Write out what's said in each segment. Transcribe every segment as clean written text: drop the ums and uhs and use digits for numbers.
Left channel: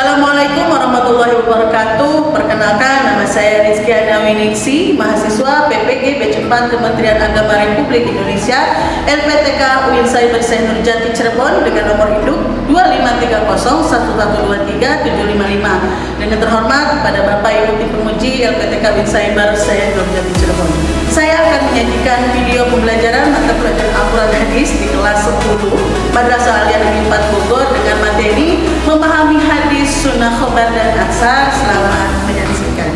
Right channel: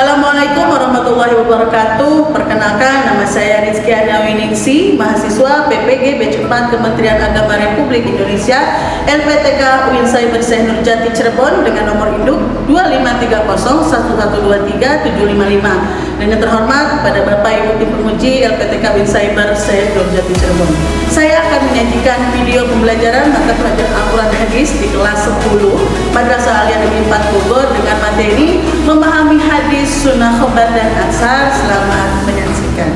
Assalamualaikum warahmatullahi wabarakatuh. Perkenalkan, nama saya Rizkiana Winingsi, mahasiswa PPG Batch 4 Kementerian Agama Republik Indonesia, LPTK UIN Cyber Syekh Nurjati Cirebon dengan nomor induk 2530112375. Dengan terhormat kepada Bapak Ibu Tim Penguji LPTK UIN Cyber Syekh Nurjati Cirebon. Saya akan menyajikan video pembelajaran mata pelajaran Al-Quran Hadis di kelas 10 Madrasah Aliyah Negeri 4 Bogor dengan materi memahami hadis, sunnah, khobar, dan asar. Selamat menyaksikan.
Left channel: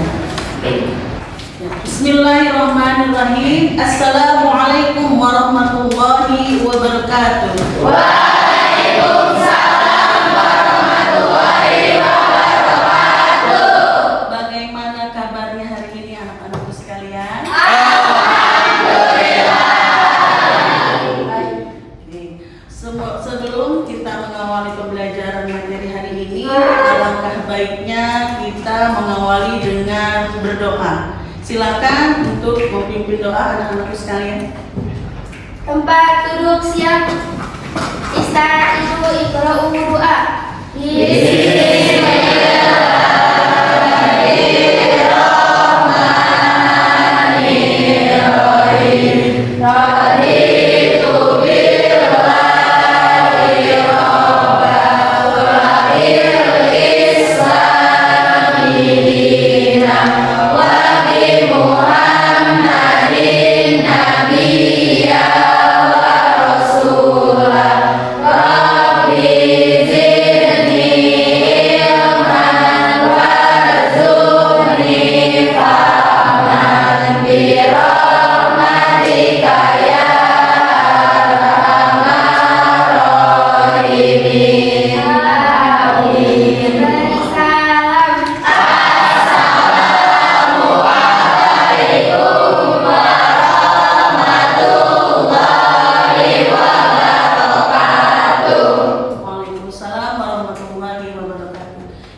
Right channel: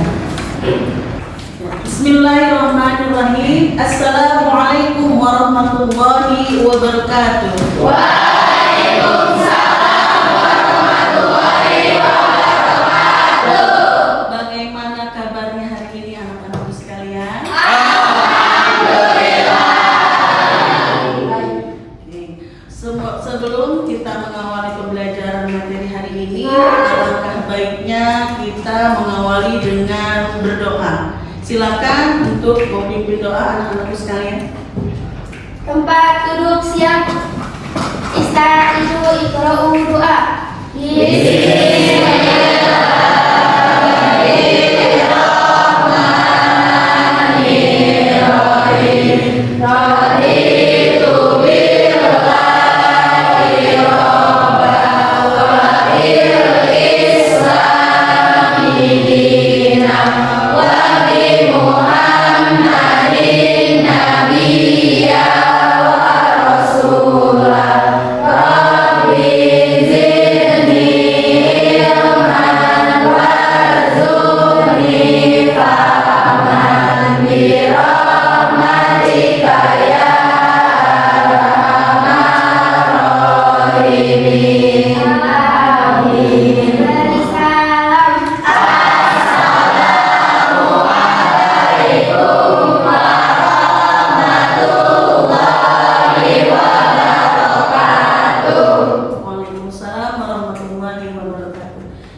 Bismillahirrahmanirrahim. Assalamualaikum warahmatullahi wabarakatuh. Waalaikumsalam warahmatullahi wabarakatuh. Bagaimana kabarnya hari ini anak-anakku sekalian? Sebelum kita mengawali pembelajaran materi hari ini, alangkah baiknya kita mengawali dengan berdoa. Silakan untuk memimpin doa anak-anakku sekalian. Tempat duduk siap. Ista'izu iqra'u doa.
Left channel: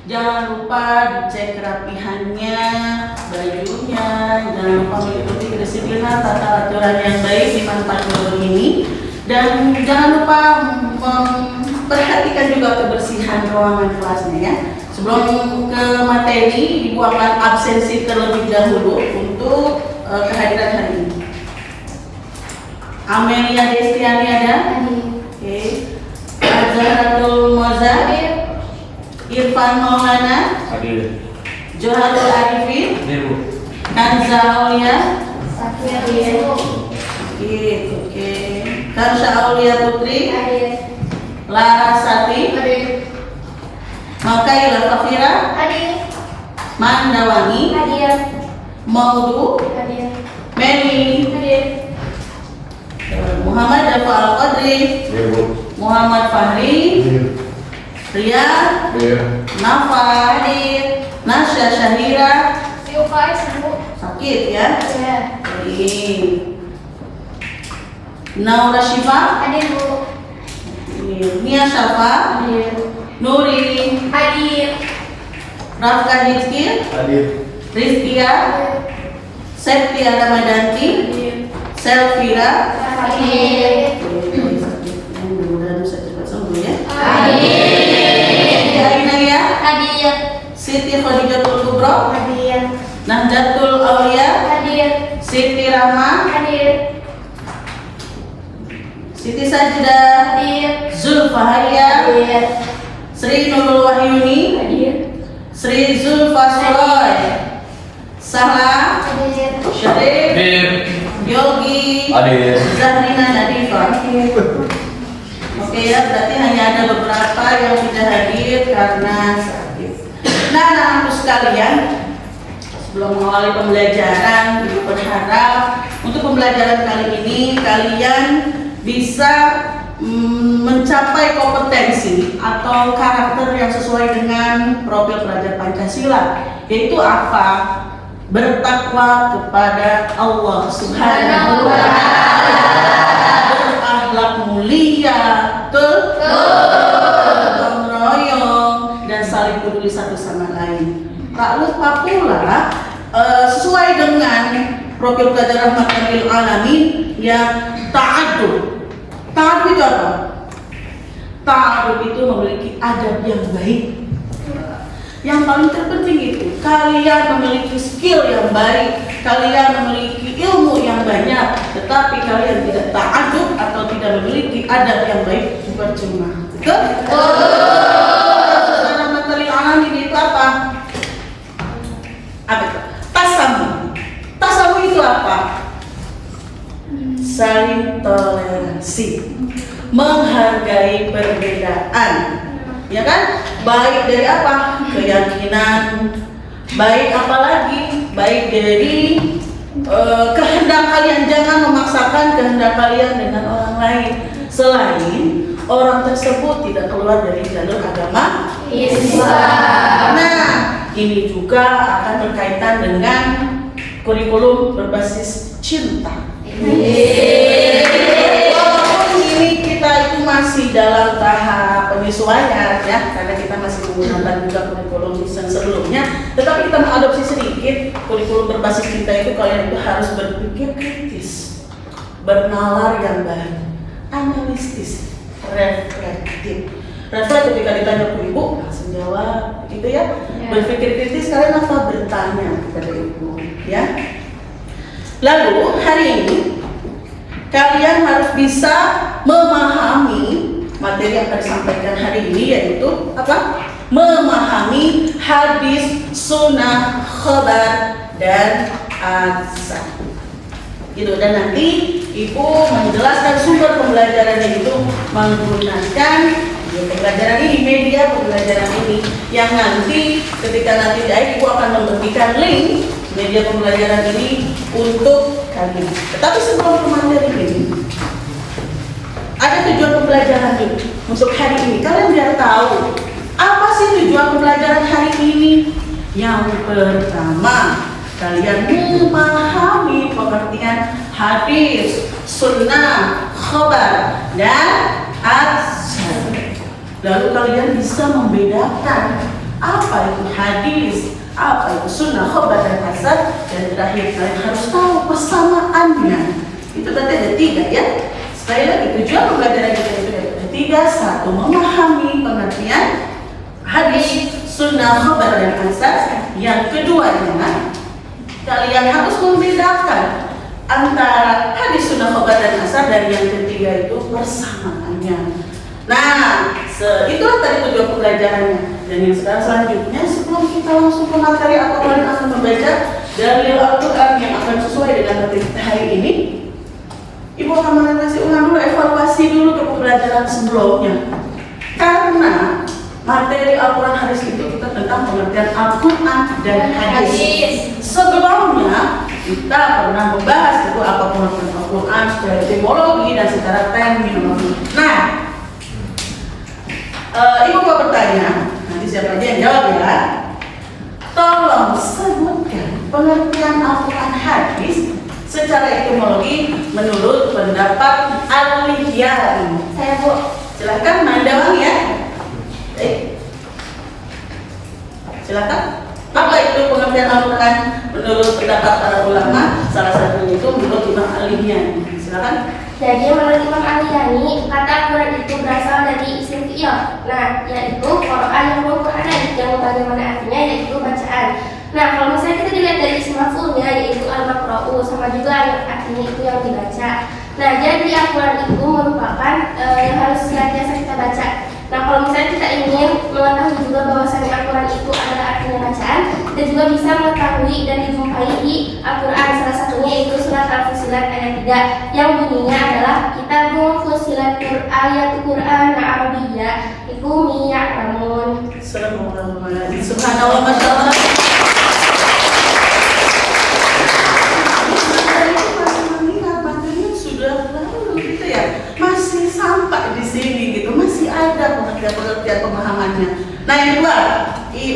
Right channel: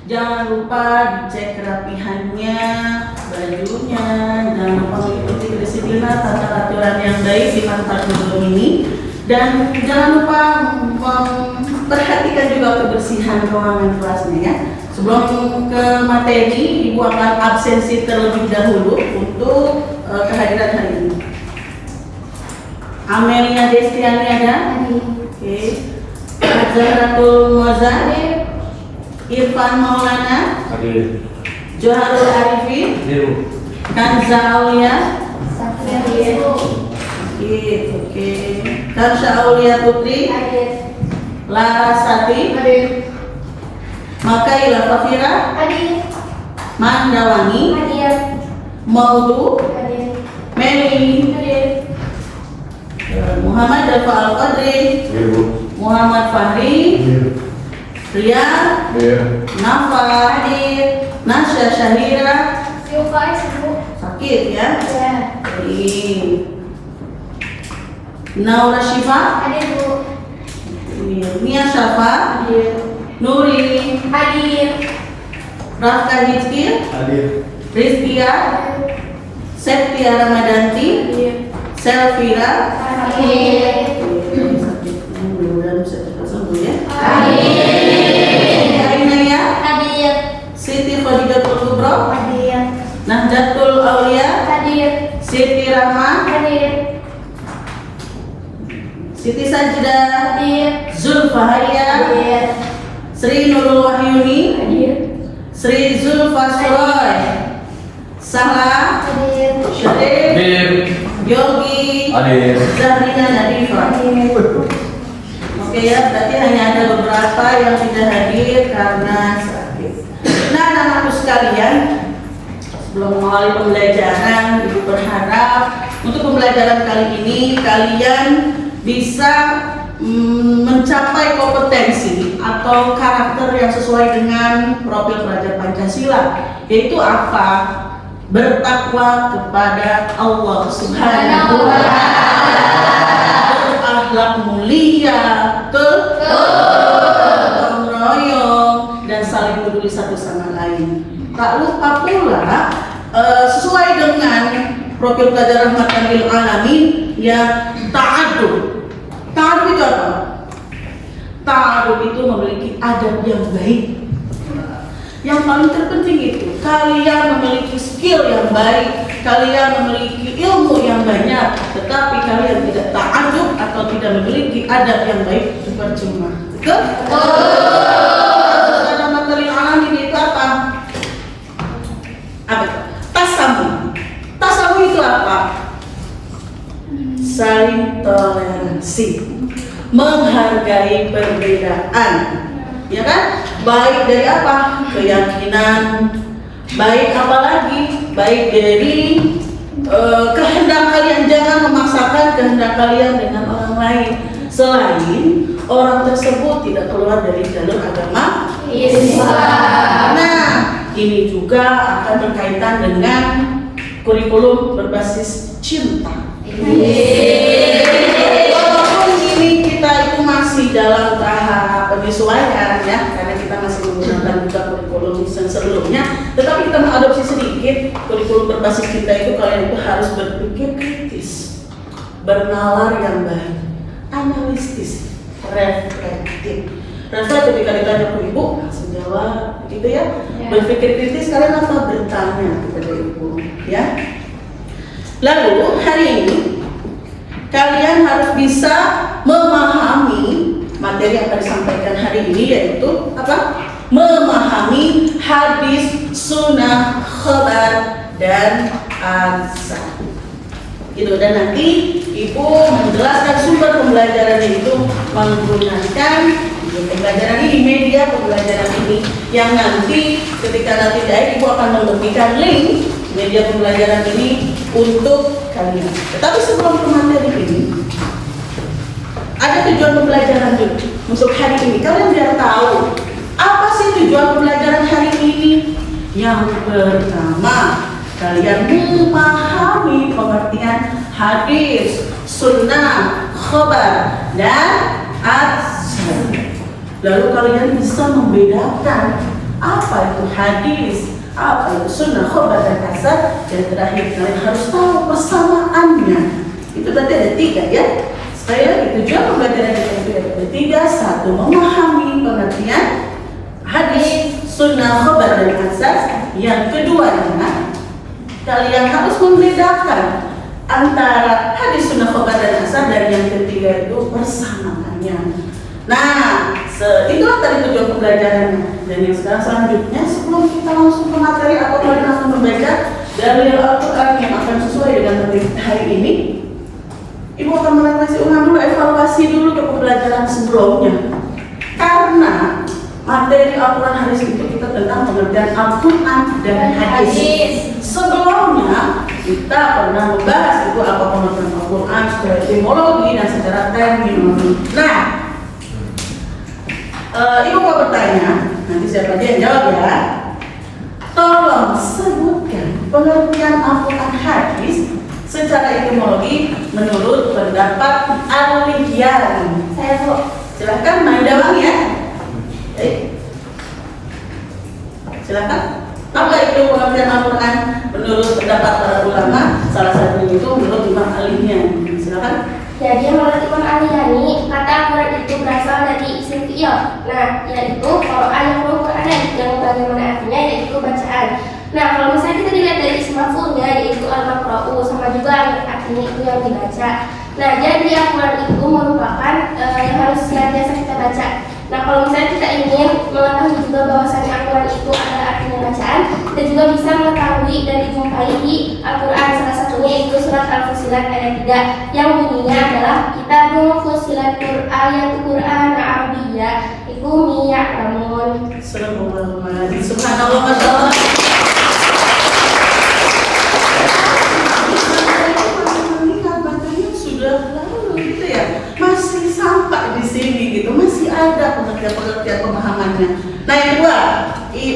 Jangan lupa dicek kerapihannya, bajunya, jangan lupa mengikuti kedisiplinan tata aturan yang baik di tempat duduk ini, dan jangan lupa memperhatikan juga kebersihan ruangan kelasnya ya. Sebelum ke materi, Ibu akan absensi terlebih dahulu untuk kehadiran hari ini. Amelia Destiani ada? Oke. Zahratul Moza, Irfan Maulana, Hadir. Joharul Arifin, Hadir. Kanza Aulia, Hadir. oke. Karsha Aulia Putri, Lara Sati, Makaila Fafira, Mandawani, Maudu, Meli, Muhammad Rafa Al-Qadri, Muhammad Fahri, Ria, Nafa, Nasya Syahira, sakit ya? Naura Syifa, Nia Syafa, Nuri, Rafka Hizkir, Rizkia, Septia Ramadanti, Selvira, mudah-mudahan bisa cepat sembuh ya. Ainaya, Siti Khadijatul Kubro, Nahjatul Aulia, Siti Rahma, Siti Sajda, Zulfahaya, Sri Nurul Wahyuni, Sri Zulfasroy, Sahla, Syarif, Yogi, Zahrina Nadifa. Oke ya, berarti hanya ada beberapa yang tidak hadir karena sakit. Nah, anak-anakku sekalian, sebelum mengawali pembelajaran, Ibu berharap untuk pembelajaran kali ini kalian bisa mencapai kompetensi atau karakter yang sesuai dengan profil pelajar Pancasila, yaitu apa? Bertakwa kepada Allah Subhanahu wa Ta'ala, berakhlak mulia, gotong royong, dan saling peduli satu sama lain. Tak lupa pula sesuai dengan profil pelajar rahmatan lil alamin ya, ta'adub. Ta'adub itu apa? Ta'adub itu memiliki adab yang baik. Yang paling terpenting itu kalian memiliki skill yang baik, kalian memiliki ilmu yang banyak, tetapi kalian tidak ta'adub atau tidak memiliki adab yang baik, percuma. Betul? Dalam materi alami itu apa? Apa itu? Tasamu. Tasamu itu apa? Saling toleransi, menghargai perbedaan, ya kan? Baik dari apa? Keyakinan, baik apalagi? Baik dari kehendak kalian, jangan memaksakan kehendak kalian dengan orang lain selain orang tersebut tidak keluar dari jalur agama Islam. Nah, ini juga akan berkaitan dengan kurikulum berbasis cinta. Walaupun ini kita itu masih dalam tahap penyesuaian ya, karena kita masih menggunakan juga kurikulum sebelumnya, tetapi kita mengadopsi sedikit kurikulum berbasis cinta itu. Kalian itu harus berpikir kritis, bernalar yang baik, analitis, reflektif. Reflektif ketika ditanya ke ibu langsung jawab, gitu ya. Berpikir kritis, kalian apa bertanya kepada ibu, ya. Lalu hari ini kalian harus bisa memahami materi yang akan disampaikan hari ini, yaitu apa? Memahami hadis, sunnah, khabar, dan azan. Gitu. Dan nanti ibu menjelaskan sumber pembelajarannya itu menggunakan pembelajaran ini, media pembelajaran ini, yang nanti ketika nanti ibu akan memberikan link media pembelajaran ini untuk kalian. Tetapi sebelum ke materi ini, ada tujuan pembelajaran dulu untuk hari ini. Kalian biar tahu apa sih tujuan pembelajaran hari ini. Yang pertama, kalian memahami pengertian hadis, sunnah, khabar, dan azan. Lalu kalian bisa membedakan apa itu hadis, apa itu sunnah, khabar, dan azan. Dan terakhir kalian harus tahu persamaannya. Itu berarti ada 3 ya. Supaya tujuan pembelajaran kita itu ada 3. 1. Memahami pengertian hadis, sunnah, khabar, dan azan. Yang kedua adalah kalian harus membedakan antara hadis, sunnah, khabar, dan azan. Dan yang ketiga itu persamaannya. Nah, itulah tadi tujuan pembelajarannya. Dan yang selanjutnya, sebelum kita langsung ke materi, atau kalian akan membaca dalil Al-Quran yang akan sesuai dengan materi hari ini, ibu akan merefleksi ulang dulu, evaluasi dulu ke pembelajaran sebelumnya. Karena materi Al-Quran hadis itu kita tentang pengertian Al-Quran dan hadis. Sebelumnya kita pernah membahas itu apa pengertian Al-Quran secara etimologi dan secara terminologi. Nah, ibu mau bertanya, nanti siapa aja yang jawab ya. Tolong sebutkan pengertian Al-Quran hadis secara etimologi menurut pendapat Al-Lihyan. Saya Bu. Silakan Maidawang ya. Silakan. Apa itu pengertian Al-Quran menurut pendapat para ulama? Salah satunya itu menurut Imam Al-Lihyan. Silakan. Jadi menurut Imam Al-Lihyan, kata Al-Quran itu berasal dari isim fi'il. Nah, yaitu Qur'an yang bagaimana artinya, yaitu bacaan. Nah, kalau misalnya kita dilihat dari isim maf'ulnya, yaitu al-maqra'u, sama juga artinya itu yang dibaca. Nah, jadi Al-Quran itu merupakan yang harus senantiasa kita baca. Nah, kalau misalnya kita ingin mengetahui juga bahwasannya Al-Quran itu adalah artinya bacaan, kita juga bisa mengetahui dan dijumpai di Al-Quran. Salah satunya itu surat Al-Fussilat ayat 3 yang bunyinya adalah Kitabun Fussilat ayat Quran Arabiyyah iku miya'lamun. Subhanallah, Masya Allah. Masih sampai di sini gitu, masih ada pengertian pemahamannya. Nah, yang kedua,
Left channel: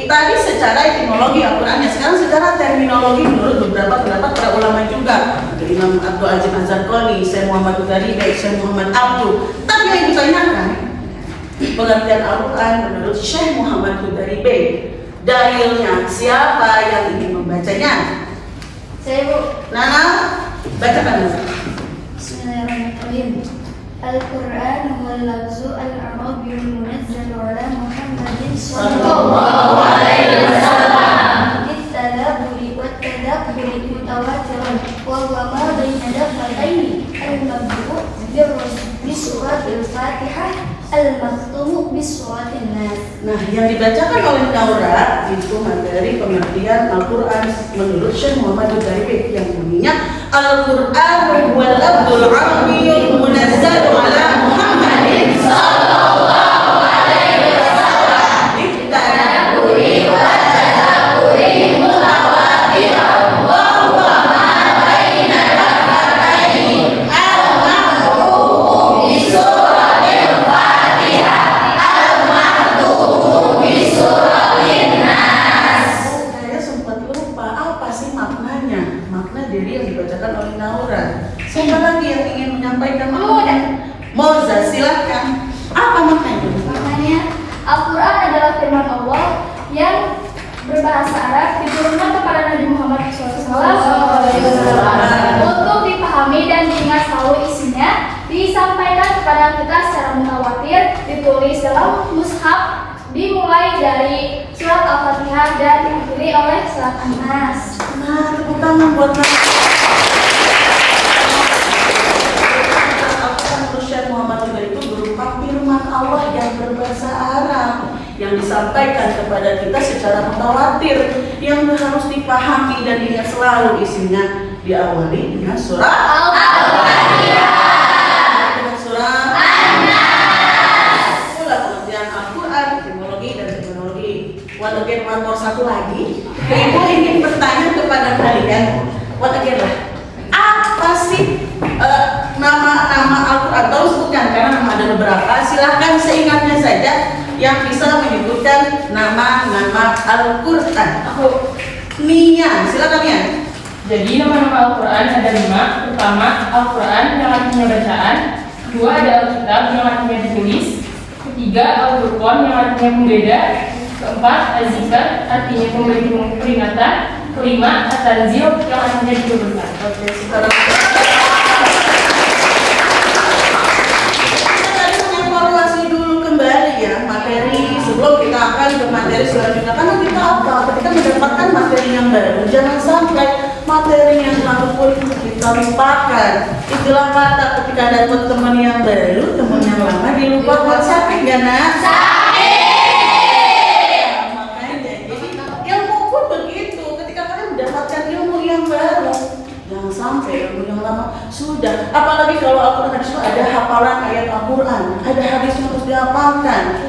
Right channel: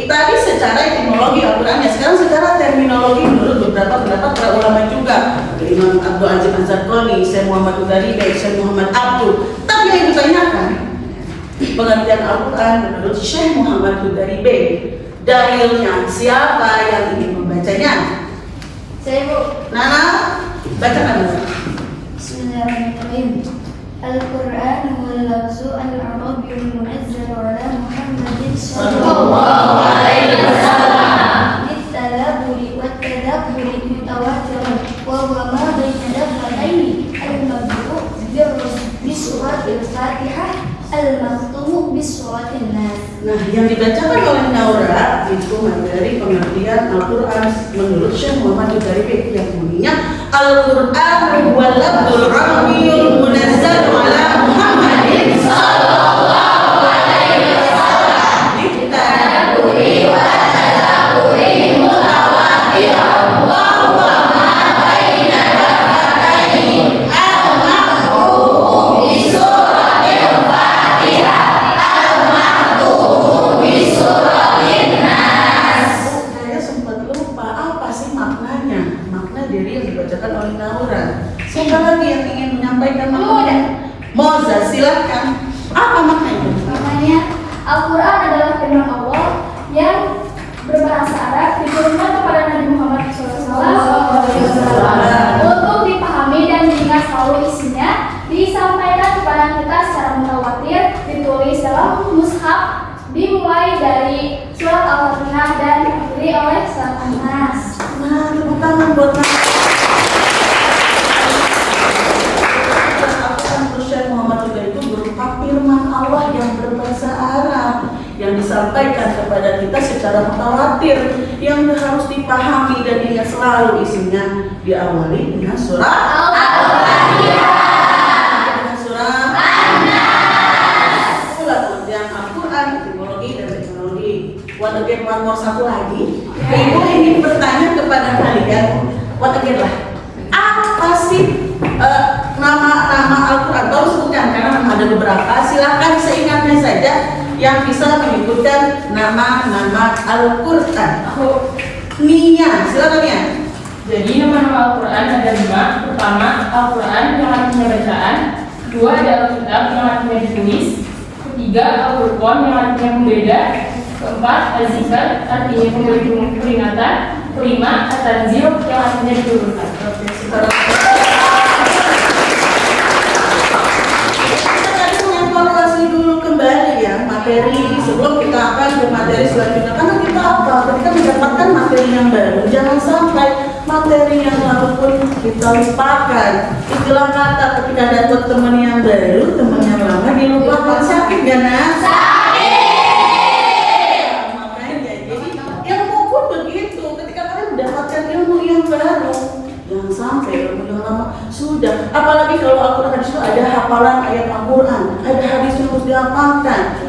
tadi secara etimologi Al-Qurannya, sekarang secara terminologi menurut beberapa pendapat para ulama juga, Imam Abdul Aziz Az-Zarqani, Syekh Muhammad Hudari, Syekh Muhammad Abdul. Tapi yang ditanyakan pengertian Al-Quran menurut Syekh Muhammad Hudari, dalilnya siapa yang ingin membacanya? Saya Bu. Nana, bacakan dulu. Bismillahirrahmanirrahim. Al-Quran huwal lafzu al-arabiyyul munazzal ala Muhammadin sallallahu alaihi waktuhu bis-sholatin nas. Nah, yang dibacakan oleh Naura itu materi pengertian Al-Quran menurut Syekh Muhammad Al-Gharibi yang bunyinya Al-Quran huwa lafzul arabiyyul munazzal ala Muhammadin sallallahu alaihi wasallam litadabburi wa tadabburi mutawatir wa huwa ma baina dafataini al-ma'rufu bi suratil Fatihah saya sempat lupa apa sih maknanya, makna dari yang dibacakan oleh Naura. Siapa lagi yang ingin menyampaikan maknanya? Moza, silahkan. Apa maknanya? Maknanya Al-Quran adalah firman Allah yang berbahasa Arab diturunkan kepada Nabi Muhammad SAW untuk dipahami dan diingat selalu isinya, disampaikan kepada kita secara mutawatir, ditulis dalam mushaf, dimulai dari surat Al-Fatihah dan diakhiri oleh surat An-Nas. Nah, tepuk tangan buat Al-Quran Syekh Muhammad itu berupa firman Allah yang berbahasa Arab yang disampaikan kepada kita secara mutawatir, yang harus dipahami dan diingat selalu isinya, diawali dengan surat Al-Fatihah, dengan surat An-Nas. Itulah pengertian Al-Quran, etimologi dan teknologi. What again, one more, satu lagi. Ibu ingin bertanya kepada kalian, what again lah, apa sih nama-nama Al-Quran? Tolong sebutkan karena ada beberapa. Silahkan seingatnya saja yang bisa menyebutkan nama-nama Al-Quran. Nia, silakan Nia. Jadi nama-nama Al-Quran ada 5. Pertama, Al-Quran yang artinya bacaan. Kedua, ada Alkitab yang artinya ditulis. Ketiga, Al-Furqan yang artinya pembeda. Keempat, Al-Zikr artinya memberi peringatan. Kelima, At-Tanzil yang artinya diturunkan. Oke, sekarang kita tadi mengevaluasi dulu kembali ya materi sebelum kita akan ke materi selanjutnya. Karena kita apa? Ketika mendapatkan materi yang baru, jangan sampai materi yang lalu pun kita lupakan. Itulah kata ketika dapat teman yang baru, teman yang lama dilupakan. Sakit gak nak? Mendapatkan ilmu yang baru, jangan sampai ilmu yang lama sudah. Apalagi kalau Al-Quran itu ada hafalan ayat Al-Quran, ada hadis yang harus dihafalkan.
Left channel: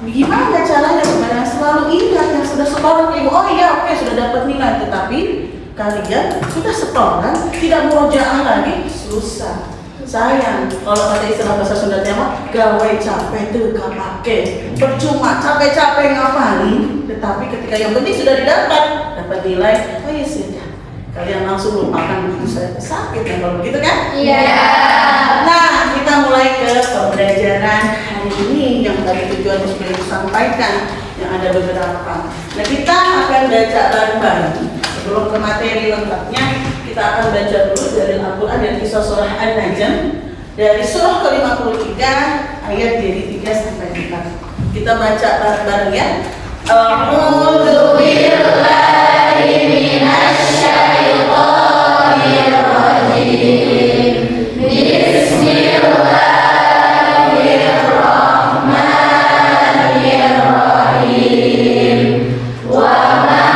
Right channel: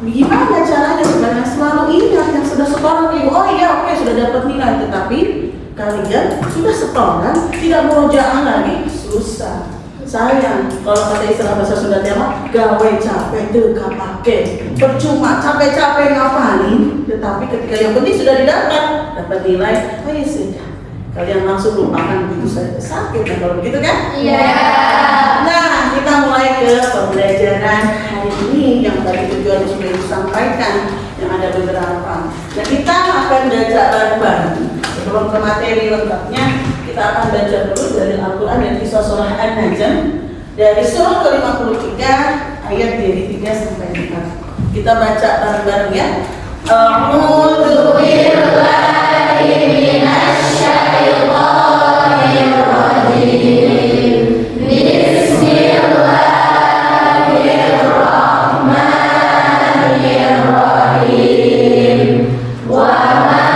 Gimana caranya supaya selalu ingat yang sudah setoran ibu? Oh iya, oke, sudah dapat nilai, tetapi kalian sudah setoran, tidak murojaah lagi, susah. Sayang, kalau kata istilah bahasa Sunda mah gawe capek tuh kapake, percuma capek-capek ngapalin, tetapi ketika yang penting sudah dapat nilai, oh ya sudah, kalian langsung lupakan begitu saja. Sakit kan kalau begitu kan? Iya. Nah, kita mulai ke pembelajaran hari ini yang tadi tujuan sudah disampaikan, yang ada beberapa. Nah, kita akan baca bareng-bareng. Sebelum ke materi lengkapnya, kita akan baca dulu dari Al-Quran dan kisah surah An-Najm dari surah ke-53 ayat dari 3 sampai 4. Kita baca bareng-bareng ya. A'udzu billahi minasy syaithanir rajim. Bismillahirrahmanirrahim. Wa ma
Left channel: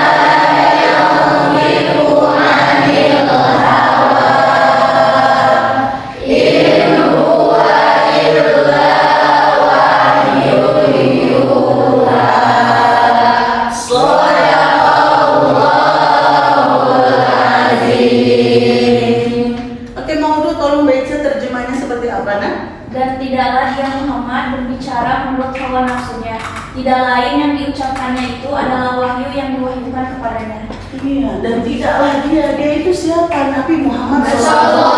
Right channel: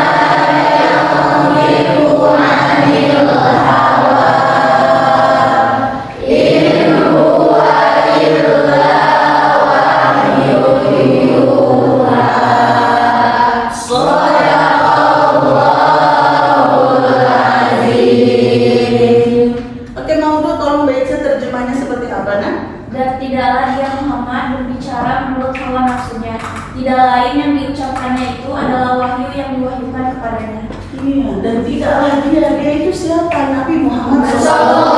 Dan tidaklah dia Muhammad berbicara menurut hawa nafsunya. Tidak lain yang diucapkannya itu adalah wahyu yang diwahyukan kepadanya. Iya, dan tidaklah dia itu siapa? Nabi Muhammad SAW.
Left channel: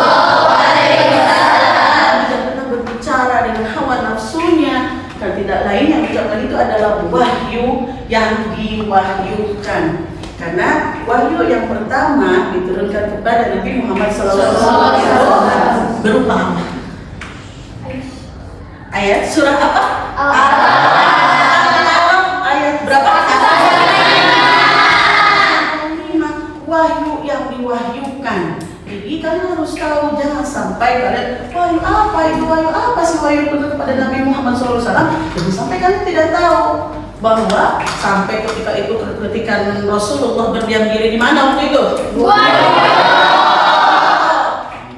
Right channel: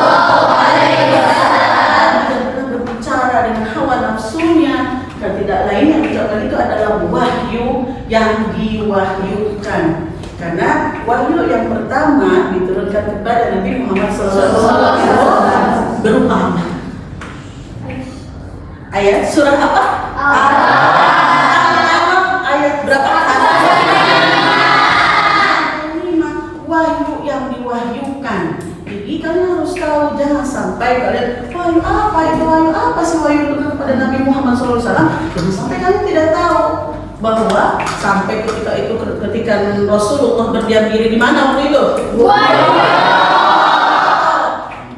Dia pernah berbicara dengan hawa nafsunya, dan tidak lain yang diucapkan itu adalah wahyu yang diwahyukan. Karena wahyu yang pertama diturunkan kepada Nabi Muhammad SAW berupa apa? Ayat surah apa? Ayat berapa? Wahyu yang diwahyukan. Jadi kalian harus tahu, jangan sampai kalian wahyu apa itu, wahyu apa sih wahyu itu kepada Nabi Muhammad SAW, jangan sampai kalian tidak tahu bahwa sampai ketika Rasulullah berdiam diri di mana waktu itu?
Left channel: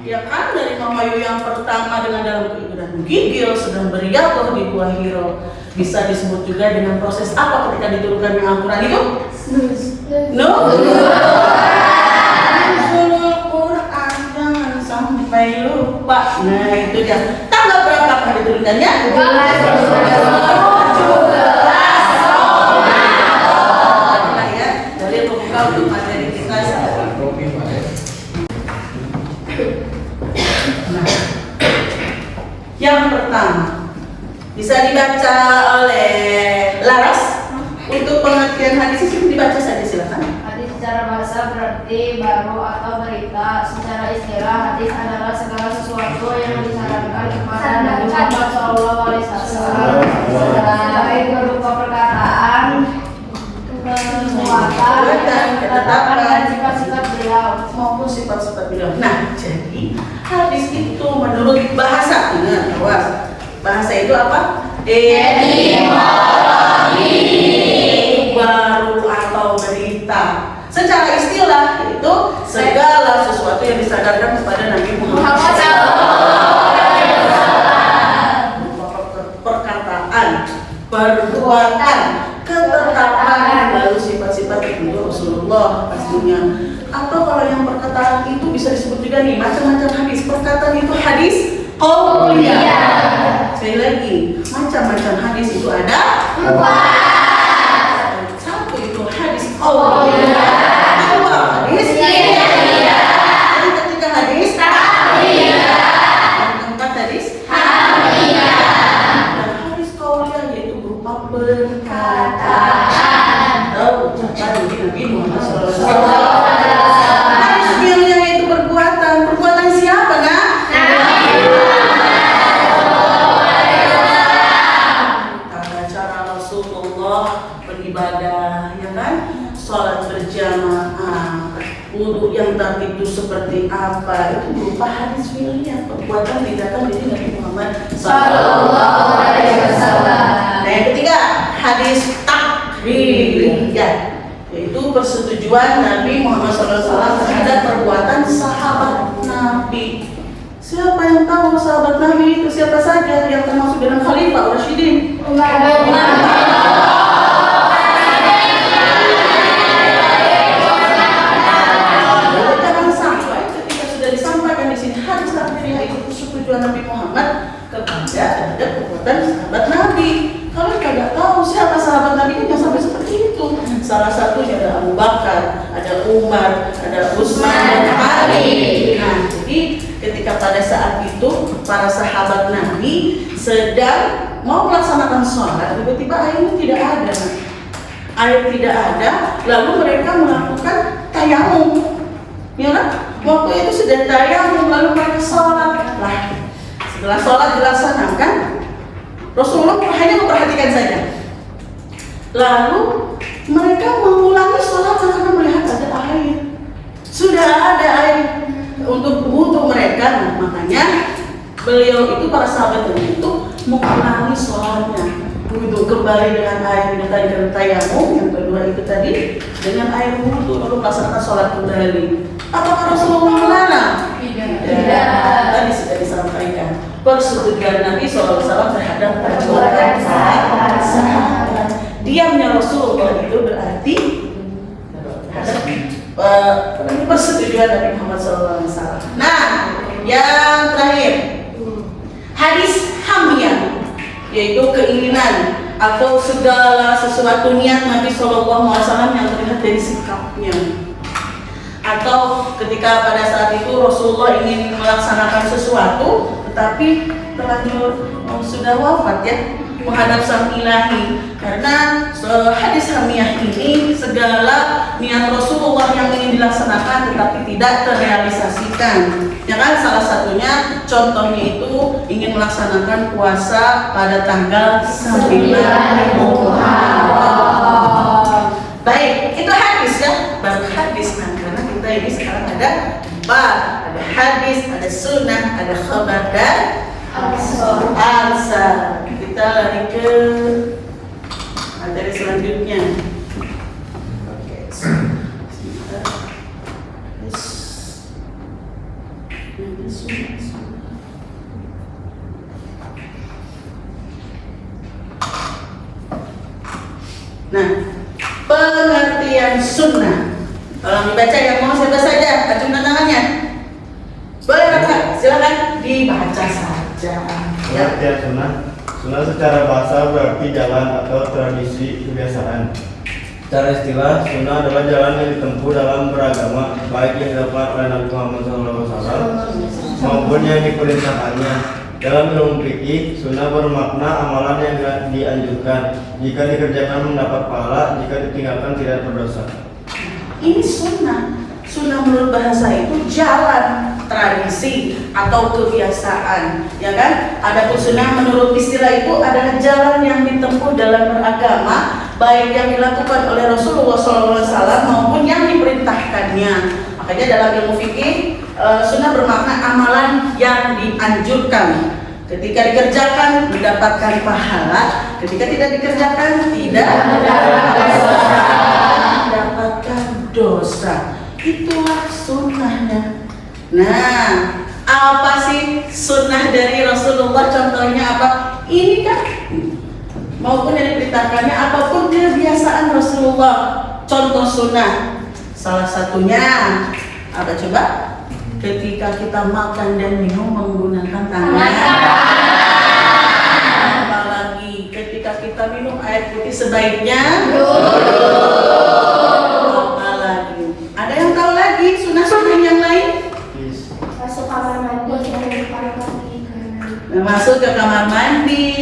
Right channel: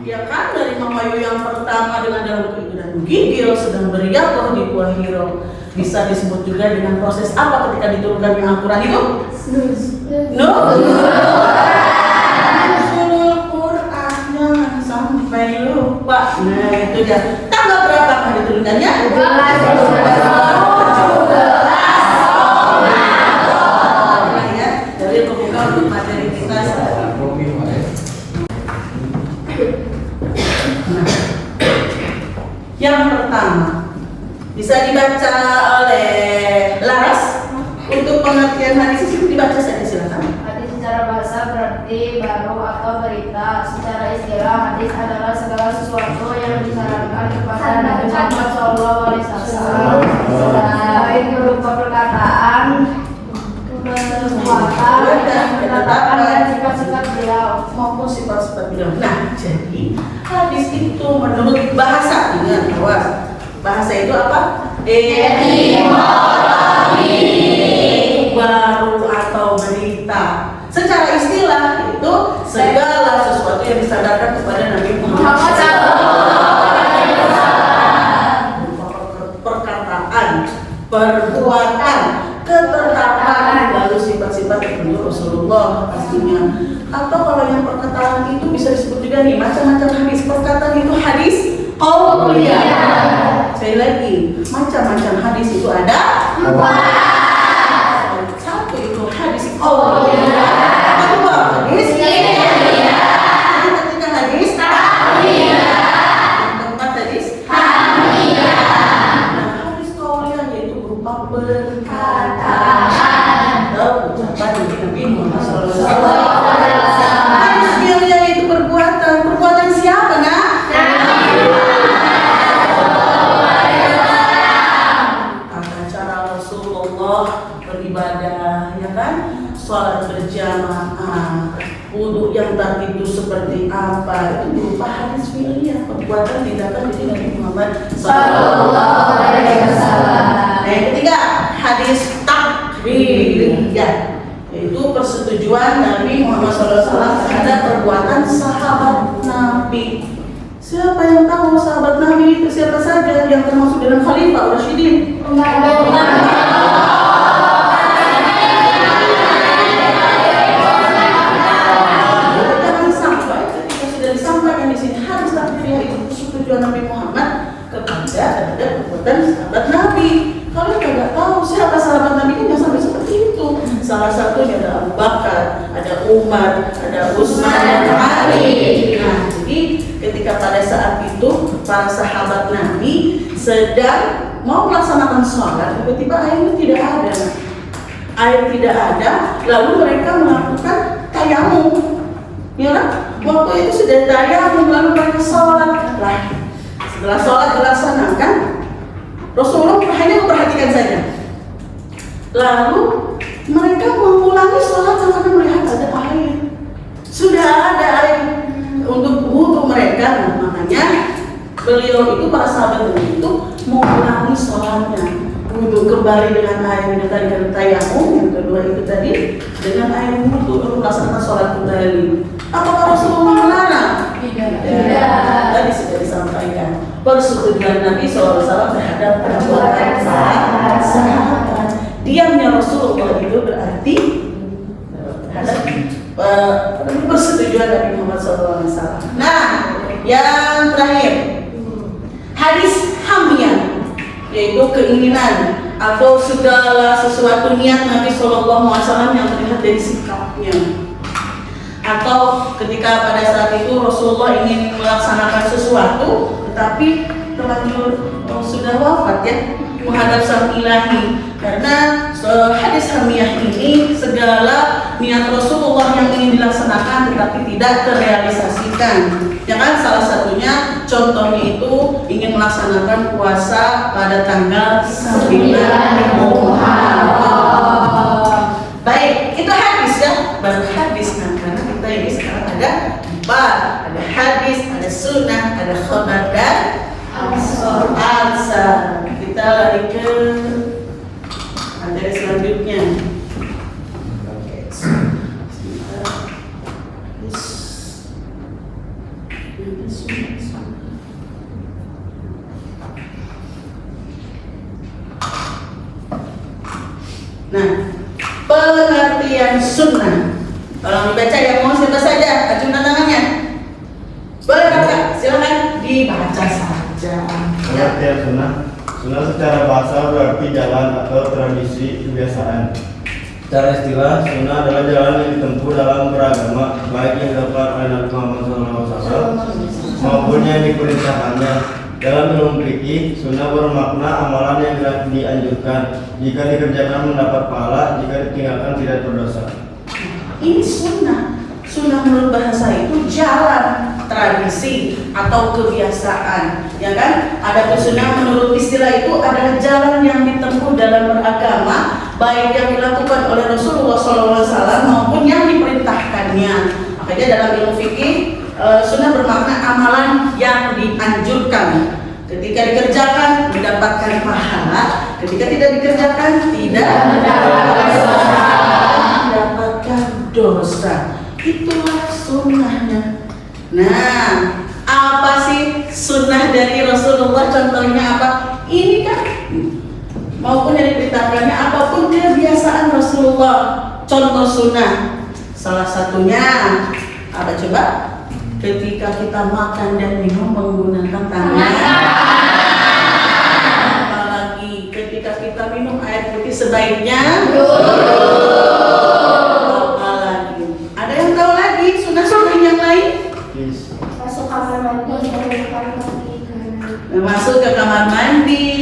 Ya kan, dari Mama Yu yang pertama dengan dalam keibadah menggigil sedang beriadah di Gua Hiro. Bisa disebut juga dengan proses apa ketika diturunkan Al-Quran itu? Al-Quran jangan sampai lupa. Nah itu dia. Tanggal berapa diturunkannya? 17. Ya, dari pembuka untuk materi kita. Nah, yang pertama bisa dibaca oleh Laras untuk pengertian hadis itu dibaca saja silakan. Hadis secara bahasa berarti baru atau berita. Secara istilah hadis adalah segala sesuatu yang disarankan kepada Nabi Muhammad SAW, baik berupa perkataan, perbuatan, ketetapan dan sifat-sifat beliau Maupun sifat-sifat beliau. Nah, jadi hadis itu menurut bahasa, ingat awas, bahasa itu apa? Baru atau berita. Secara istilah itu segala sesuatu yang disadarkan kepada Nabi Muhammad perkataan, perbuatan, ketetapan, lalu sifat-sifat itu Rasulullah pastinya. Atau kalau yang perkataan itu bisa disebut juga nih macam-macam hadis. Perkataan itu hadis qauliyah. Sekali lagi, macam-macam hadis itu ada 4. Satu itu hadis qauliyah. Kedua hadis qauliyah. Yang ketiga hadis qauliyah. Yang keempat hadis qauliyah. Hadis qauliyah yaitu berupa perkataan atau ucapan dari Nabi Muhammad SAW. Hadis qauliyah yaitu perbuatan. Perbuatan siapa, nak? Beribadah, ya kan? Sholat berjamaah, wudhu yang tadi itu seperti apa? Itu berupa hadis fi'liyah, perbuatan tindakan dari Nabi Muhammad SAW. Nah, yang ketiga, hadis takririyah, yaitu persetujuan Nabi Muhammad SAW terhadap perbuatan sahabat Nabi. Siapa yang tahu sahabat Nabi itu siapa saja yang termasuk dalam Khalifah Rasyidin? Tujuan Nabi Muhammad kepada terhadap perbuatan sahabat Nabi. Kalau tidak tahu siapa sahabat Nabi kan jangan sampai seperti itu. Salah satunya ada Abu Bakar, ada Umar, ada Utsman, dan Ali. Nah, jadi ketika pada saat itu para sahabat Nabi sedang mau melaksanakan sholat, tiba-tiba airnya tidak ada. Air tidak ada, lalu mereka melakukan tayamum. Ya kan? Waktu itu sudah tayamum lalu mereka sholat. Lah, setelah sholat dilaksanakan, Rasulullah hanya memperhatikan saja. Lalu mereka mengulangi sholat karena melihat ada air. Sudah ada air untuk wudhu mereka. Nah, makanya beliau itu, para sahabat itu mengulangi sholatnya. Wudhu kembali dengan air yang tadi kan tayamum, yang kedua itu tadi dengan air wudhu lalu melaksanakan sholat kembali. Apakah Rasulullah melarang? Tidak. Tadi sudah disampaikan persetujuan Nabi SAW terhadap perbuatan sahabat. Diamnya Rasulullah itu berarti terhadap persetujuan Nabi Muhammad SAW. Nah, yang terakhir hadis hamiyah, yaitu keinginan atau segala sesuatu niat Nabi SAW yang terlihat dari sikapnya. Atau ketika pada saat itu Rasulullah ingin melaksanakan sesuatu tetapi terlanjur sudah wafat ya, menghadap sang ilahi. Karena hadis hamiyah ini segala niat Rasulullah yang ingin dilaksanakan tetapi tidak terrealisasikan. Ya kan, salah satunya contohnya itu ingin melaksanakan puasa pada tanggal 9 Muharram. Baik, itu hadis ya, baru hadis. Nah, karena kita ini sekarang ada 4, ada hadis, ada sunnah, ada khabar dan al-sahih. Nah, pengertian sunnah. Tolong dibaca yang mau siapa saja, acungkan tangannya. Boleh Bapak, silakan dibaca saja. Ya. Pengertian sunnah. Sunnah secara bahasa berarti jalan atau tradisi kebiasaan. Secara istilah, sunnah adalah jalan yang ditempuh dalam beragama, baik yang dilakukan oleh Nabi Muhammad SAW maupun yang diperintahkannya. Dalam ilmu fikih, sunnah bermakna amalan yang dianjurkan. Jika dikerjakan mendapat pahala, jika ditinggalkan tidak berdosa. Ini sunnah. Sunnah menurut bahasa itu jalan, tradisi atau kebiasaan, ya kan? Adapun sunnah menurut istilah itu adalah jalan yang ditempuh dalam beragama, baik yang dilakukan oleh Rasulullah SAW maupun yang diperintahkannya. Makanya dalam ilmu fikih, sunnah bermakna amalan yang dianjurkan. Ketika dikerjakan mendapatkan pahala, ketika tidak dikerjakan tidak mendapatkan dosa. Itulah sunnahnya. Nah, apa sih sunnah dari Rasulullah? Contohnya apa? Ini kan maupun yang diperintahkannya, apapun kebiasaan Rasulullah. Contoh sunnah, salah satunya apa coba? Ketika kita makan dan minum menggunakan tangan. Apalagi ketika kita minum air putih sebaiknya. Ada yang tahu lagi sunnah-sunnah yang lain? Masuk kamar mandi dan depan kaki kanan. Masuk ke kamar mandi,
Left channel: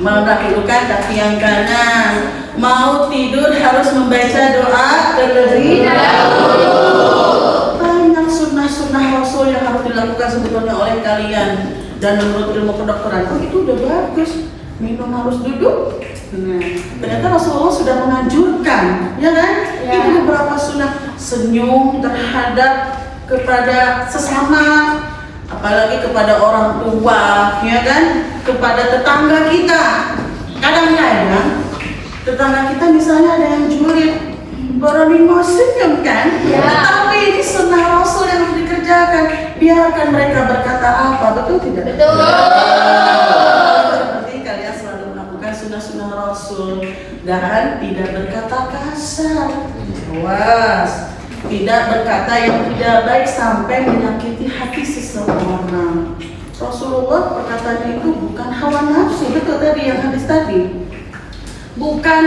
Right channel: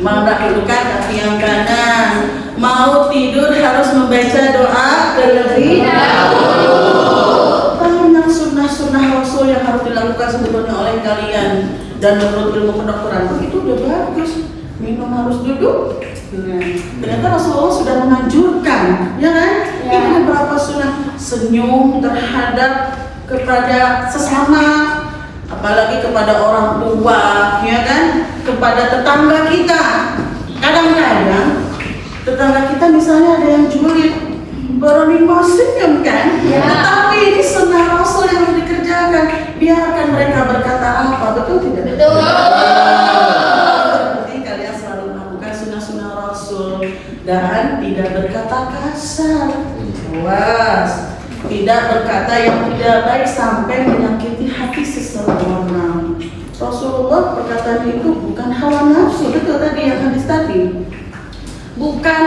mendahulukan kaki yang kanan. Mau tidur harus membaca doa terlebih dahulu. Banyak sunnah-sunnah Rasul yang harus dilakukan sebetulnya oleh kalian. Dan menurut ilmu kedokteran pun itu udah bagus. Minum harus duduk. Nah, ternyata Rasulullah sudah menganjurkan, ya kan? Ya. Ini beberapa sunnah. Senyum terhadap kepada sesama, apalagi kepada orang tua, ya kan? Kepada tetangga kita. Kadang-kadang tetangga kita misalnya ada yang julid, baru mau senyum kan? Ya. Tetapi ini sunnah Rasul yang harus dikerjakan. Biarkan mereka berkata apa, betul tidak? Betul. Sunnah Rasul dan tidak berkata kasar, awas, tidak berkata yang tidak baik sampai menyakiti hati seseorang. Rasulullah perkataannya itu bukan hawa nafsu, betul tadi yang hadis tadi. Bukan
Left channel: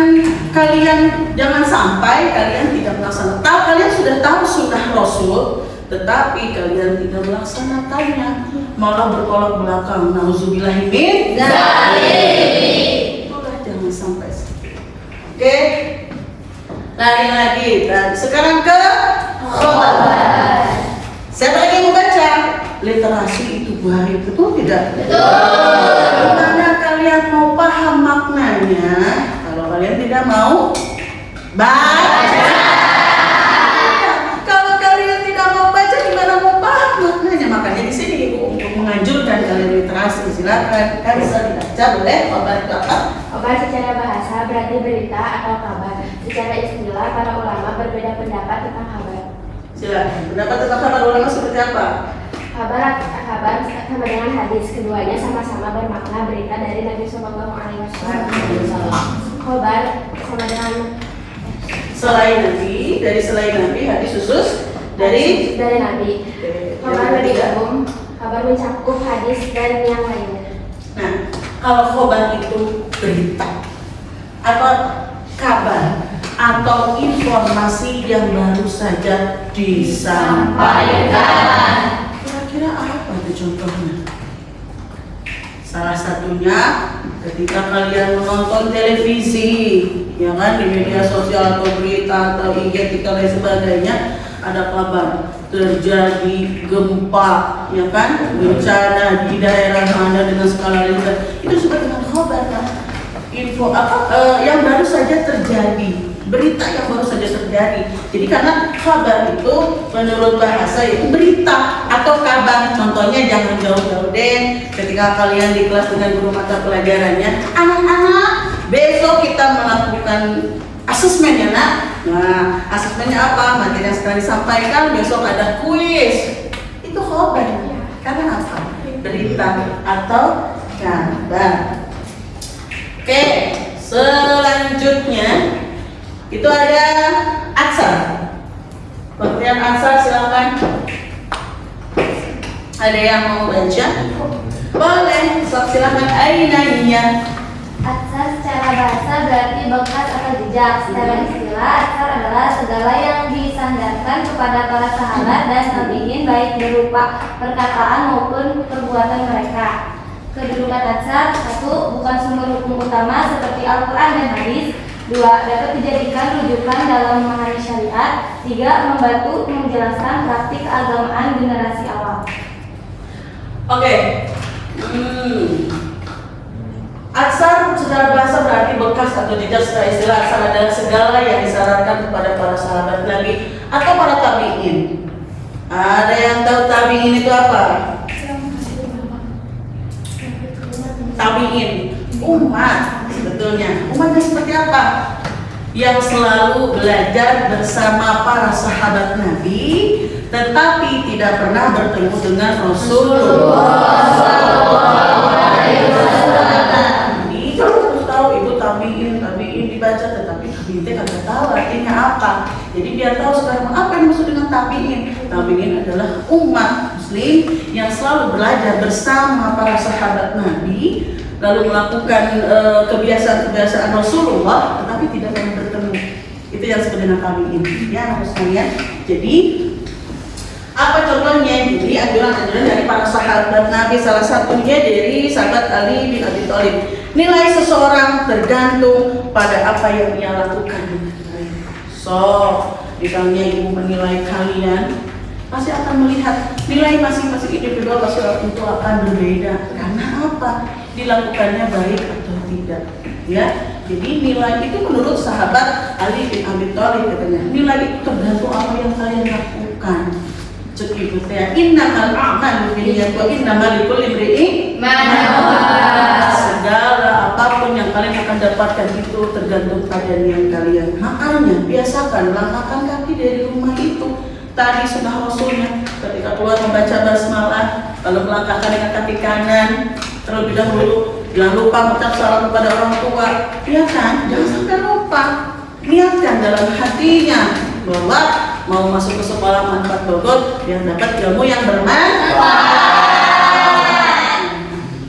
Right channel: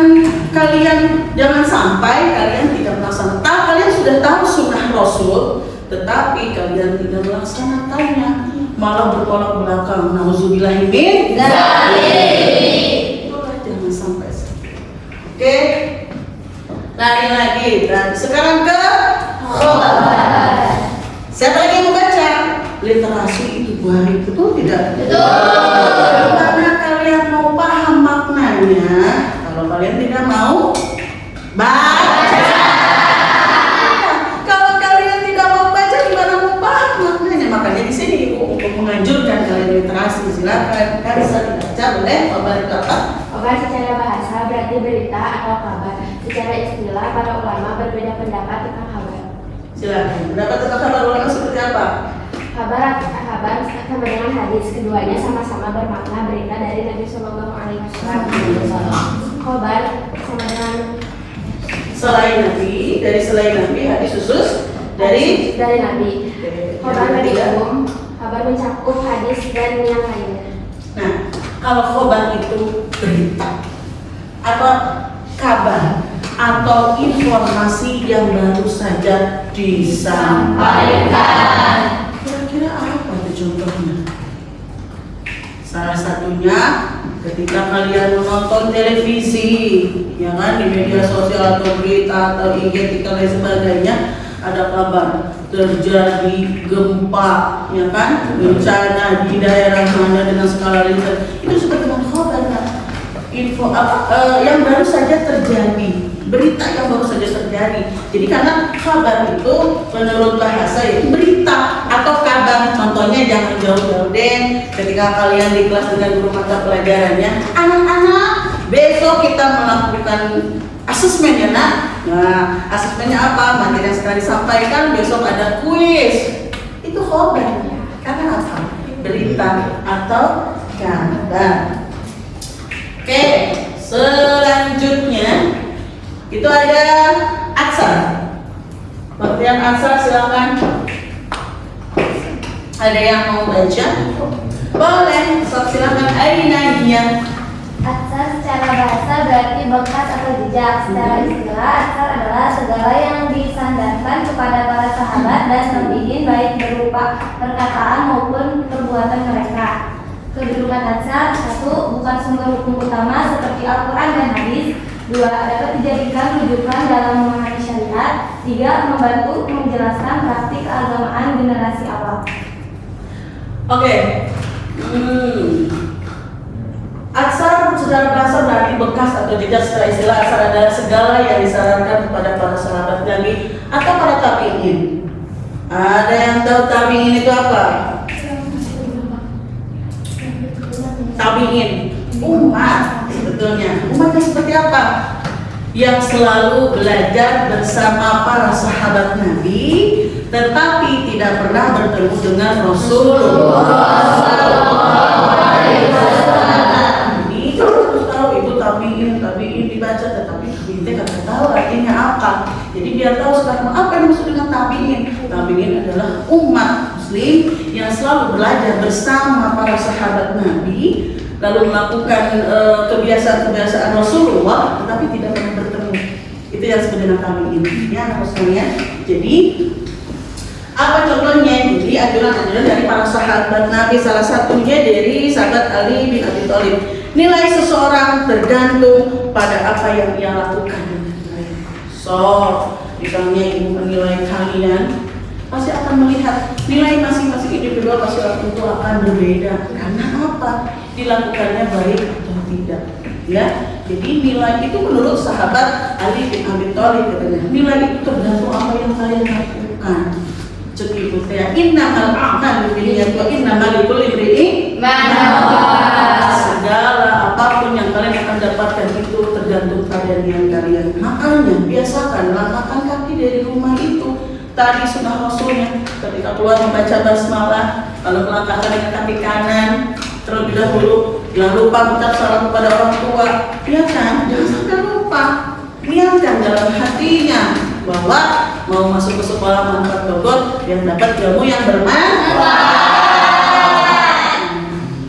kalian jangan sampai kalian tidak melaksanakan. Kalian sudah tahu sunnah Rasul, tetapi kalian tidak melaksanakannya, malah bertolak belakang. Nauzubillahi min dzalik. Jangan sampai. Oke, lagi. Dan sekarang ke khobar. Siapa lagi yang mau baca? Literasi itu baik, betul tidak? Betul. Karena kalian mau paham maknanya. Kalau kalian tidak mau baca. Kalau kalian tidak mau baca, gimana mau paham maknanya? Makanya di sini Ibu untuk menganjurkan kalian literasi. Silakan, kan bisa dibaca, boleh? Khobar itu apa? Khobar secara bahasa berarti berita atau kabar. Secara istilah, para ulama berbeda pendapat tentang kabar. Silakan. Pendapat tentang kabar ulama seperti apa? Kabar sama dengan hadis, keduanya sama-sama bermakna berita dari Nabi Sallallahu Alaihi Wasallam. Khobar sama dengan Selain Nabi, hadis khusus dari Nabi. Khobar lebih umum, kabar mencakup hadis dan yang lainnya. Nah, kalau khobar itu berita atau kabar atau informasi yang baru saja disampaikan. Kira-kira apa itu contohnya? Salah satunya ketika kalian menonton televisi, ya kan, di media sosial atau berita atau IG dan lain sebagainya, ada kabar terjadi gempa, ya kan, bencana di daerah mana dengan skala Richter. Itu disebut dengan khabar, kan? Info yang baru saja terjadi, berita yang baru saja terjadi. Jadi karena kabar itu menurut bahasa itu berita atau kabar. Contohnya jangan jauh-jauh deh. Ketika kalian di kelas dengan guru mata pelajarannya, anak-anak besok kita melakukan asesmen ya nak. Nah, asesmennya apa? Materi yang setelah disampaikan, besok ada kuis. Itu khabar. Karena apa? Berita atau kabar. Oke, selanjutnya Itu ada aksar. Pengertian aksar silakan. Ada yang mau baca? Boleh. Silakan. Aina hiya. Atsar secara bahasa berarti bekas atau jejak. Secara istilah, atsar adalah segala yang disandarkan kepada para sahabat dan tabi'in baik berupa perkataan maupun perbuatan mereka. Kedudukan atsar: 1. Bukan sumber hukum utama seperti Al-Quran dan hadis. 2. Dapat dijadikan rujukan dalam memahami syariat. 3. Membantu menjelaskan praktik keagamaan generasi awal. Oke. Aksar secara bahasa berarti bekas atau jejak. Secara istilah, aksar adalah segala yang disarankan kepada para sahabat Nabi atau para tabi'in. Ada yang tahu tabi'in itu apa? Tabi'in, umat sebetulnya. Umatnya seperti apa? Yang selalu belajar bersama para sahabat Nabi, tetapi tidak pernah bertemu dengan Rasulullah. Jadi harus tahu itu tabi'in dibaca, tetapi tabi'in tidak tahu artinya apa. Jadi biar tahu sekarang apa yang maksud dengan tabi'in. Tabi'in adalah umat Muslim yang selalu belajar bersama para sahabat Nabi, lalu melakukan kebiasaan-kebiasaan Rasulullah, tetapi tidak pernah bertemu. Itu yang sebenarnya tabi'in. Ya, maksudnya. Jadi apa contohnya? Jadi anjuran-anjuran dari para sahabat Nabi, salah satunya dari sahabat Ali bin Abi Thalib. Nilai seseorang tergantung pada apa yang ia lakukan. So, misalnya ibu menilai kalian, pasti akan melihat nilai masing-masing individu masing-masing itu akan berbeda. Karena apa? Dilakukannya baik atau tidak. Ya, jadi nilai itu menurut sahabat Ali bin Abi Thalib katanya, nilai itu tergantung apa yang kalian lakukan. Jadi betulnya innamal a'malu binniyat wa innamal likulli imri'in ma nawa. Segala apapun yang kalian akan dapatkan itu tergantung pada niat kalian. Makanya biasakan langkahkan kaki dari rumah itu. Tadi sunnah Rasulnya ketika keluar membaca basmalah, lalu melangkahkan dengan kaki kanan terlebih dahulu. Jangan lupa mengucap salam kepada orang tua. Ya kan? Jangan sampai lupa. Niatkan dalam hatinya bahwa mau masuk ke sekolah manfaat Bogor yang dapat ilmu yang bermanfaat.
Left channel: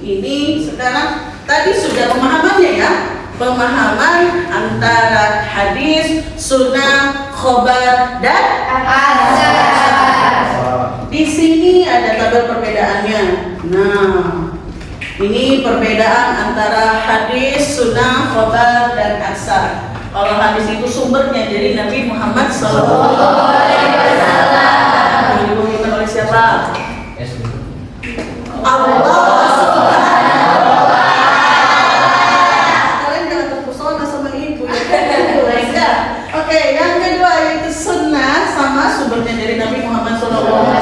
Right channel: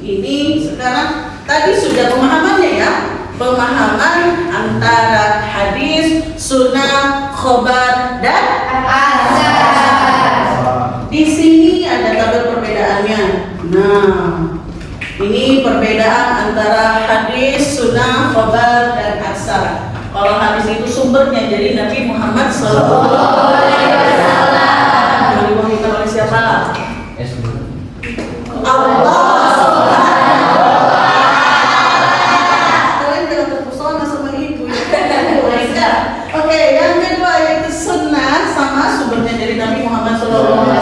Ini sekarang tadi sudah pemahamannya ya, pemahaman antara hadis, sunnah, khobar dan atsar. Di sini ada tabel perbedaannya. Nah, ini perbedaan antara hadis, sunnah, khobar dan atsar. Kalau hadis itu sumbernya dari Nabi Muhammad SAW. Diwahyukan oleh siapa? Allah. Kalian jangan terpesona sama ibu ya. Oke, yang kedua yaitu sunnah, sama sumbernya dari Nabi Muhammad SAW.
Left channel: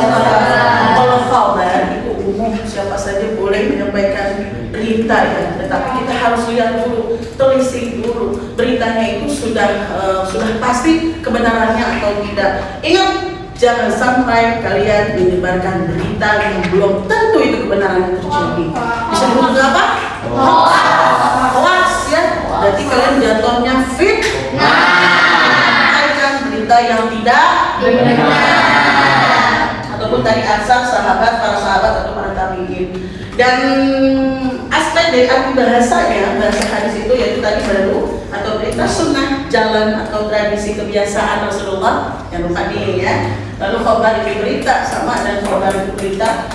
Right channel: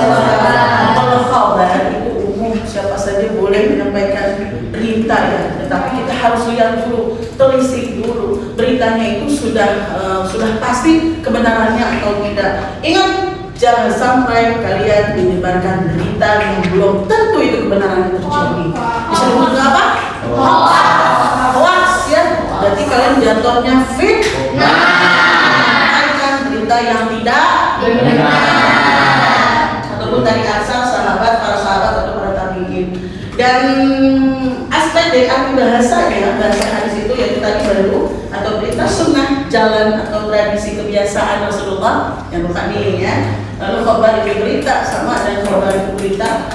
Kalau khabar itu umum, siapa saja boleh menyampaikan berita ya, tetapi kita harus lihat dulu, telisik dulu beritanya itu sudah pasti kebenarannya atau tidak. Ingat, jangan sampai kalian menyebarkan berita yang belum tentu itu kebenarannya terjadi. Bisa disebut apa? Hoax ya. Berarti kalian jatuhnya fitnah, berita yang tidak benar, ataupun dari asal sahabat, para sahabat atau para tabi'in. Dan aspek dari arti bahasanya, bahasa hadis itu yaitu tadi baru atau berita sunnah, jalan atau tradisi kebiasaan Rasulullah yang rohani ya. Lalu khabar itu berita, sama dan khabar itu berita.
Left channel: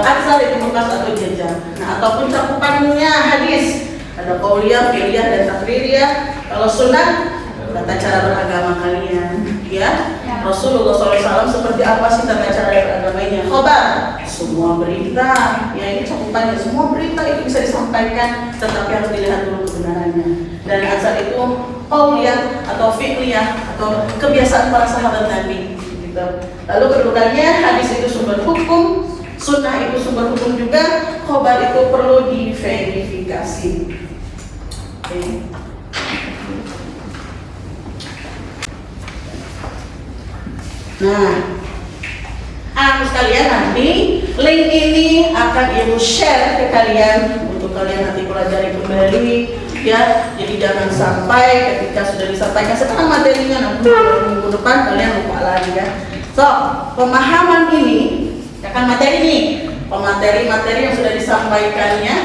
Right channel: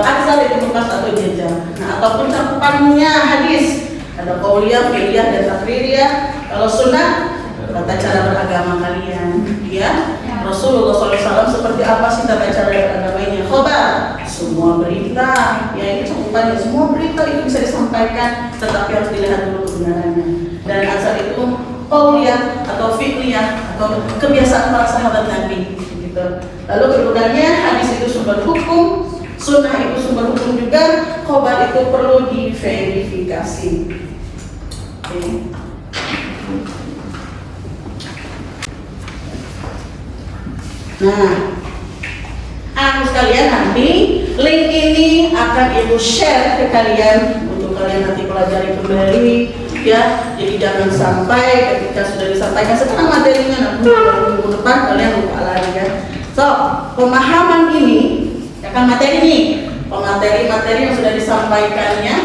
Atsar itu bekas atau jejak. Nah, ataupun cakupannya hadis ada qauliyah, fi'liyah dan takririyah. Kalau sunnah tata cara beragama kalian ya. Rasulullah SAW seperti apa sih tata cara beragamanya? Khobar, semua berita ya, ini cakupannya semua berita itu bisa disampaikan, tetapi harus dilihat dulu kebenarannya. Dan atsar itu qauliyah atau fi'liyah atau kebiasaan para sahabat Nabi gitu. Lalu kedudukannya, hadis itu sumber hukum, sunnah itu sumber hukum juga, khobar itu perlu diverifikasi. Okay. Nah, sekalian nanti link ini akan ibu share ke kalian untuk kalian nanti pelajari kembali ya. Jadi jangan sampai ketika sudah disampaikan sekarang materinya nanti minggu depan kalian lupa lagi kan. So, pemahaman ini ya kan materi nih, materi yang sudah disampaikannya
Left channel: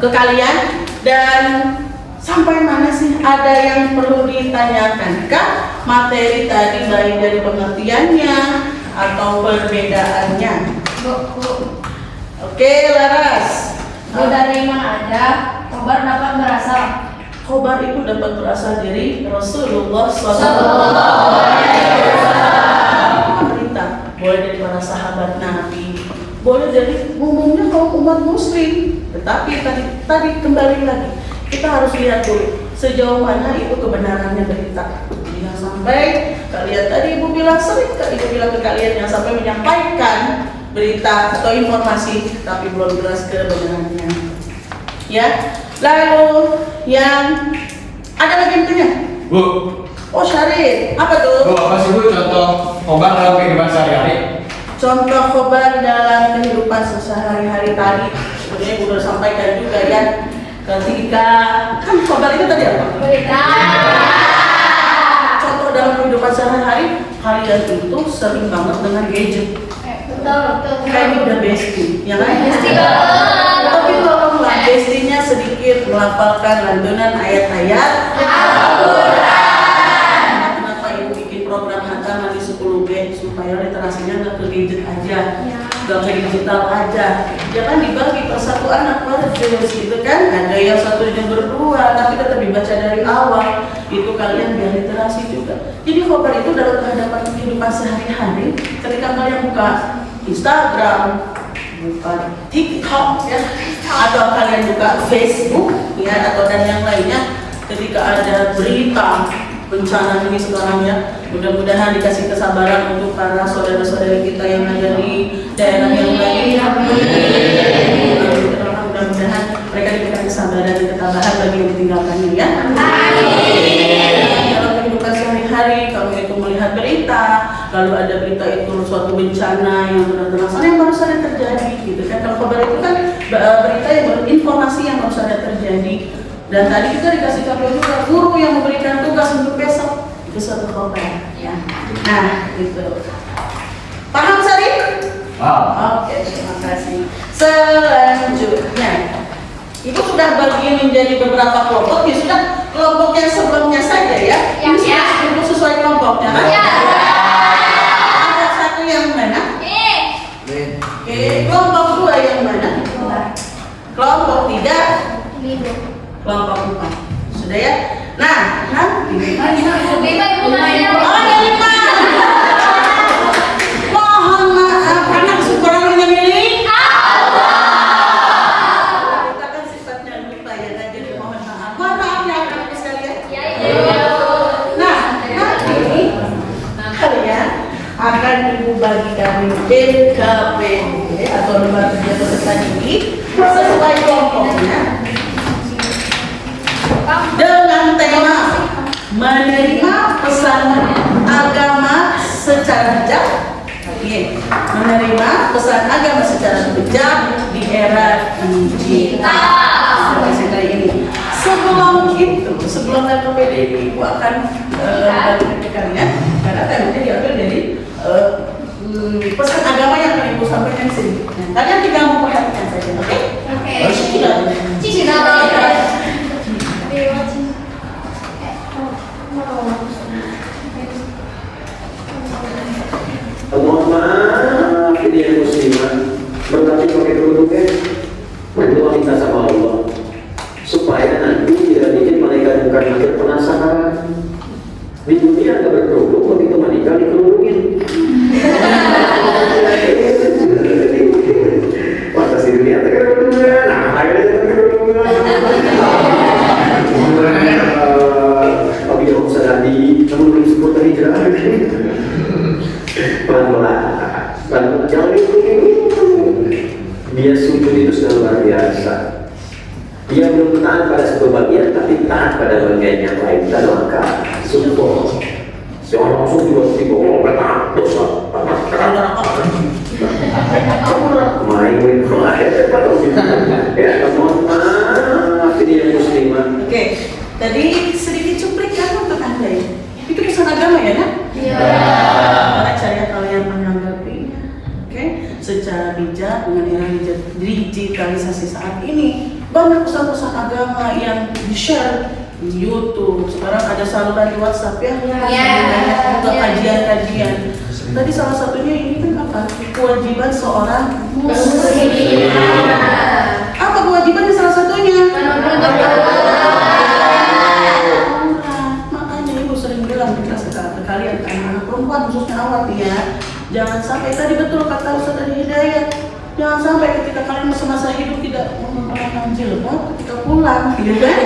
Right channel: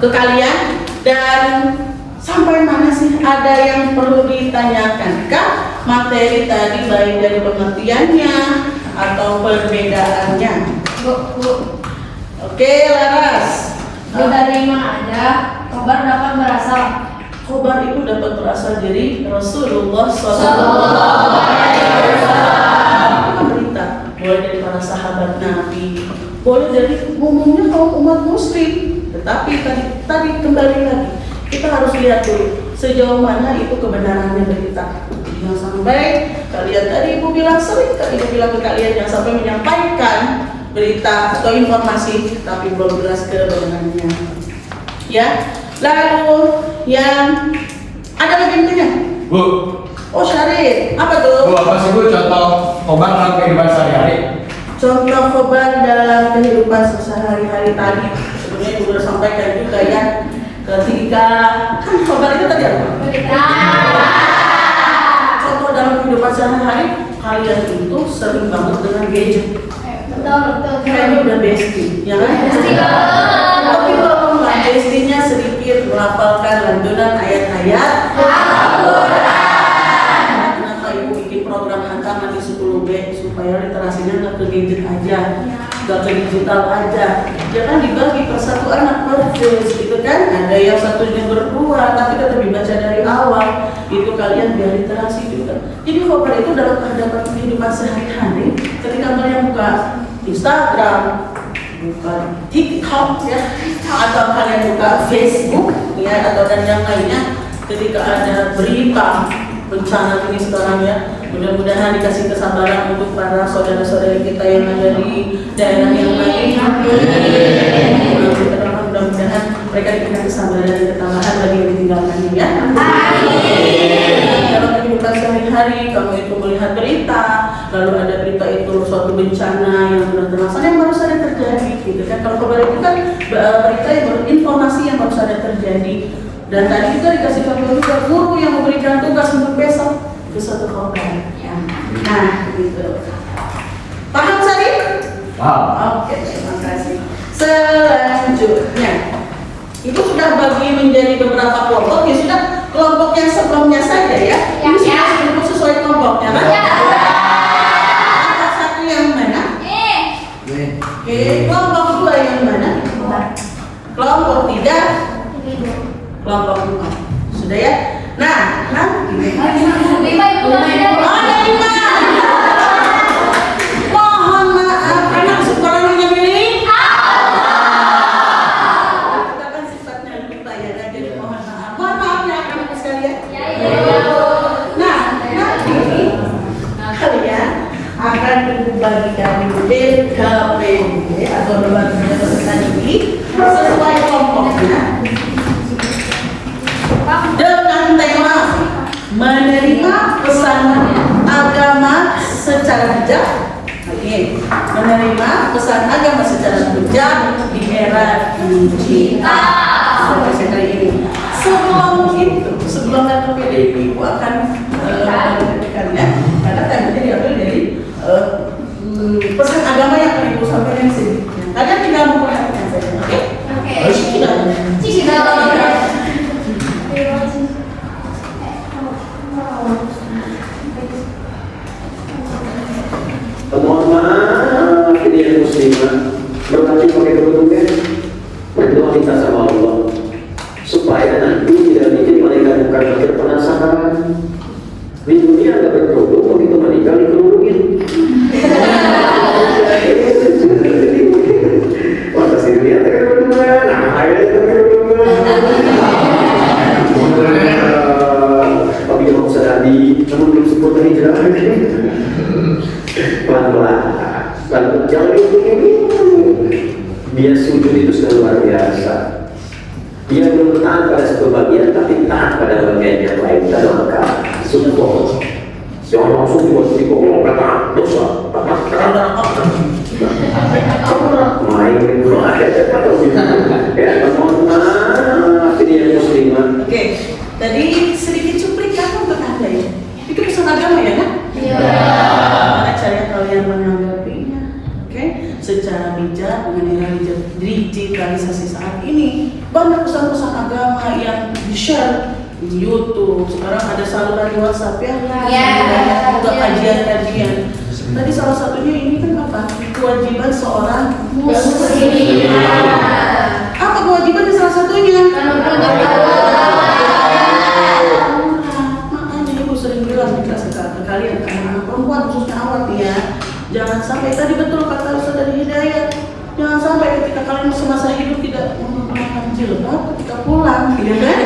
ke kalian, dan sampai mana sih ada yang perlu ditanyakan kah materi tadi, baik dari pengertiannya atau perbedaannya? Oke, Laras. Dari mana aja khobar dapat berasal? Khobar itu dapat berasal dari Rasulullah SAW. Berita boleh dari para sahabat Nabi, boleh dari umumnya kaum umat Muslim. Tetapi tadi kembali lagi kita harus lihat dulu sejauh mana itu kebenarannya berita. Jangan sampai kalian tadi ibu bilang sering kali ibu bilang ke kalian jangan sampai menyampaikan berita atau informasi tapi belum jelas kebenarannya. Ya, lalu yang ada lagi yang tanya? Bu, Oh Syarif, apa tuh? Bu, apa sih Bu contoh khobar dalam kehidupan sehari-hari? Contoh khobar dalam kehidupan sehari-hari tadi sebenarnya udah sampaikan juga ya. Ketika kan khobar itu tadi apa? Contoh dalam kehidupan sehari-hari kalian itu sering banget dengan gadget. Betul. Kayaknya udah bestie, ya kan? Tapi tolonglah bestinya sedikit melafalkan lantunan ayat-ayat Al-Quran. Kenapa ibu bikin program hantaman di 10B supaya literasinya nggak ke gadget aja, nggak ke digital aja. Jangan dibagi per satu anak per juz gitu kan? Ada yang satu juz berdua, tapi tetap dibaca dari awal. Itu kalian biar literasi juga. Jadi khobar itu dalam hadapan kehidupan sehari-hari. Ketika kalian buka Instagram, buka TikTok ya, atau kalian buka Facebook ya, atau dan yang lainnya, ketika ada berita bencana ini sekarang ya, mudah-mudahan dikasih kesabaran untuk para saudara-saudari kita yang ada di daerah yang lain. Mudah-mudahan mereka diberikan kesabaran dan ketabahan bagi yang ditinggalkannya ya. Dalam kehidupan sehari-hari kamu itu melihat berita, lalu ada berita itu suatu bencana yang benar-benar yang baru saja terjadi gitu kan. Kalau kabar itu kan berita yang informasi yang baru saja terjadi. Dan tadi kita dikasih kabar juga guru yang memberikan tugas untuk besok, itu suatu kabar ya. Nah gitu. Paham Sari? Wow. Oke, terima kasih. Selanjutnya, Ibu sudah bagi menjadi beberapa kelompok. Ya sudah, kelompok yang sebelumnya saja ya. Ini sudah disebut sesuai kelompoknya kan? Kelompok satu yang mana? Oke, kelompok dua yang mana? Kelompok tiga, kelompok dua. Sudah ya? Nah, oh ada 5. Mohon maaf, anak sumberannya milih. Kita kan sifatnya lupa ya, nah, jadi mohon maaf. Mohon maaf ya anak-anak sekalian. Nah, nanti kalian akan Ibu bagikan LKPD atau lembaga kerja peserta didik sesuai kelompoknya dengan tema menerima pesan agama secara bijak. Oke, menerima pesan agama secara bijak di era digital seperti ini. Sebelum itu, sebelum LKPD Ibu akan memberikannya, karena temanya diambil dari pesan agama yang akan Ibu sampaikan di sini. Kalian tinggal memperhatikan saja, oke? Mohon maaf, ini yang muslimah berarti pakai kerudungnya berdoa minta sama Allah supaya nanti tidak bikin malaikat bukan makin penasaran di dunia ada berkerudung, begitu menikah dikerudungin. Pantas di dunia ada kerudungan, nah ada kerudungan. Tapi yang bisa tadi, namun belum sebut hijrah. Pelan-pelan, jangan itu. Dia sujud itu sudah luar biasa. Dia belum taat pada satu bagian, tapi taat pada bagian yang lain. Kita doakan support. Jangan langsung tiba-tiba kata dosa. Main ya, mohon maaf, ini yang muslim Oke, tadi sedikit cuplikan untuk Anda ya. Itu pesan agama ya kan? Iya. Bagaimana cara kalian menanggapinya? Oke, secara bijak dengan era digitalisasi saat ini, banyak pesan-pesan agama yang di-share di YouTube. Sekarang ada saluran di WhatsApp ya. Iya. Banyak juga kajian-kajian. Tadi salah satunya ini kan apa? Kewajiban seorang muslim. Apa kewajiban salah satunya? Makanya ibu sering bilang di kelas ke kalian, anak perempuan khususnya awal ya, jangan sampai tadi betul kata Ustaz tadi Hidayat, jangan sampai ketika kalian semasa hidup tidak menggunakan jilbab ketika pulang, gitu kan?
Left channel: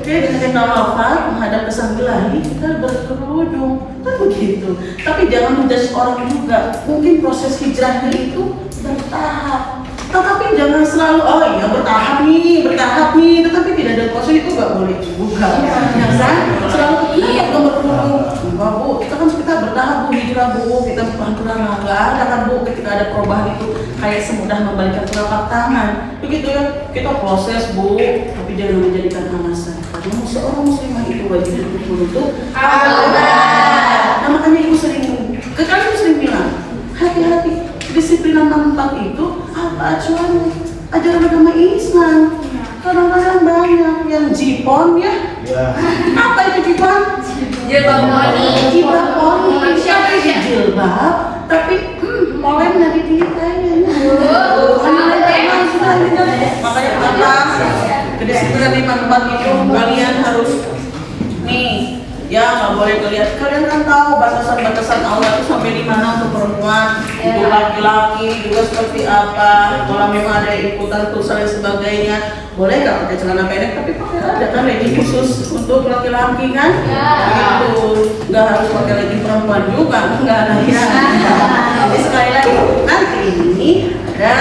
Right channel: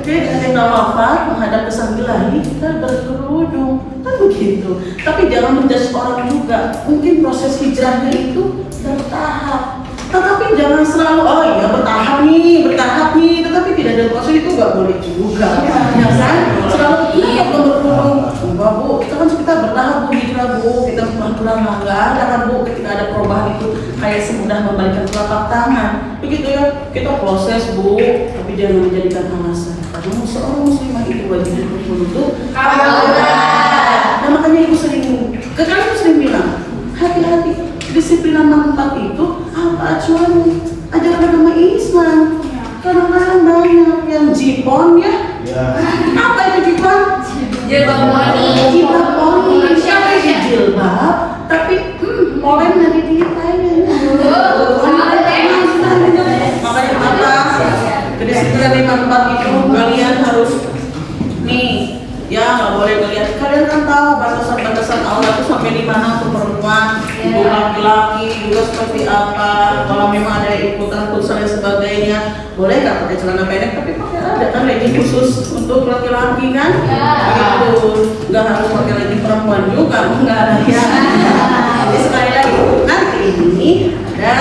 Oke, ketika wafat menghadap ke sang ilahi kita berkerudung, kan begitu. Tapi jangan menjudge orang juga. Mungkin proses hijrahnya itu bertahap. Tetapi jangan selalu, oh iya bertahap nih, tetapi tidak ada proses itu nggak boleh juga, ya kan? Selalu kita belum berkurung, enggak bu, kita bertahap bu, hijrah bu, kita pelan-pelan nggak ada kan bu, ketika ada perubahan itu kayak semudah membalikan telapak tangan, begitu ya, kita proses bu, tapi jangan menjadikan alasan. Karena seorang muslimah itu wajib untuk Allah. Nah makanya ibu sering, kalian sering bilang, hati-hati. Disiplinan manfaat itu apa acuannya? Ajaran agama Islam. Kadang-kadang banyak yang jipon ya. Apa itu jipon? Jilbab poni. Jilbab poni. Siapa yang jilbab? Tapi polen dari dia kayaknya. Makanya apa? Kedisiplinan manfaat itu kalian harus nih. Ya nggak boleh kelihatan. Kalian kan tahu batasan-batasan Allah itu sampai di mana untuk perempuan, untuk laki-laki juga seperti apa. Kalau memang ada ikutan futsal dan sebagainya, boleh nggak pakai celana pendek? Tapi pakai ada kan legging khusus untuk laki-laki kan? Gitu. Nggak harus pakai legging perempuan juga, nggak ada ya. Jadi sekali lagi nanti ini ada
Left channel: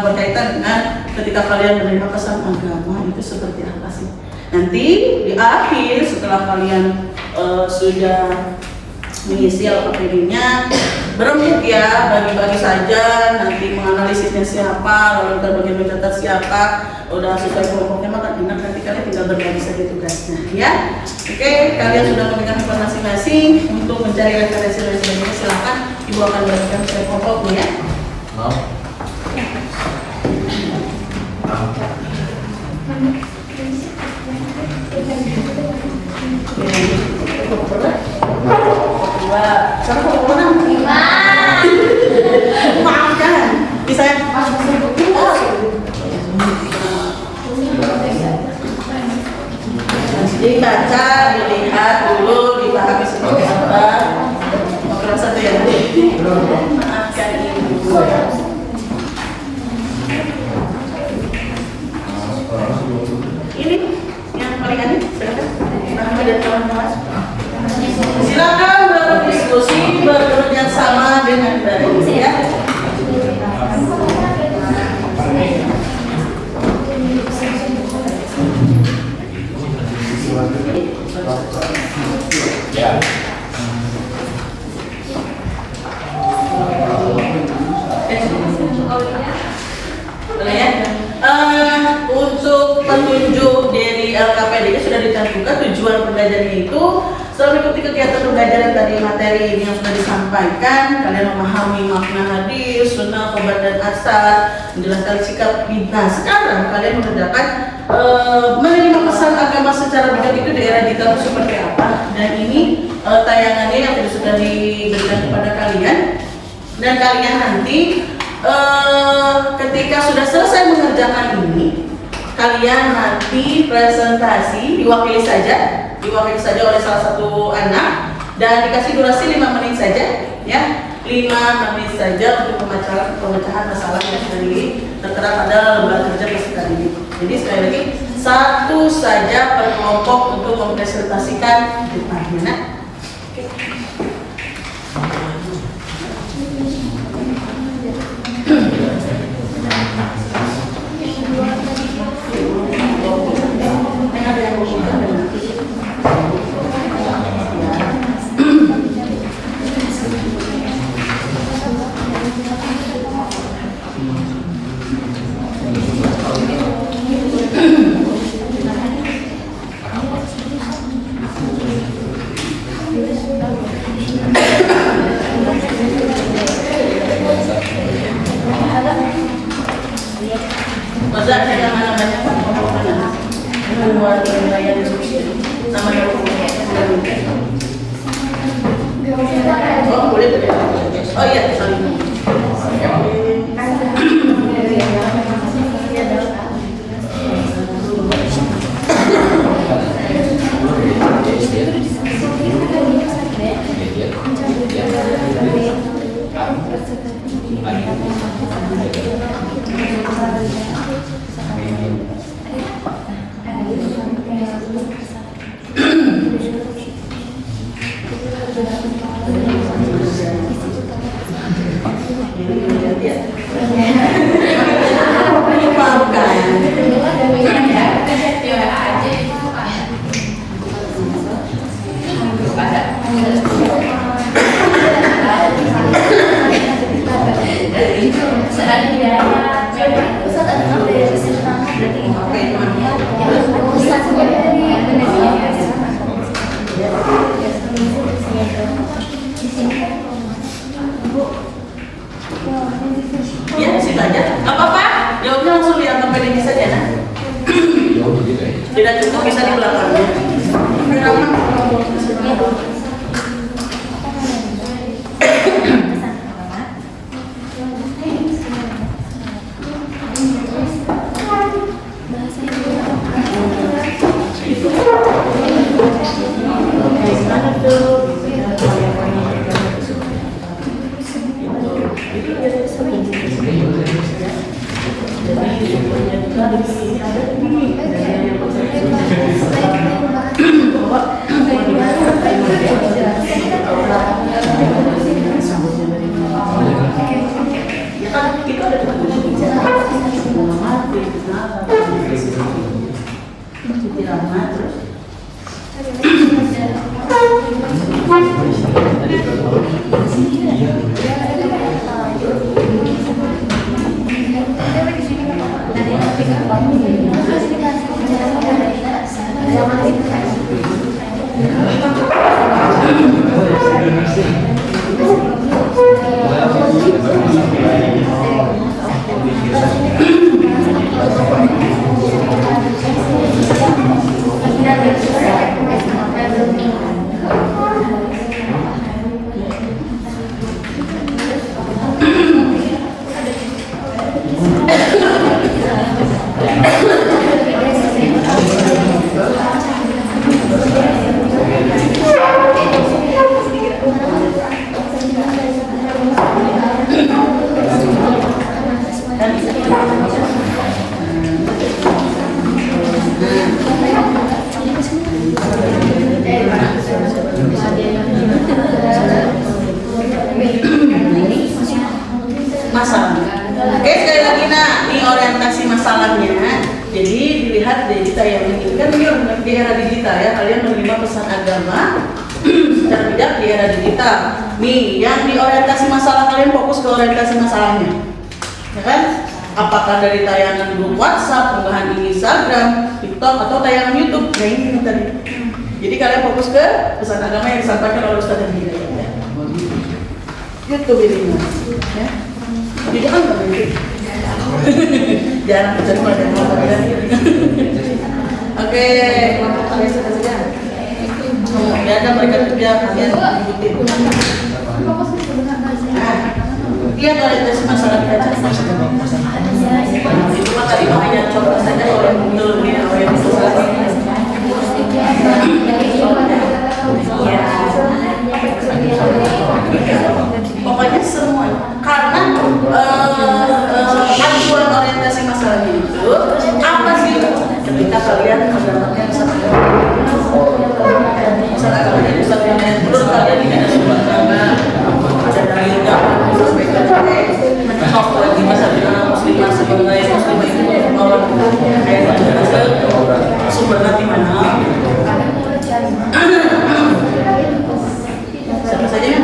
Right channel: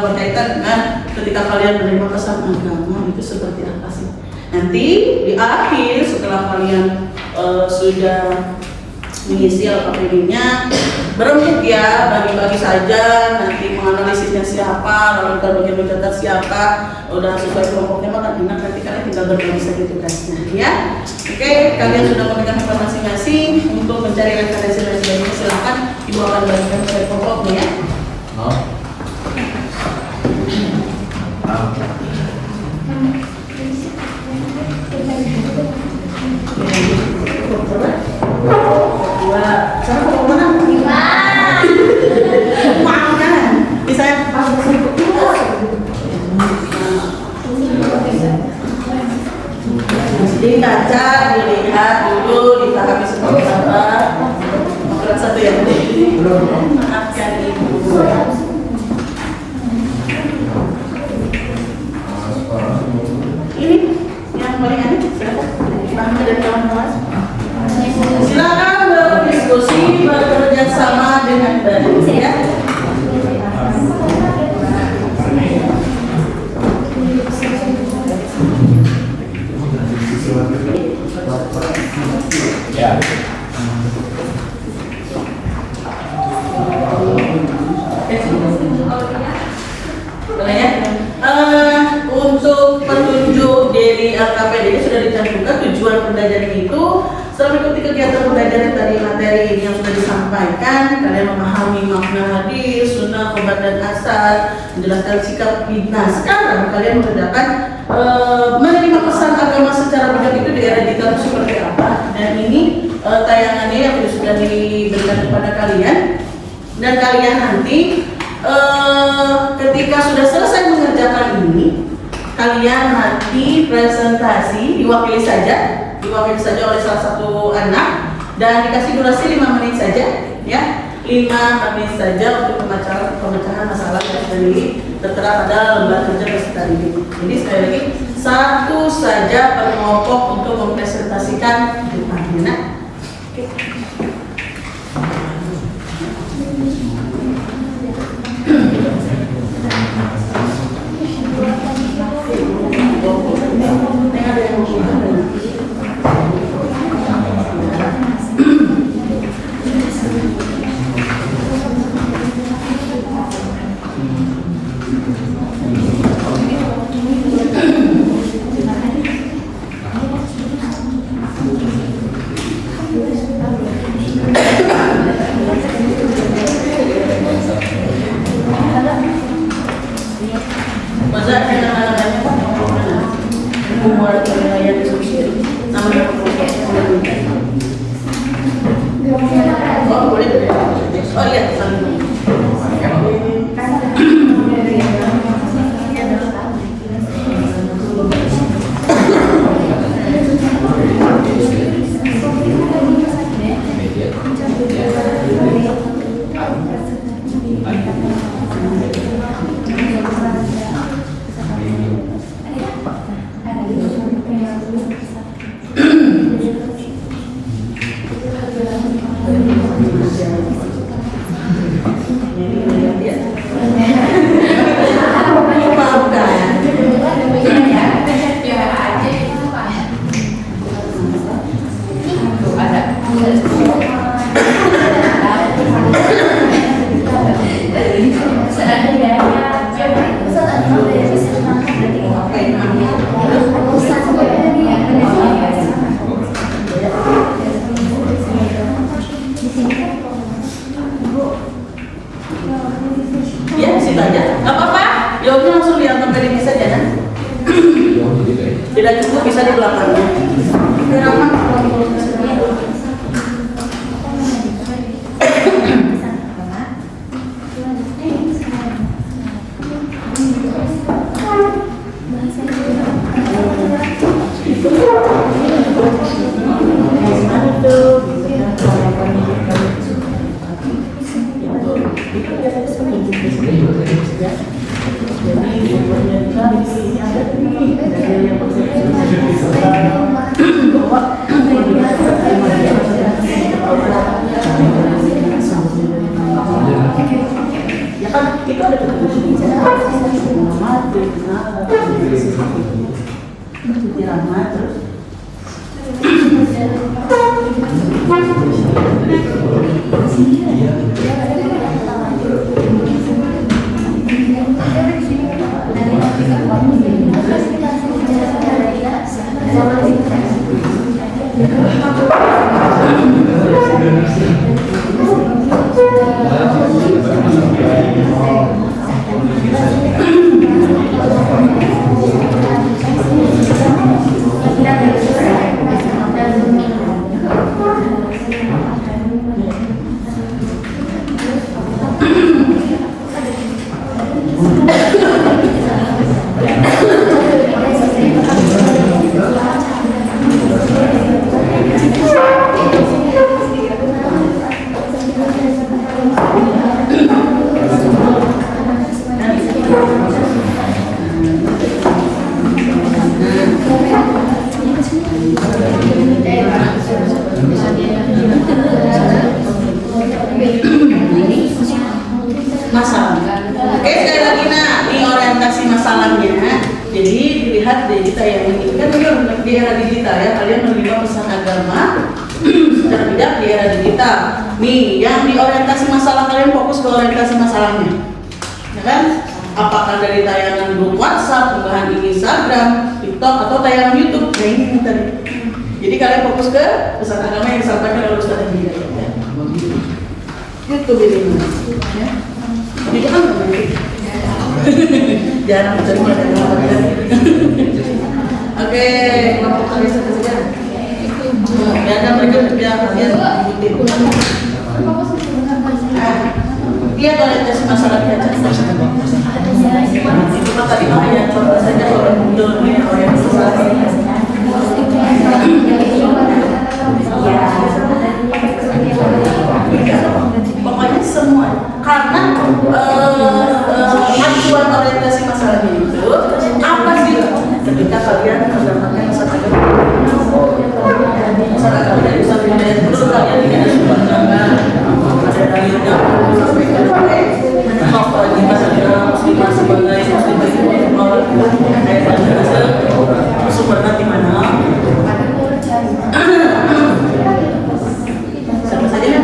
berkaitan dengan ketika kalian menerima pesan agama itu seperti apa sih? Nanti di akhir setelah kalian sudah mengisi LKPD-nya, berembuk ya, bagi-bagi saja, nanti menganalisisnya siapa, lalu kita bagian mencatat siapa, udah sesuai kelompoknya maka enak, nanti kalian tinggal berbagi saja tugasnya ya. Oke, kalian sudah memegang tempat masing-masing untuk mencari referensi-referensi lainnya, silahkan ibu akan bagikan sesuai kelompoknya ya. Dibaca, dilihat dulu, dipahami seperti apa. Kelas satu ya, maafkan ibu. Ini yang paling aneh, silakan. Pahami dan kawan-kawan. Silakan berdiskusi, bekerja sama dengan baik ya. Untuk petunjuk dari LKPD ini sudah dicantumkan tujuan pembelajaran itu. Setelah mengikuti kegiatan pembelajaran dari materi ini yang sudah disampaikan, kalian memahami makna hadis, sunnah, khobar dan asar, menjelaskan sikap bid'ah. Sekarang kalian mengerjakan menerima pesan agama secara bijak itu di era digital seperti apa. Dan ini tayangannya yang sudah diberikan kepada kalian. Dan kalian nanti ketika sudah selesai mengerjakan ini, kalian nanti presentasi diwakili saja oleh salah satu anak dan dikasih durasi 5 menit saja ya, 5 menit saja untuk pemecahan masalah yang tertera pada lembar kerja peserta didik. Jadi sekali lagi satu saja per kelompok untuk mempresentasikan depannya. Nah, Sudah ada nama-namanya kan? Umar wilayah diskusi namanya oh boleh. Oh iya, saling. Ya, situ aja. Gak apa-apa. Jawabnya langsung lihat sampai di saja, nah. Tidak cukup bisa di belakangnya. Ya kan itu ada masalah. Oke, sekali lagi nah, ini orientasi masalahnya. Jadi dilihat di tayangan ini kan ini di era digital ya, kalian menerima pesan agama secara bijak di era digital. Nih, yang di orientasi masalah kalian fokus ke orientasi masalahnya, ya kan? Apakah dari tayangan grup WhatsApp, unggahan di Instagram, TikTok, atau tayangan YouTube? Nah ini tadi. Jadi kalian fokus ke pesan agama yang disampaikan oleh Ustaz Hidayat ya. YouTube ini, ya. Itu kan nggak baik. Jarang mencari materi. Oke, kelompok kalian saja. Ya ada mereka kerja kalian ikutin. Lihat orientasi masalah kita. Cuma tadi hanya contoh saja kalau belum lihat orientasi. Pokoknya semua karena acuan orientasi masalahnya itu apa sih ketika kalian mendapatkan pesan agama dari Ustaz Hidayat terus kalian tidak ada sumber dana ada dalilnya mentok lagi masalah muslimah sebagai muslimah itu orang sumber dana di mana siapa saja yang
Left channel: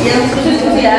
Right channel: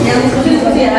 Yang diskusi ya.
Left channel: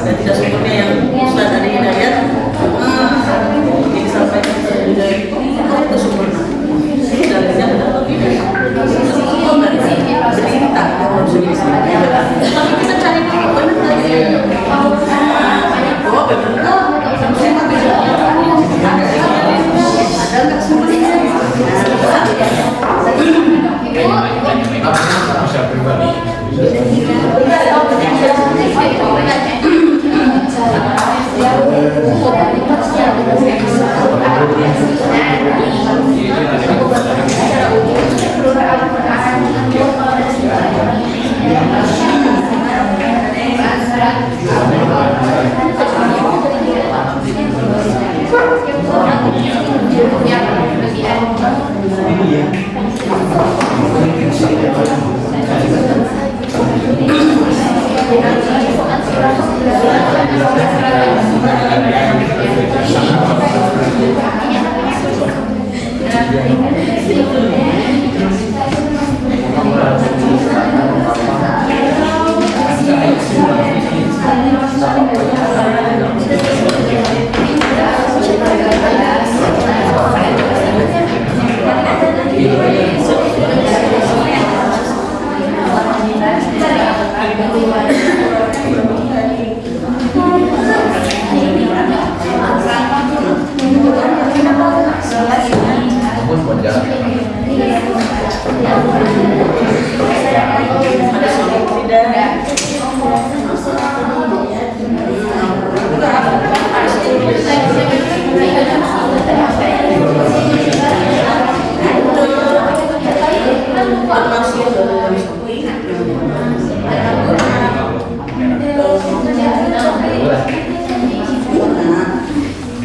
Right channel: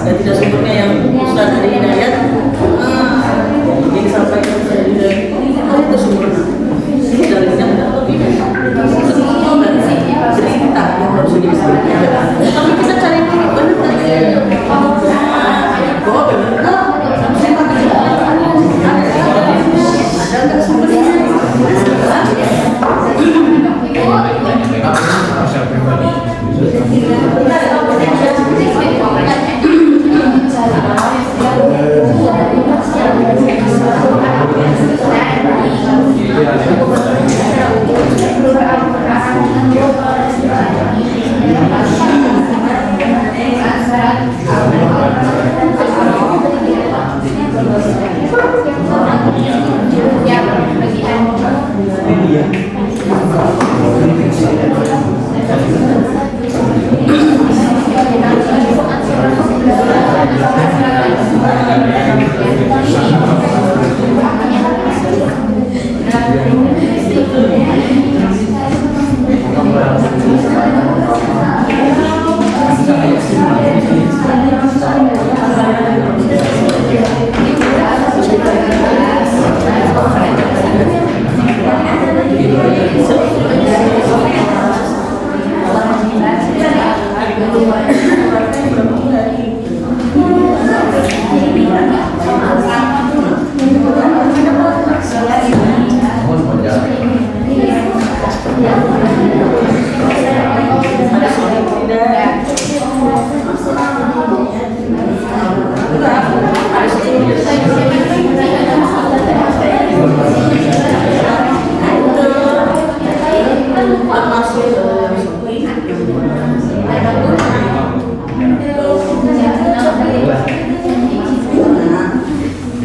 dan tidak sempurna yang Ustaz dari Hidayat ini disampaikan itu sempurna. Ini dalilnya atau tidak? Semua berita yang harus diistimewa. Tapi kita cari dulu benar dalilnya. Bahwa benar ada nggak sumbernya? Bisa pribadi.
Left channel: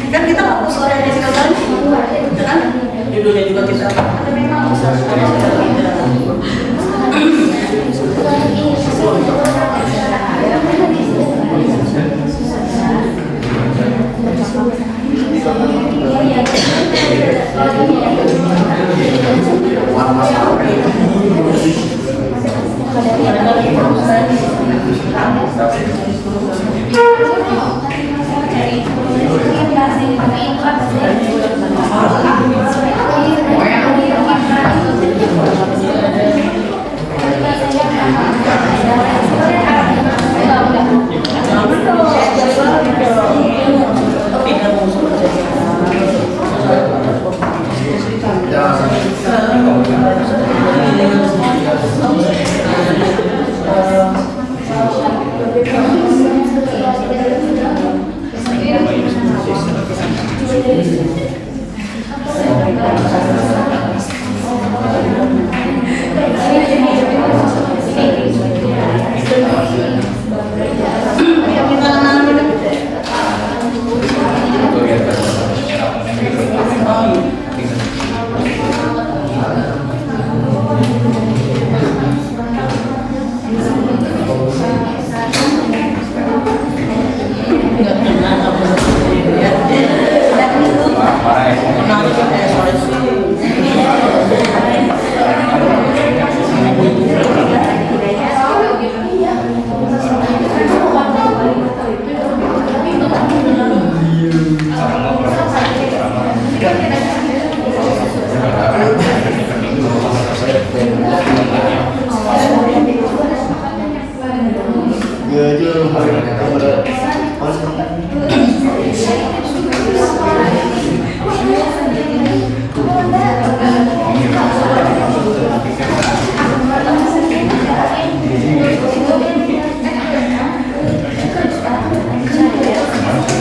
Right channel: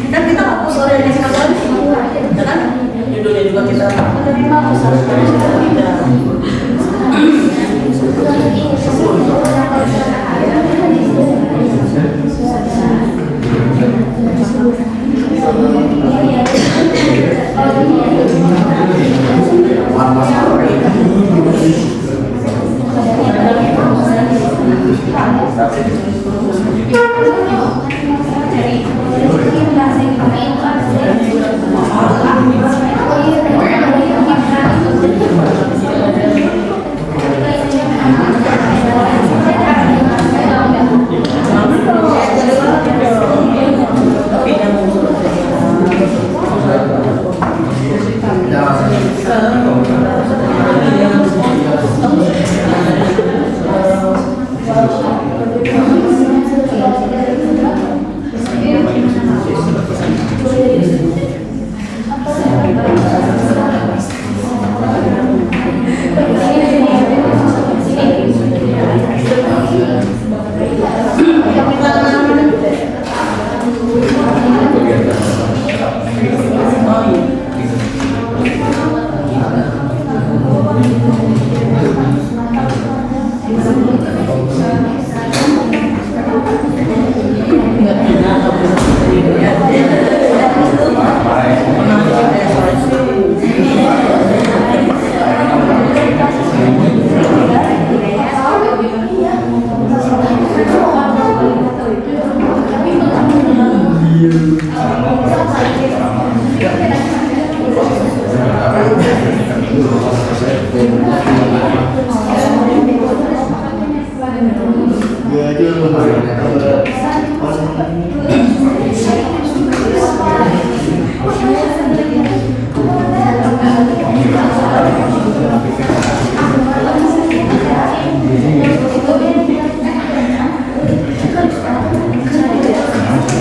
Kan kita hapus orang yang dikatakan, kan? Judulnya juga kita hapus.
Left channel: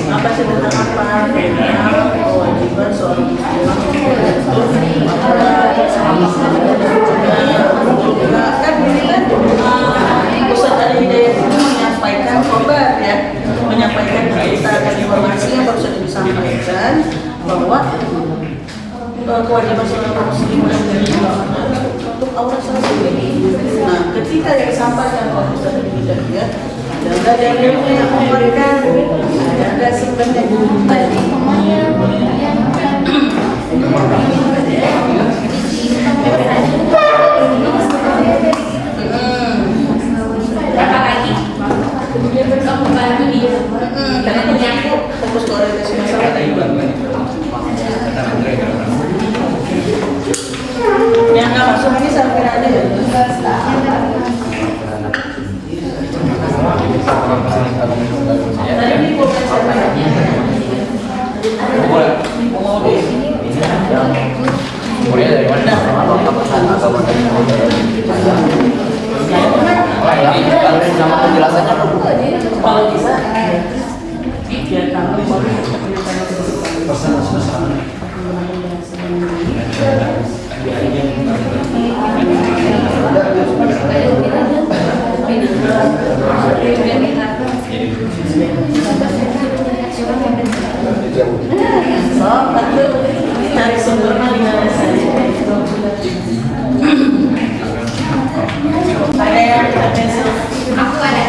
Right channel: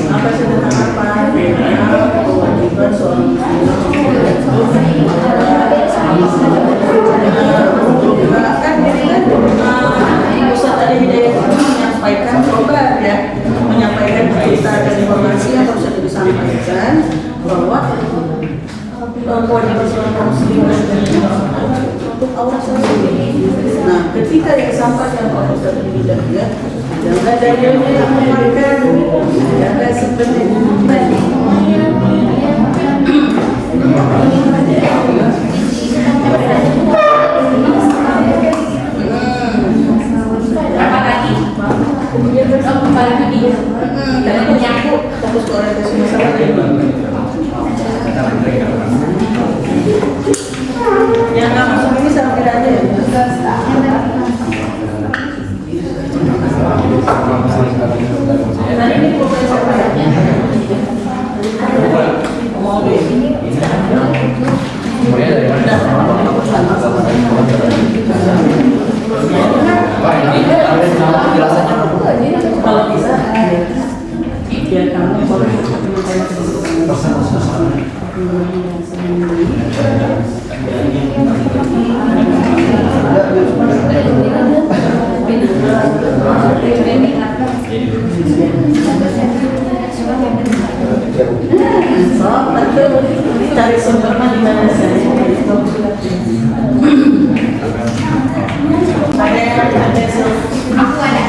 Apa sederhana kewajiban seorang Ustaz ada hidayah menyampaikan khobar ya, menyampaikan berita dan informasi yang baru saja disampaikan bahwa kewajiban seorang muslim untuk aurat sendiri. Nah, ketika yang disampaikan oleh Ustaz Al-Hidayah ya, ada dalilnya yang menguatkan, ada sebenarnya tadi. Karena aku fokus ke orientasi masalah tadi. Yang nggak masuk ini sampai aja ya. Tadi ini proses apa ya? Mulai dari mana? Ini nama penjelasan apa? Kalau bisa, biar kamu baru menyampaikan so, tentu cari sumbernya di mana saja. Ada Aku ada.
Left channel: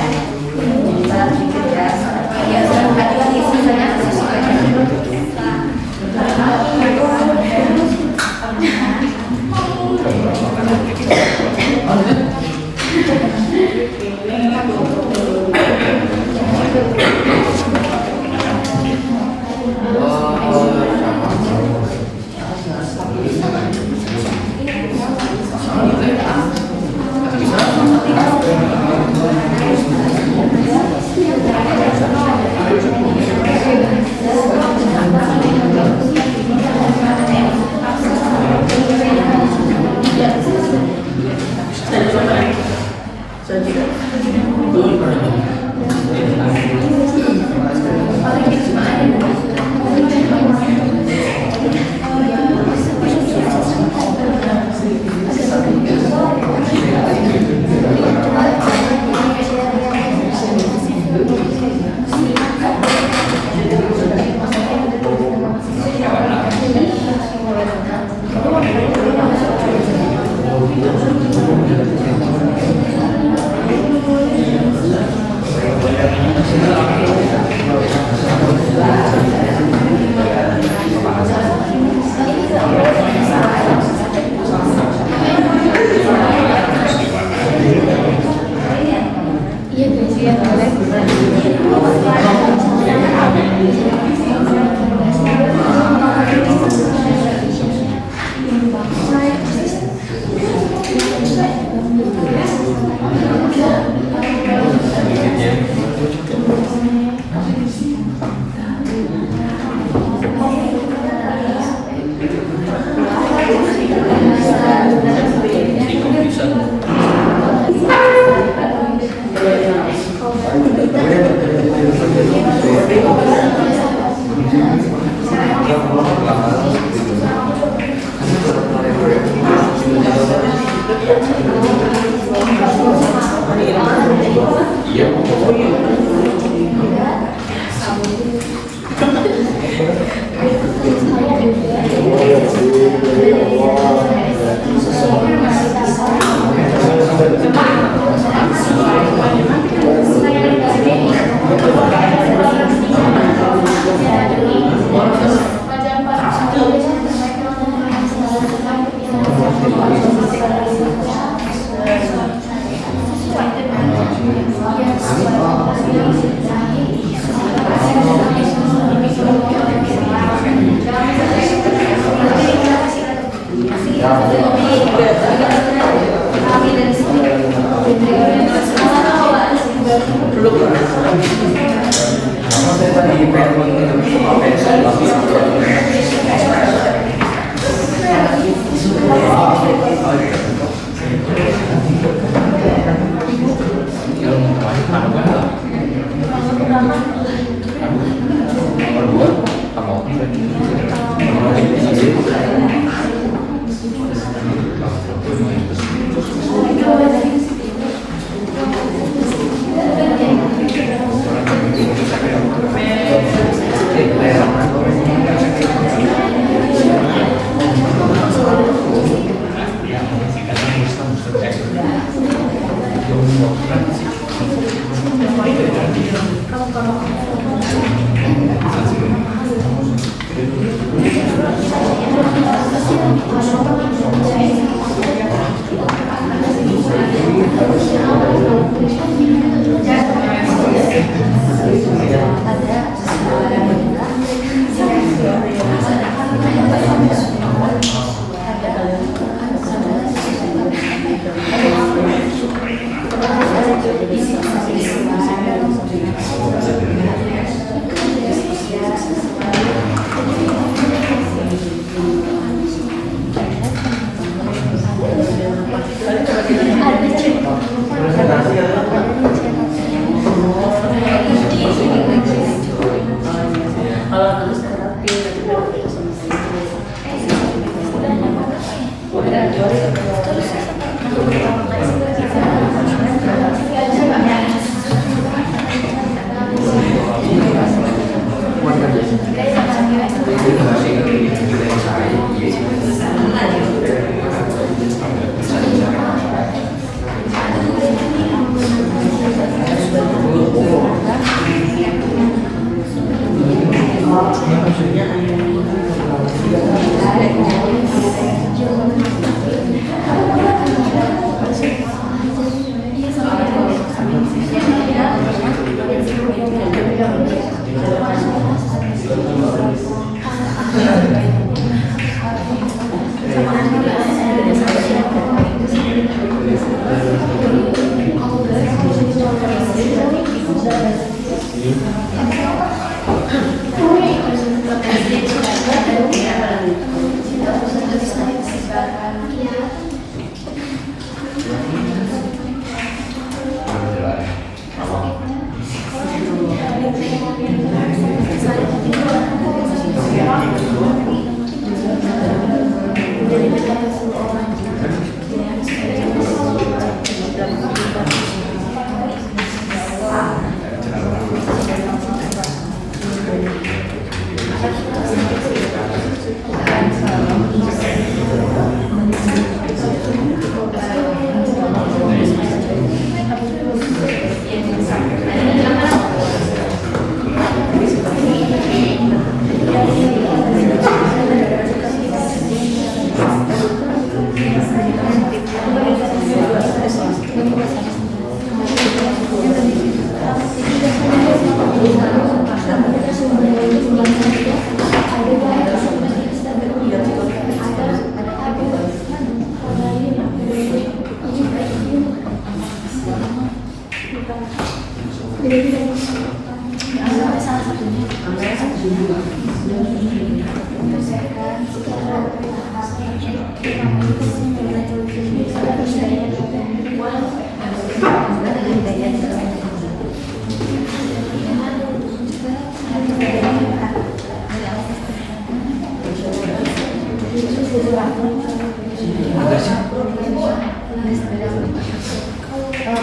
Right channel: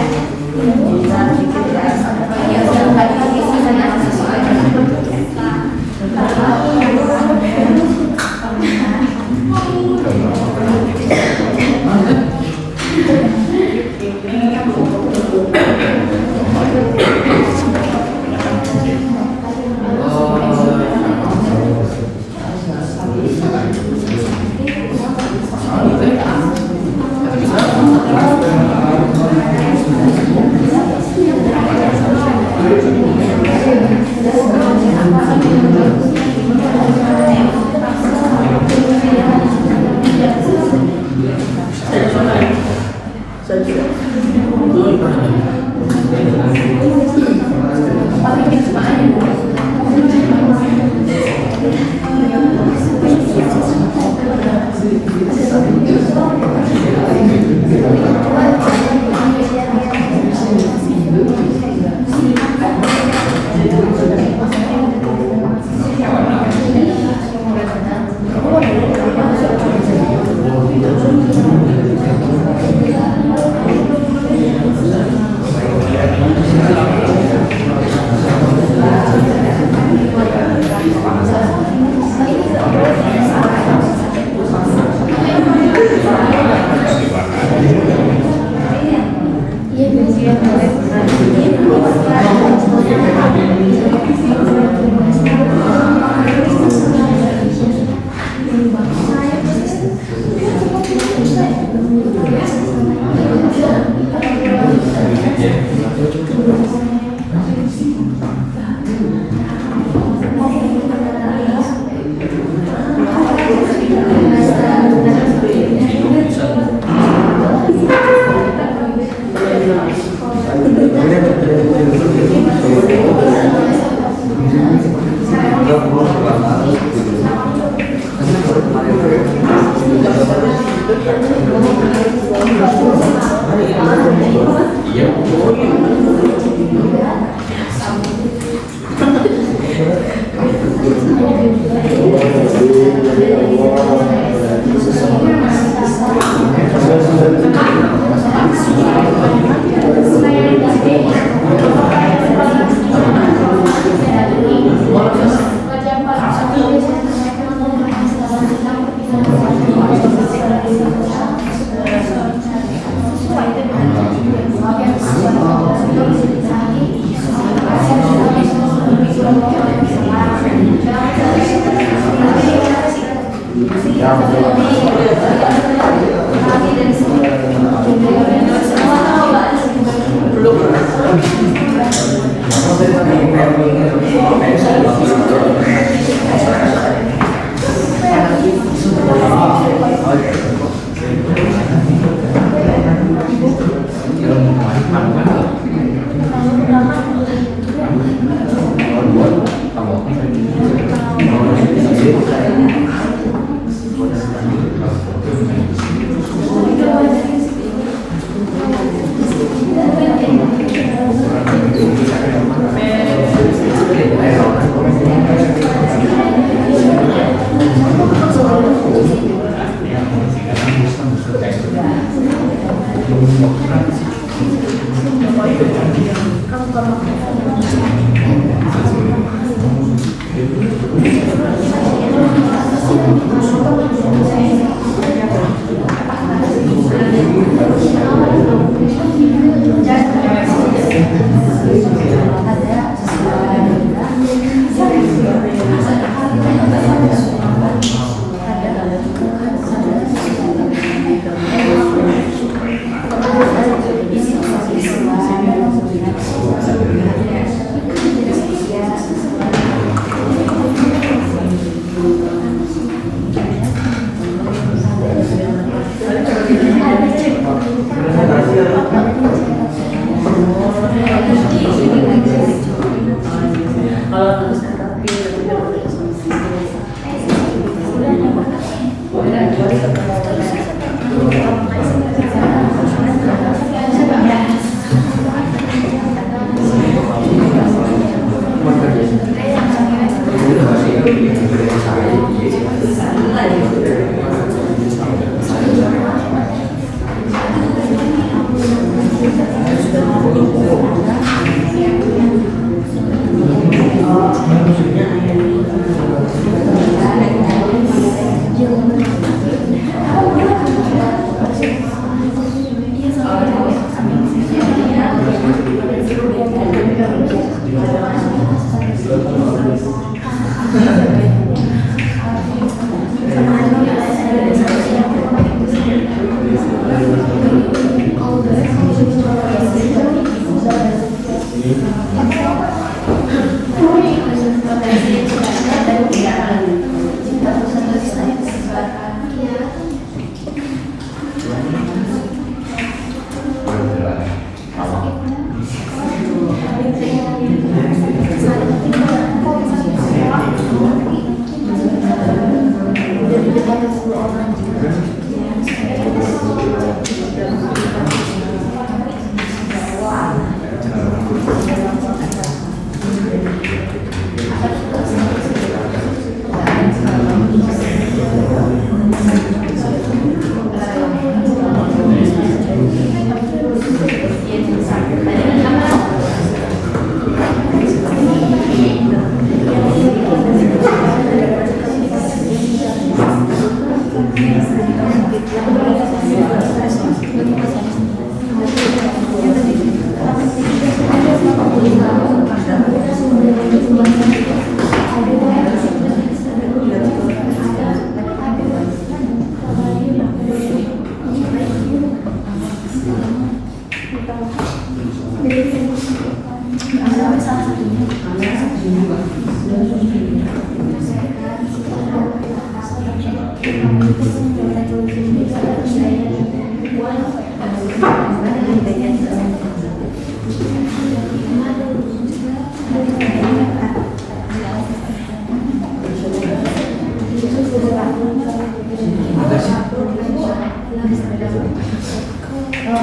Baru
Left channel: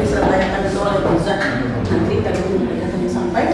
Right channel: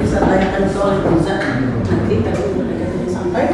bisa tanyakan soal bisa nanti kalau mereka tadi sampai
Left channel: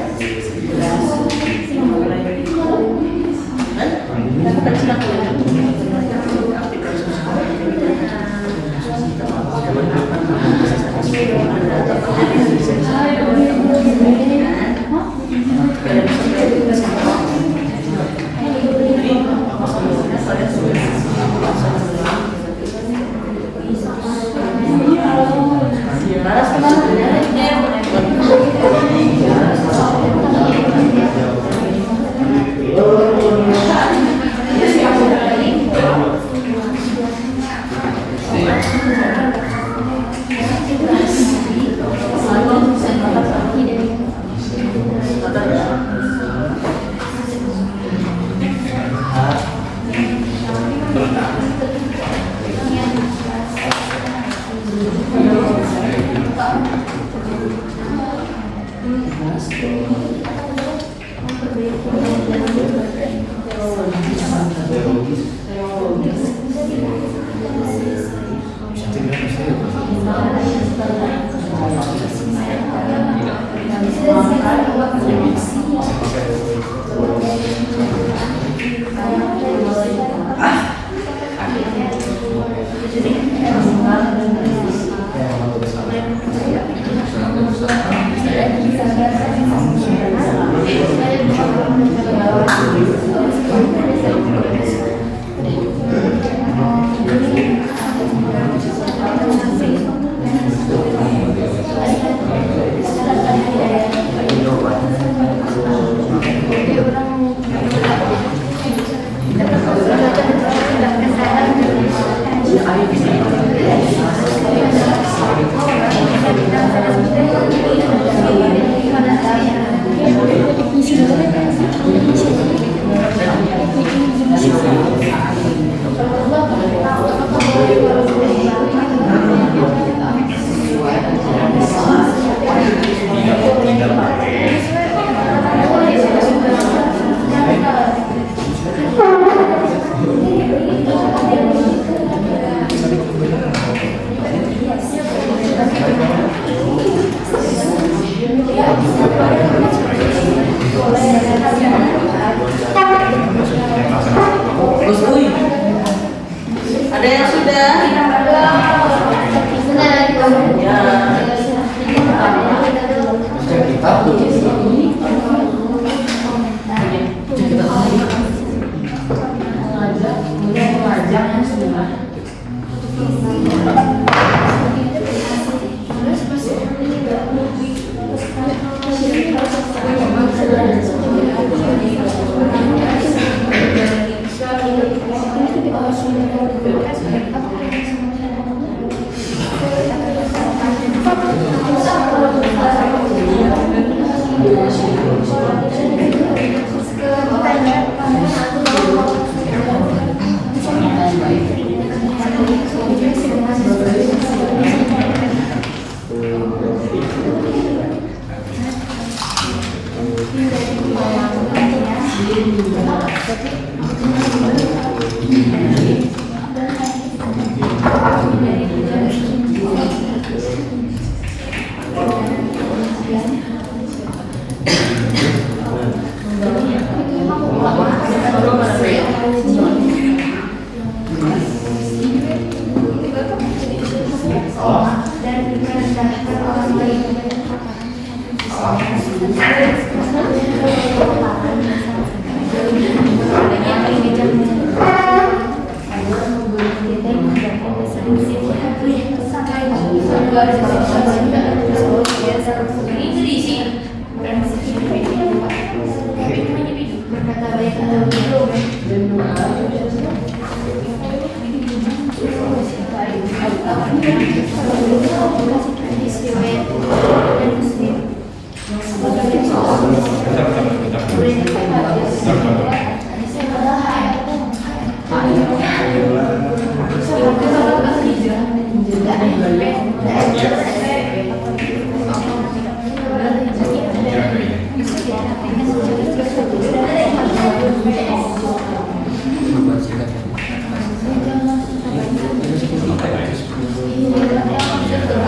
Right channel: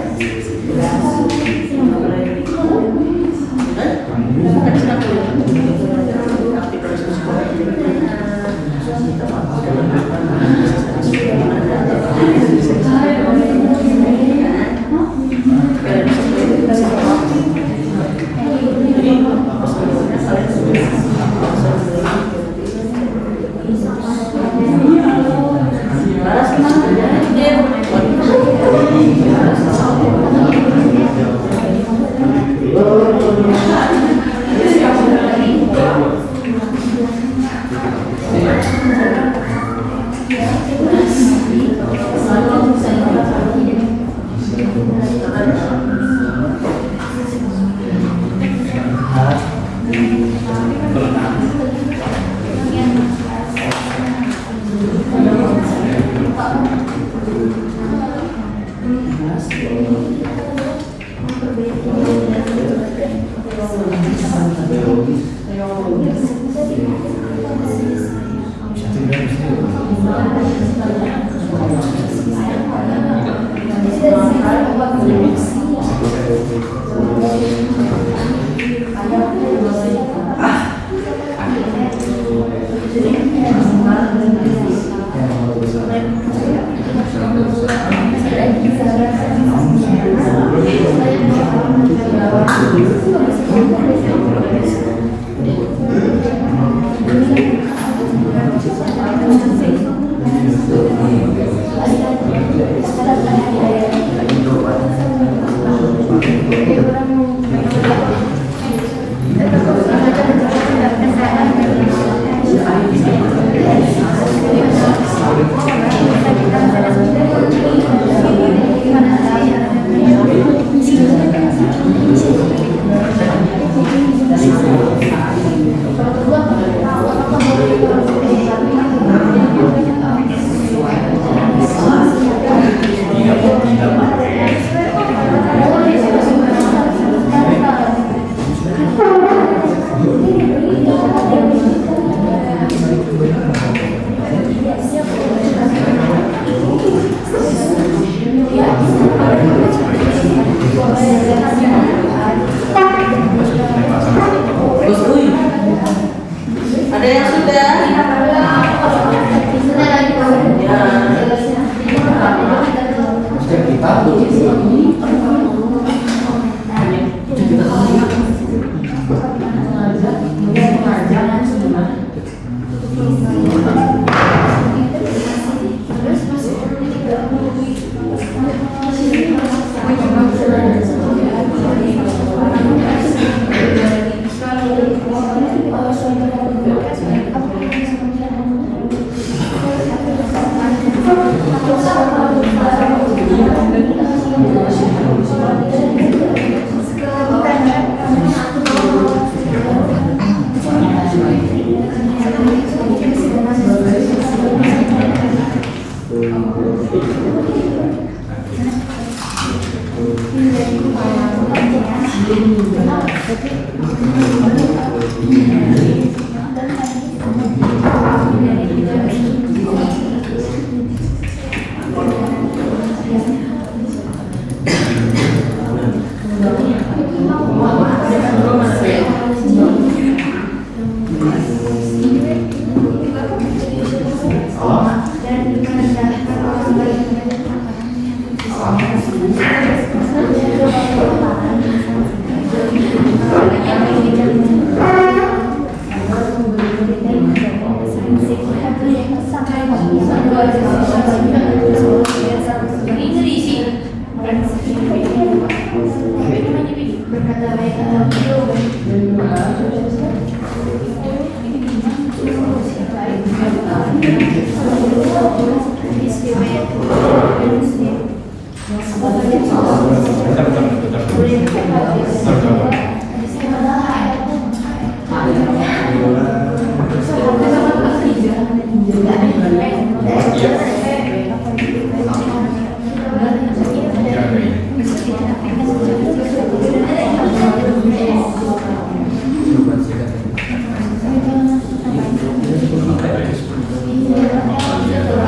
ada yang sudah? Bentar.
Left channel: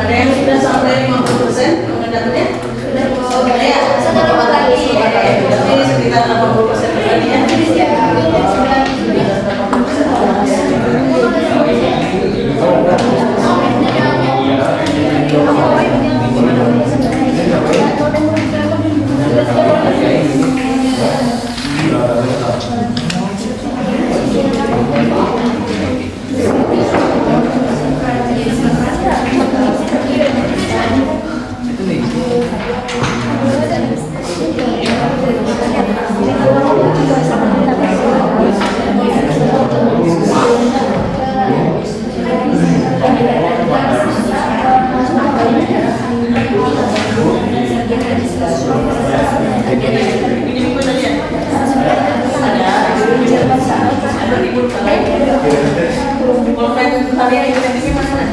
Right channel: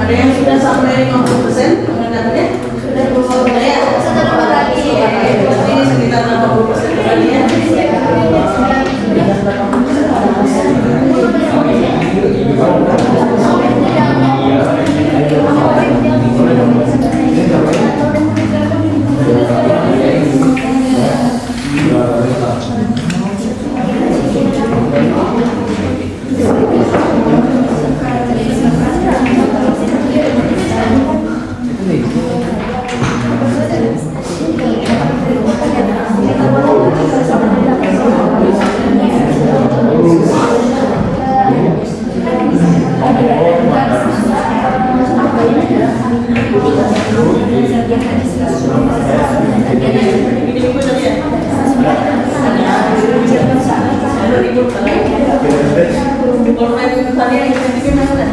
Ada yang sudah sampai 50% pengendapannya? Sudah ya? Berarti sekitar 80% lagi ya? Pulpen tarian yang cantiknya mana?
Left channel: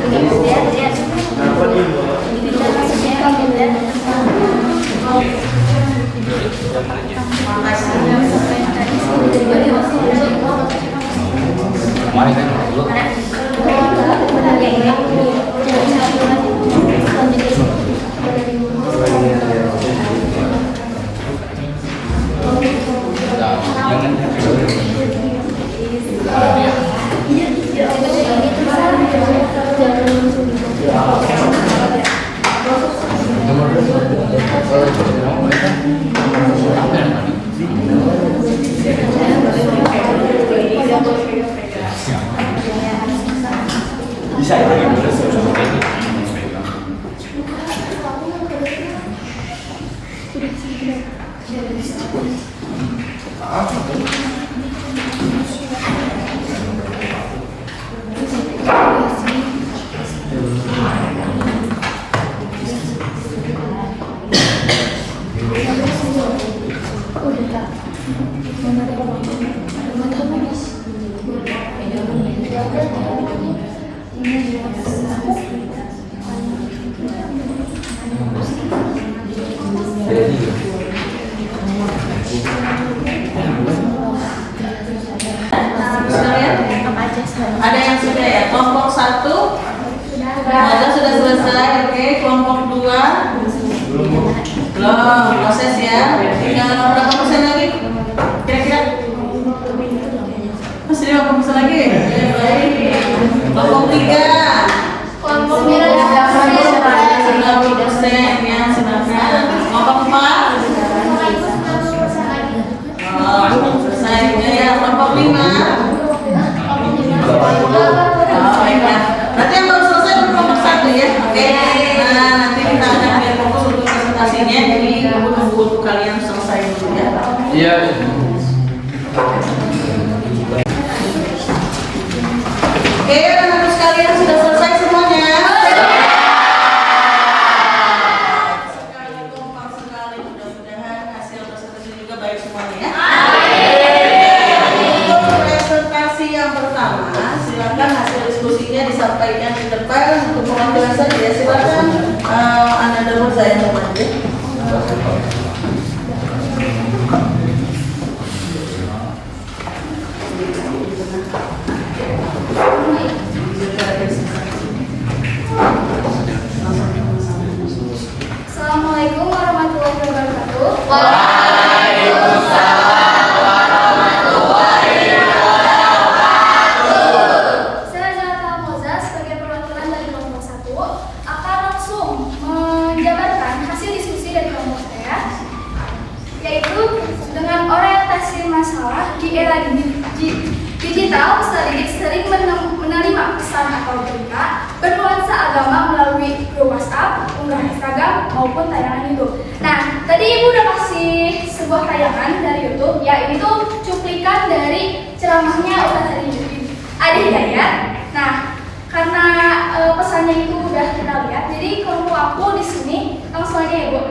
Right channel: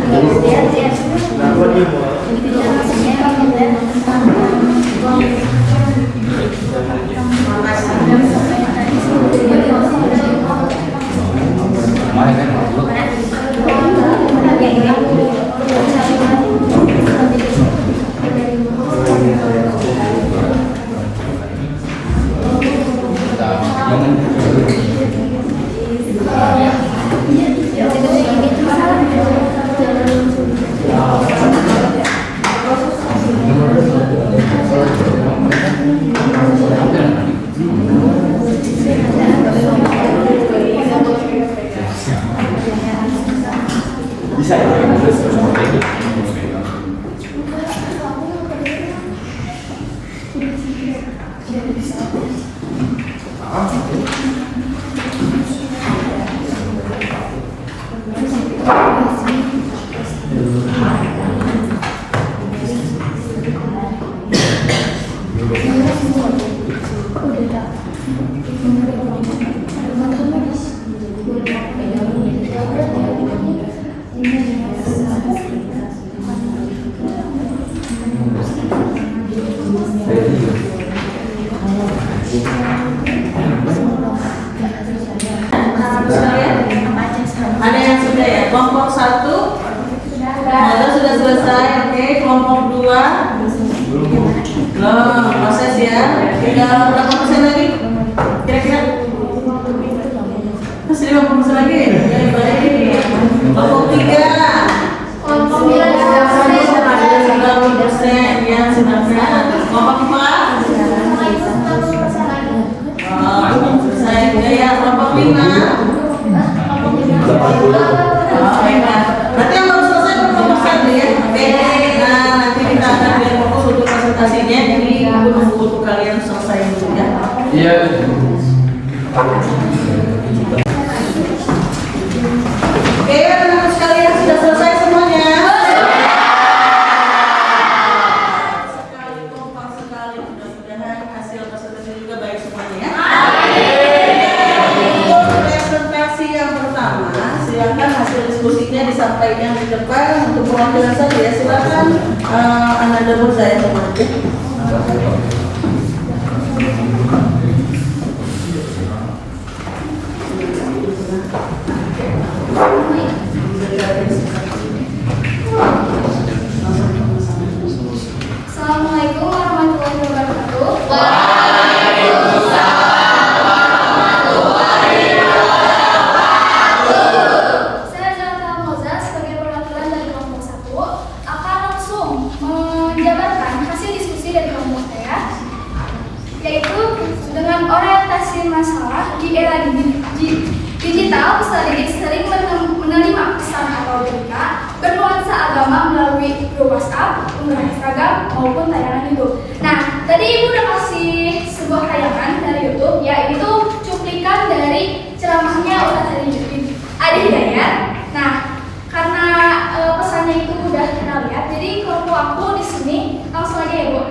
Bisa ya? Ada yang sudah ya? Kelompok 1 sudah selesai, oke. Kelompok 2 belum, proses ya. Tinggal berapa persen lagi? Kira-kira? Masih 50% lagi? Baik. Kelompok 3 Kelompok 9 sudah 90% ya, silakan. Kelompok 4 selesai ya. Kelompok 5 berarti yang baru selesai kelompok 1 ya, oke. Nah, nanti kita akan lihat fokus untuk presentasinya, jadi buku-buku kalian selesai dulu ya. Iya. Oke, anak-anak sekalian sudah selesai semuanya. Sekali kompak sekali, mudah-mudahan hasil presentasi juga baik semuanya ya. Presentasi yang pertama, silakan hasil diskusinya disampaikan di depan untuk perwakilan saja ya. Silakan Anda dulu, saya nanti. Assalamualaikum warahmatullahi wabarakatuh. Saya Zahra Moza sebagai perwakilan dari kelompok 1 akan langsung menjabarkan hasil diskusi dari kelompok saya, yaitu dengan orientasi masalah di era digital, peserta didik sering menerima pesan atau berita bernuansa agama melalui grup WhatsApp, unggahan Instagram maupun tayangan YouTube. Nah, tadi Ibu udah kasih sebuah tayangan dari YouTube, ya ini tuh cuplikan dari ceramahnya Ustaz Adi Hidayat. Nah, karena pesannya itu udah kita lihat, jadi kelompok aku di sini langsung aja ya Bu.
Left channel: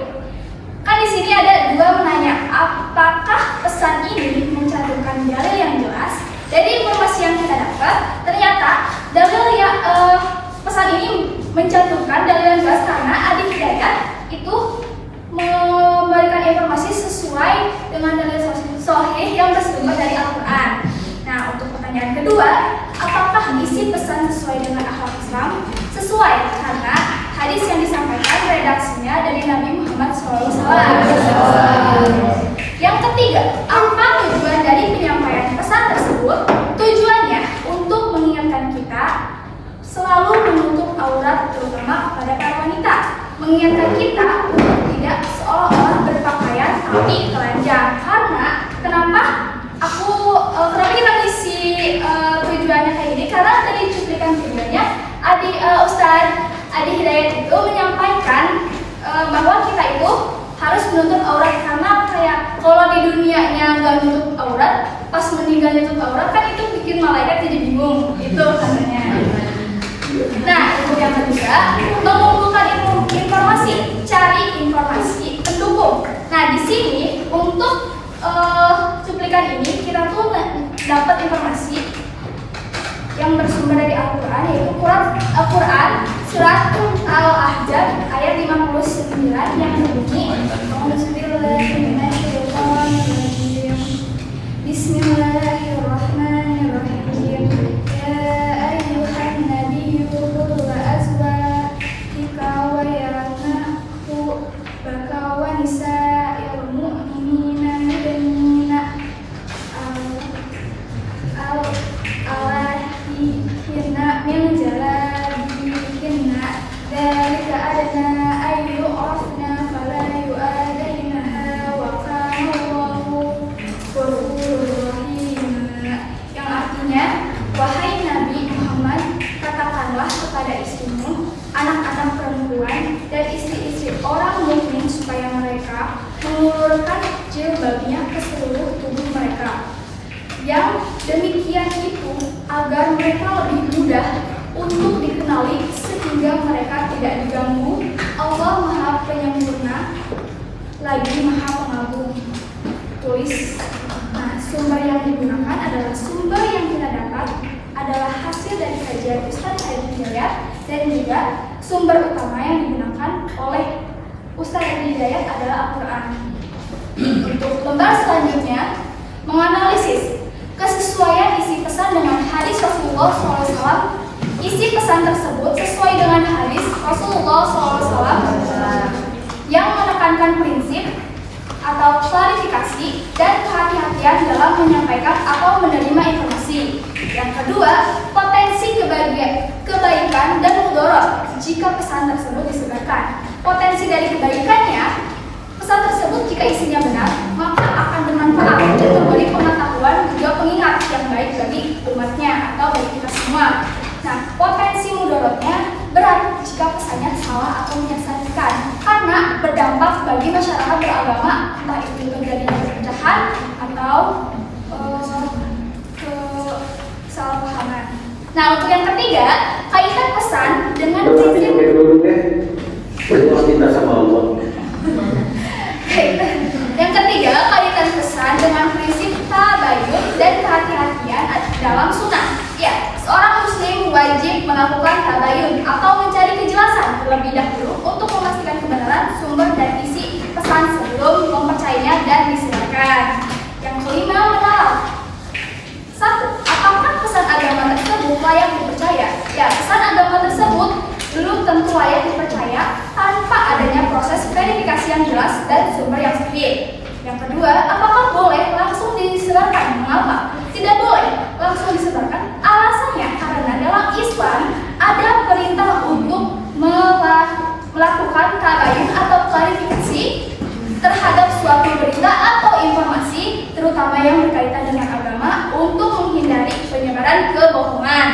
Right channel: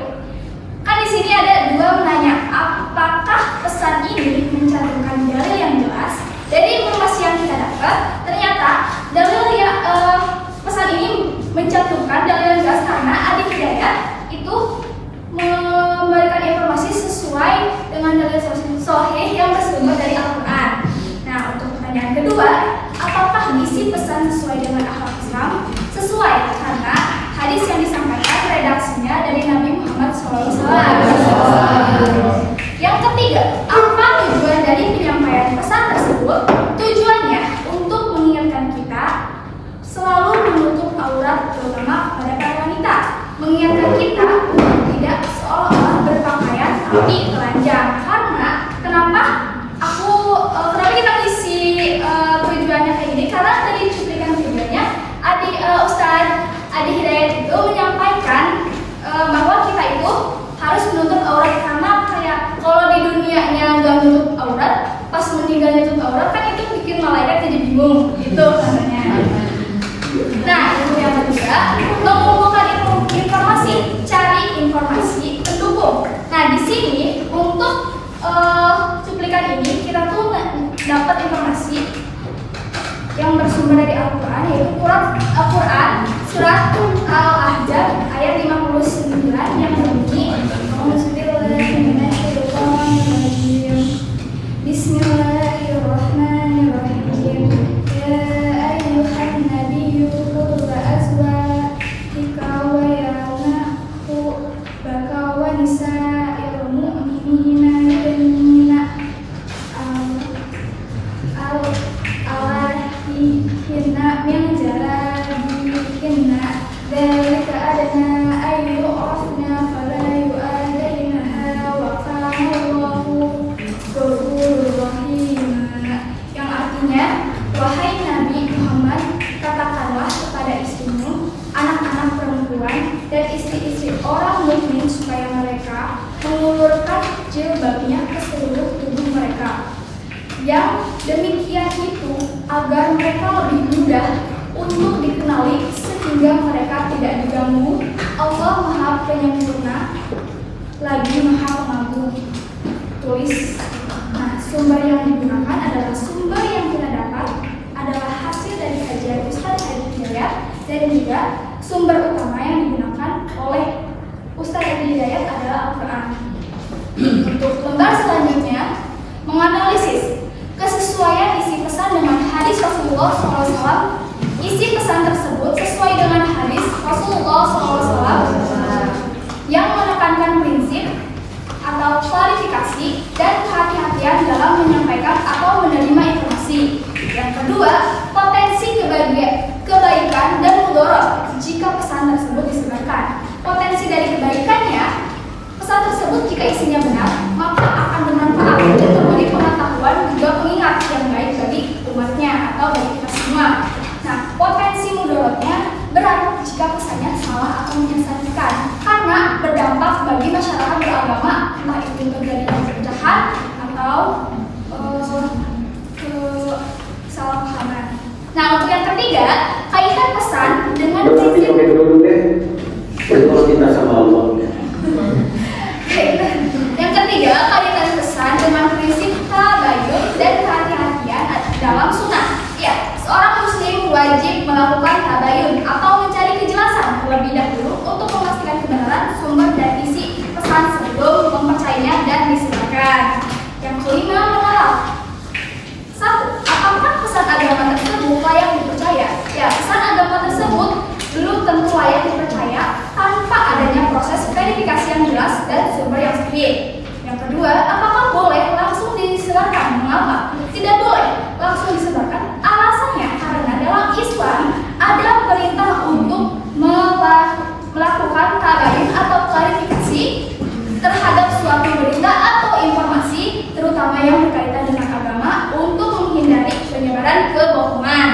Kan di sini ada dua menanya, apakah pesan ini mencantumkan dalil yang jelas? Dari informasi yang kita dapat, ternyata dalil pesan ini mencantumkan dalil yang jelas karena Adi Hidayat itu memberikan informasi sesuai dengan dalil sahih yang bersumber dari Al-Quran. Nah, untuk pertanyaan kedua, apakah isi pesan sesuai dengan akhlak Islam? Sesuai, karena hadis yang disampaikan redaksinya dari Nabi Muhammad SAW. Yang ketiga, apa tujuan dari penyampaian pesan tersebut? Tujuannya untuk mengingatkan kita selalu menutup aurat, terutama pada para wanita. Mengingatkan kita untuk tidak seolah-olah berpakaian tapi telanjang. Karena kenapa kita ngisi tujuannya kayak gini? Karena tadi cuplikan videonya Ustadz Adi Hidayat itu menyampaikan bahwa kita itu harus menutup aurat, karena kayak kalau di dunianya nggak nutup aurat, pas meninggal nutup aurat kan itu bikin malaikat jadi bingung gitu katanya. Nah, yang ketiga, mengumpulkan informasi, cari informasi pendukung. Nah, di sini untuk cuplikan ini kita tuh dapat informasi yang bersumber dari Al-Quran, yaitu Al-Quran surat Al-Ahzab ayat 59 yang berbunyi Bismillahirrahmanirrahim. Ya ayyuhan nabiyyu qul li azwajika wa baka wa nisa'il mu'minina yudnina hinna min jalabihinna dzalika adna ay yu'rafna fala yu'adainaha wa kana Allahu ghafurur rahim. Yang artinya, wahai Nabi Muhammad, katakanlah kepada istrimu, anak-anak perempuan dan istri-istri orang mukmin supaya mereka mengulurkan jilbabnya ke seluruh tubuh mereka. Yang demikian itu agar mereka lebih mudah untuk dikenali sehingga mereka tidak diganggu. Allah Maha Penyempurna lagi Maha Pengagung. Tulis. Nah, sumber yang digunakan adalah sumber yang kita dapat adalah hasil dari kajian Ustadz Adi Hidayat, dan juga sumber utama yang digunakan oleh Ustadz Adi Hidayat adalah Al-Quran. Untuk lembar selanjutnya, menganalisis kesesuaian isi pesan dengan hadis Rasulullah SAW. Isi pesan tersebut sesuai dengan hadis Rasulullah SAW yang menekankan prinsip atau klarifikasi dan kehati-hatian dalam menyampaikan atau menerima informasi. Yang kedua, potensi kebaikan dan mudarat jika pesan tersebut disebarkan. Potensi dari kebaikannya, pesan tersebut jika isinya benar, maka akan bermanfaat dan memberi pengetahuan juga pengingat yang baik bagi umatnya atau bagi kita semua. Nah, potensi mudaratnya berat jika pesannya salah atau menyesatkan, karena berdampak bagi masyarakat beragama, entah itu terjadi perpecahan atau kesalahpahaman. Nah, untuk yang ketiga, kaitan pesan dengan prinsip. Pakai kerudung deh, berdoa minta sama Allah. Yang ketiga, kaitan pesan dengan prinsip tabayun dan kehati-hatian dalam sunnah. Ya, seorang muslim wajib melakukan tabayun atau mencari kejelasan terlebih dahulu untuk memastikan kebenaran sumber dan isi pesan sebelum mempercayainya dan disebarkan. Yang kelima, mengenal. 1. Apakah pesan agama tersebut layak dipercaya? Ya, pesan agama tersebut belum tentu layak dipercaya tanpa adanya proses verifikasi yang jelas dan sumber yang sahih. Yang kedua, apakah boleh langsung disebarkan? Mengapa tidak boleh langsung disebarkan? Alasannya karena dalam Islam ada perintah untuk melakukan tabayun atau klarifikasi terhadap suatu berita atau informasi, terutama yang berkaitan dengan agama, untuk menghindari penyebaran kebohongan.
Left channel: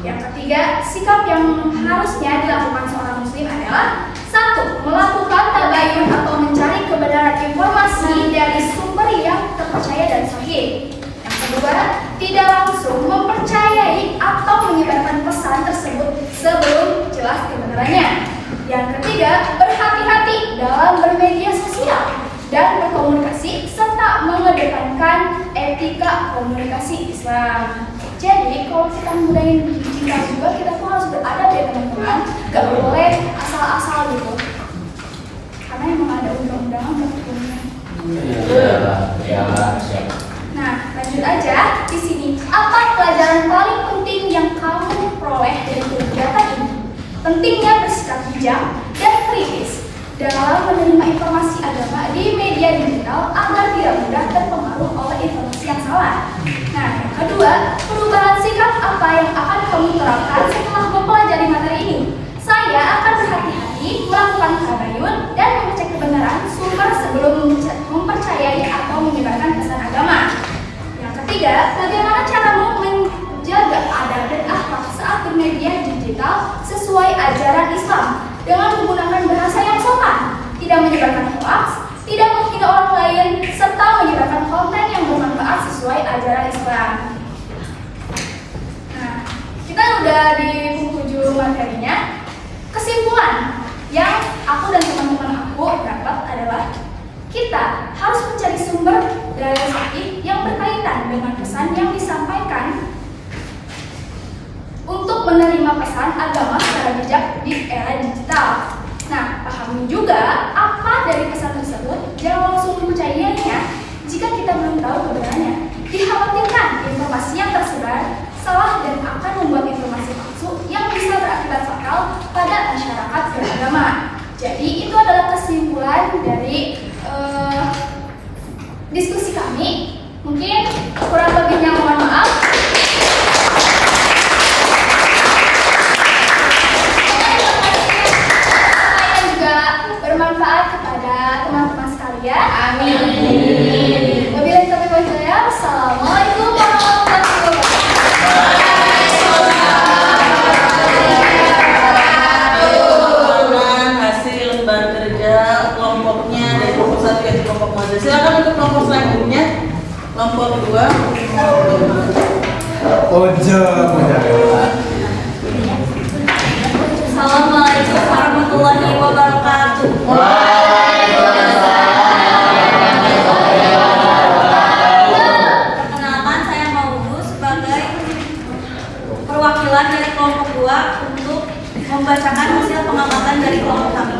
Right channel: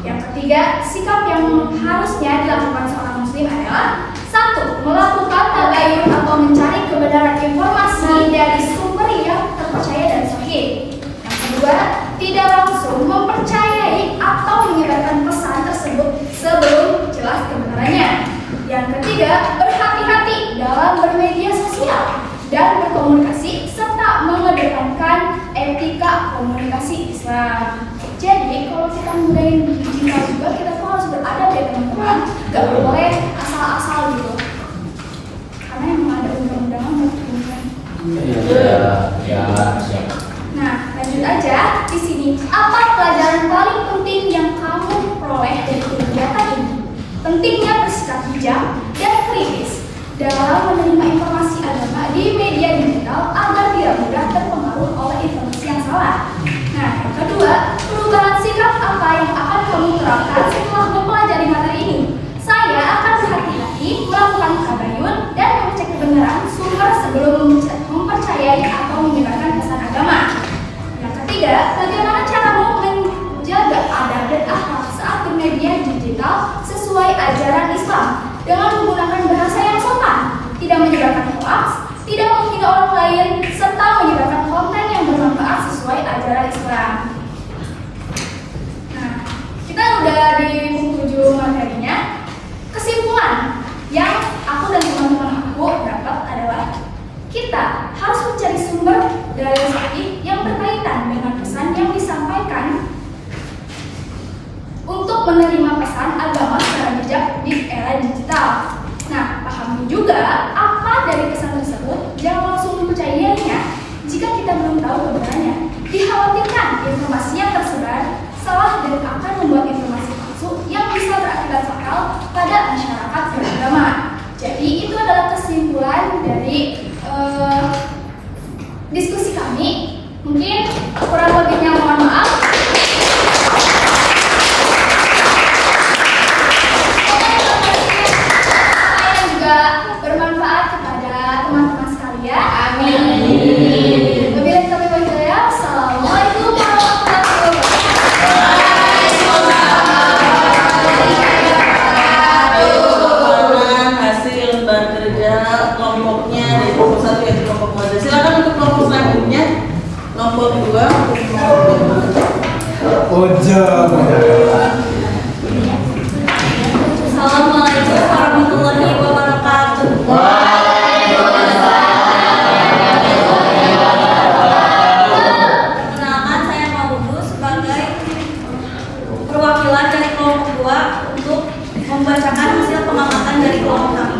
Yang ketiga, sikap yang harusnya dilakukan seorang muslim adalah 1. Melakukan tabayun atau mencari kebenaran informasi dari sumber yang terpercaya dan sahih. Yang kedua, tidak langsung mempercayai atau menyebarkan pesan tersebut sebelum jelas kebenarannya. Yang ketiga, berhati-hati dalam bermedia sosial dan berkomunikasi serta mengedepankan etika komunikasi Islam. Jadi kalau kita mudahin digital juga, kita tuh harus beradab ya teman-teman. Gak boleh asal-asal gitu. Karena emang ada undang-undangan hukumnya. Ya, siap. Nah, lanjut aja di sini. Apa pelajaran paling penting yang kamu peroleh dari kegiatan ini? Pentingnya bersikap bijak dan kritis dalam menerima informasi agama di media digital agar tidak mudah terpengaruh oleh informasi yang salah. Nah, yang kedua, perubahan sikap apa yang akan kamu terapkan setelah mempelajari materi ini? Saya akan berhati-hati melakukan tabayun dan mengecek kebenaran sumber sebelum mempercayai atau menyebarkan pesan agama. Yang ketiga, bagaimana caramu menjaga adab dan akhlak saat bermedia digital sesuai ajaran Islam dengan menggunakan bahasa yang sopan, tidak menyebarkan hoax, tidak menghina orang lain, serta menyebarkan konten yang bermanfaat sesuai ajaran Islam. Nah, kita udah di penghujung materinya. Kesimpulan yang aku dan teman-teman aku dapat adalah kita harus mencari sumber dari sahih yang berkaitan dengan pesan yang disampaikan untuk menerima pesan agama secara bijak di era digital. Nah, pahami juga apa dari pesan tersebut, jangan langsung mempercayainya jika kita belum tahu kebenarannya. Dikhawatirkan informasi yang tersebar salah dan akan membuat informasi palsu yang bisa berakibat fatal pada masyarakat beragama. Jadi itu adalah kesimpulan dari diskusi kami. Mungkin kurang lebihnya mohon maaf. Semoga juga bermanfaat kepada teman-teman sekalian. Amin. Wabillahi taufiq wal hidayah. Assalamualaikum warahmatullahi Pengalaman hasil bekerja kelompoknya dari kelompok 1 yaitu kelompok Mazda. Silakan untuk kelompok selanjutnya, kelompok 2. Assalamualaikum warahmatullahi wabarakatuh. Perkenalkan, saya Mbak Bubu sebagai perwakilan dari kelompok 2 untuk membacakan hasil pengamatan dari kelompok kami.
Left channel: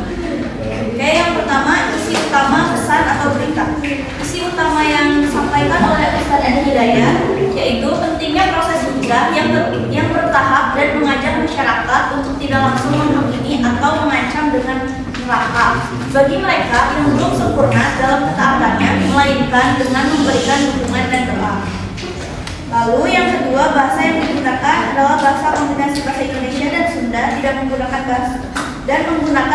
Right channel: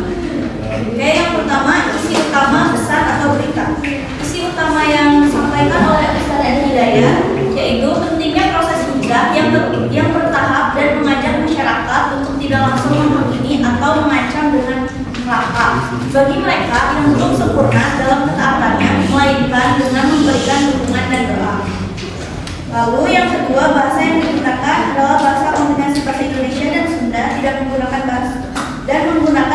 Oke, yang pertama, isi utama pesan atau berita. Isi utama yang disampaikan oleh Ustaz Edi Hidayah yaitu pentingnya proses hijrah yang bertahap dan mengajak masyarakat untuk tidak langsung menghakimi atau mengancam dengan neraka bagi mereka yang belum sempurna dalam ketaatannya, melainkan dengan memberikan dukungan dan doa. Lalu yang kedua, bahasa yang digunakan adalah bahasa kombinasi bahasa Indonesia dan Sunda, tidak menggunakan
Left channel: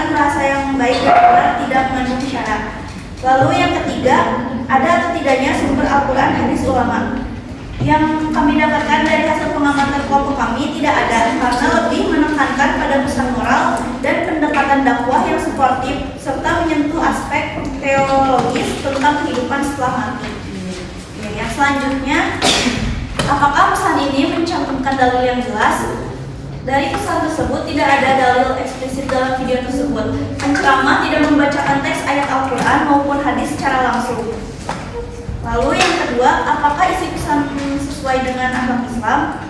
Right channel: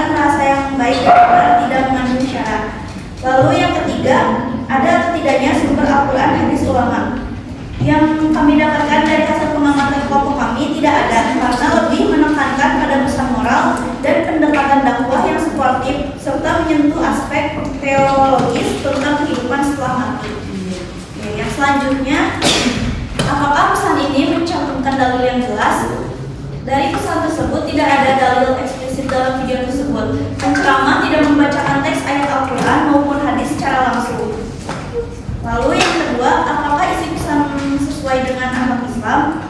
bahasa yang baik dan benar, tidak mengandung syarat. Lalu yang ketiga, ada atau tidaknya sumber Al-Quran hadis ulama. Yang kami dapatkan dari hasil pengamatan kelompok kami tidak ada, karena lebih menekankan pada pesan moral dan pendekatan dakwah yang sportif serta menyentuh aspek teologis tentang kehidupan setelah mati. Oke, yang selanjutnya, apakah pesan ini mencantumkan dalil yang jelas? Dari pesan tersebut tidak ada dalil eksplisit dalam video tersebut. Penceramah tidak membacakan teks ayat Al-Quran maupun hadis secara langsung. Lalu yang kedua, apakah isi pesan sesuai dengan akhlak Islam?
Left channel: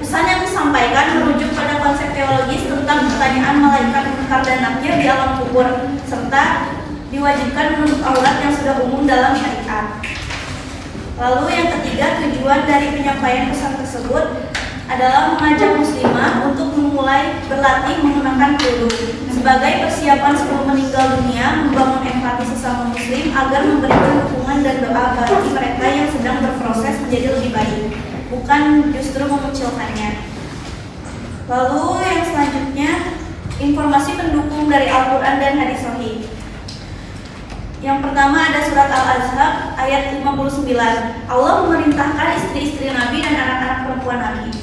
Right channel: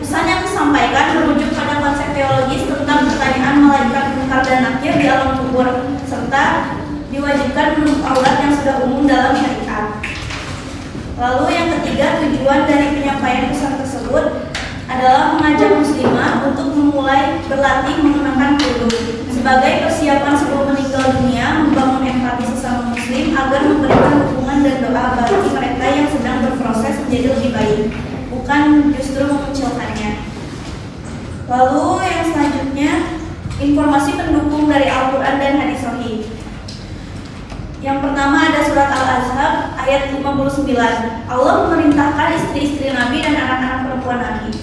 Pesan yang disampaikan merujuk pada konsep teologis tentang pertanyaan malaikat munkar dan nakir di alam kubur, serta diwajibkan menutup aurat yang sudah umum dalam syariat. Lalu yang ketiga, tujuan dari penyampaian pesan tersebut adalah mengajak muslimah untuk memulai berlatih menggunakan kerudung sebagai persiapan sebelum meninggal dunia, membangun empati sesama muslim agar memberikan dukungan dan doa bagi mereka yang sedang berproses menjadi lebih baik, bukan justru mengucilkannya. Lalu yang selanjutnya, informasi pendukung dari Al-Quran dan hadis sahih. Yang pertama ada surat Al-Ahzab ayat 59. Allah memerintahkan istri-istri Nabi dan anak-anak perempuan Nabi.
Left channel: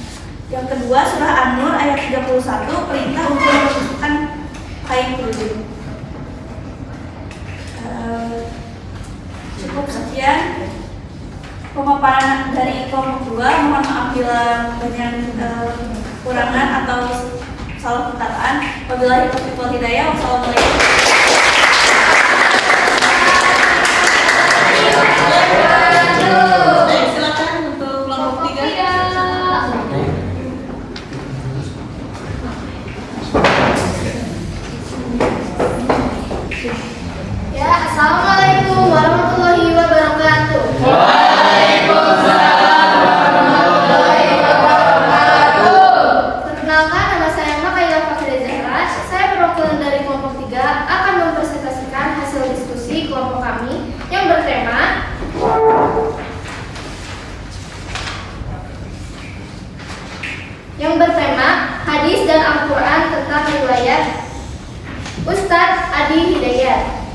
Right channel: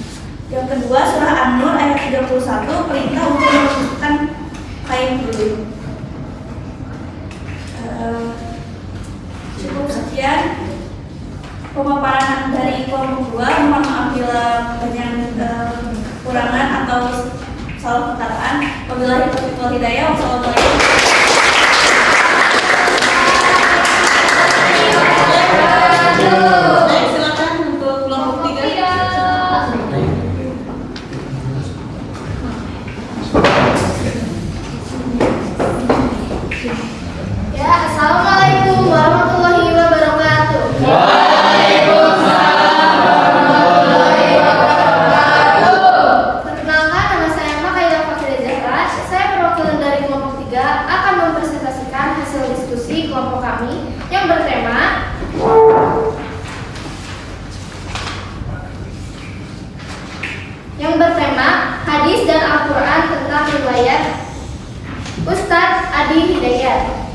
Yang kedua surah An-Nur ayat 31, perintah untuk membersihkan kain kerudung. Cukup sekian pemaparan dari kelompok 2. Mohon maaf bila banyak kekurangan atau salah perkataan. Wabillahi taufiq wal hidayah. Wassalamualaikum. Silakan untuk kelompok 3. Ya, Assalamualaikum warahmatullahi wabarakatuh. Perkenalkan, nama saya Makaila Fakhri Zahra. Saya perwakilan dari kelompok 3 akan mempresentasikan hasil diskusi kelompok kami yang bertema hadis dan Al-Quran tentang riwayat Ustadz Adi Hidayat.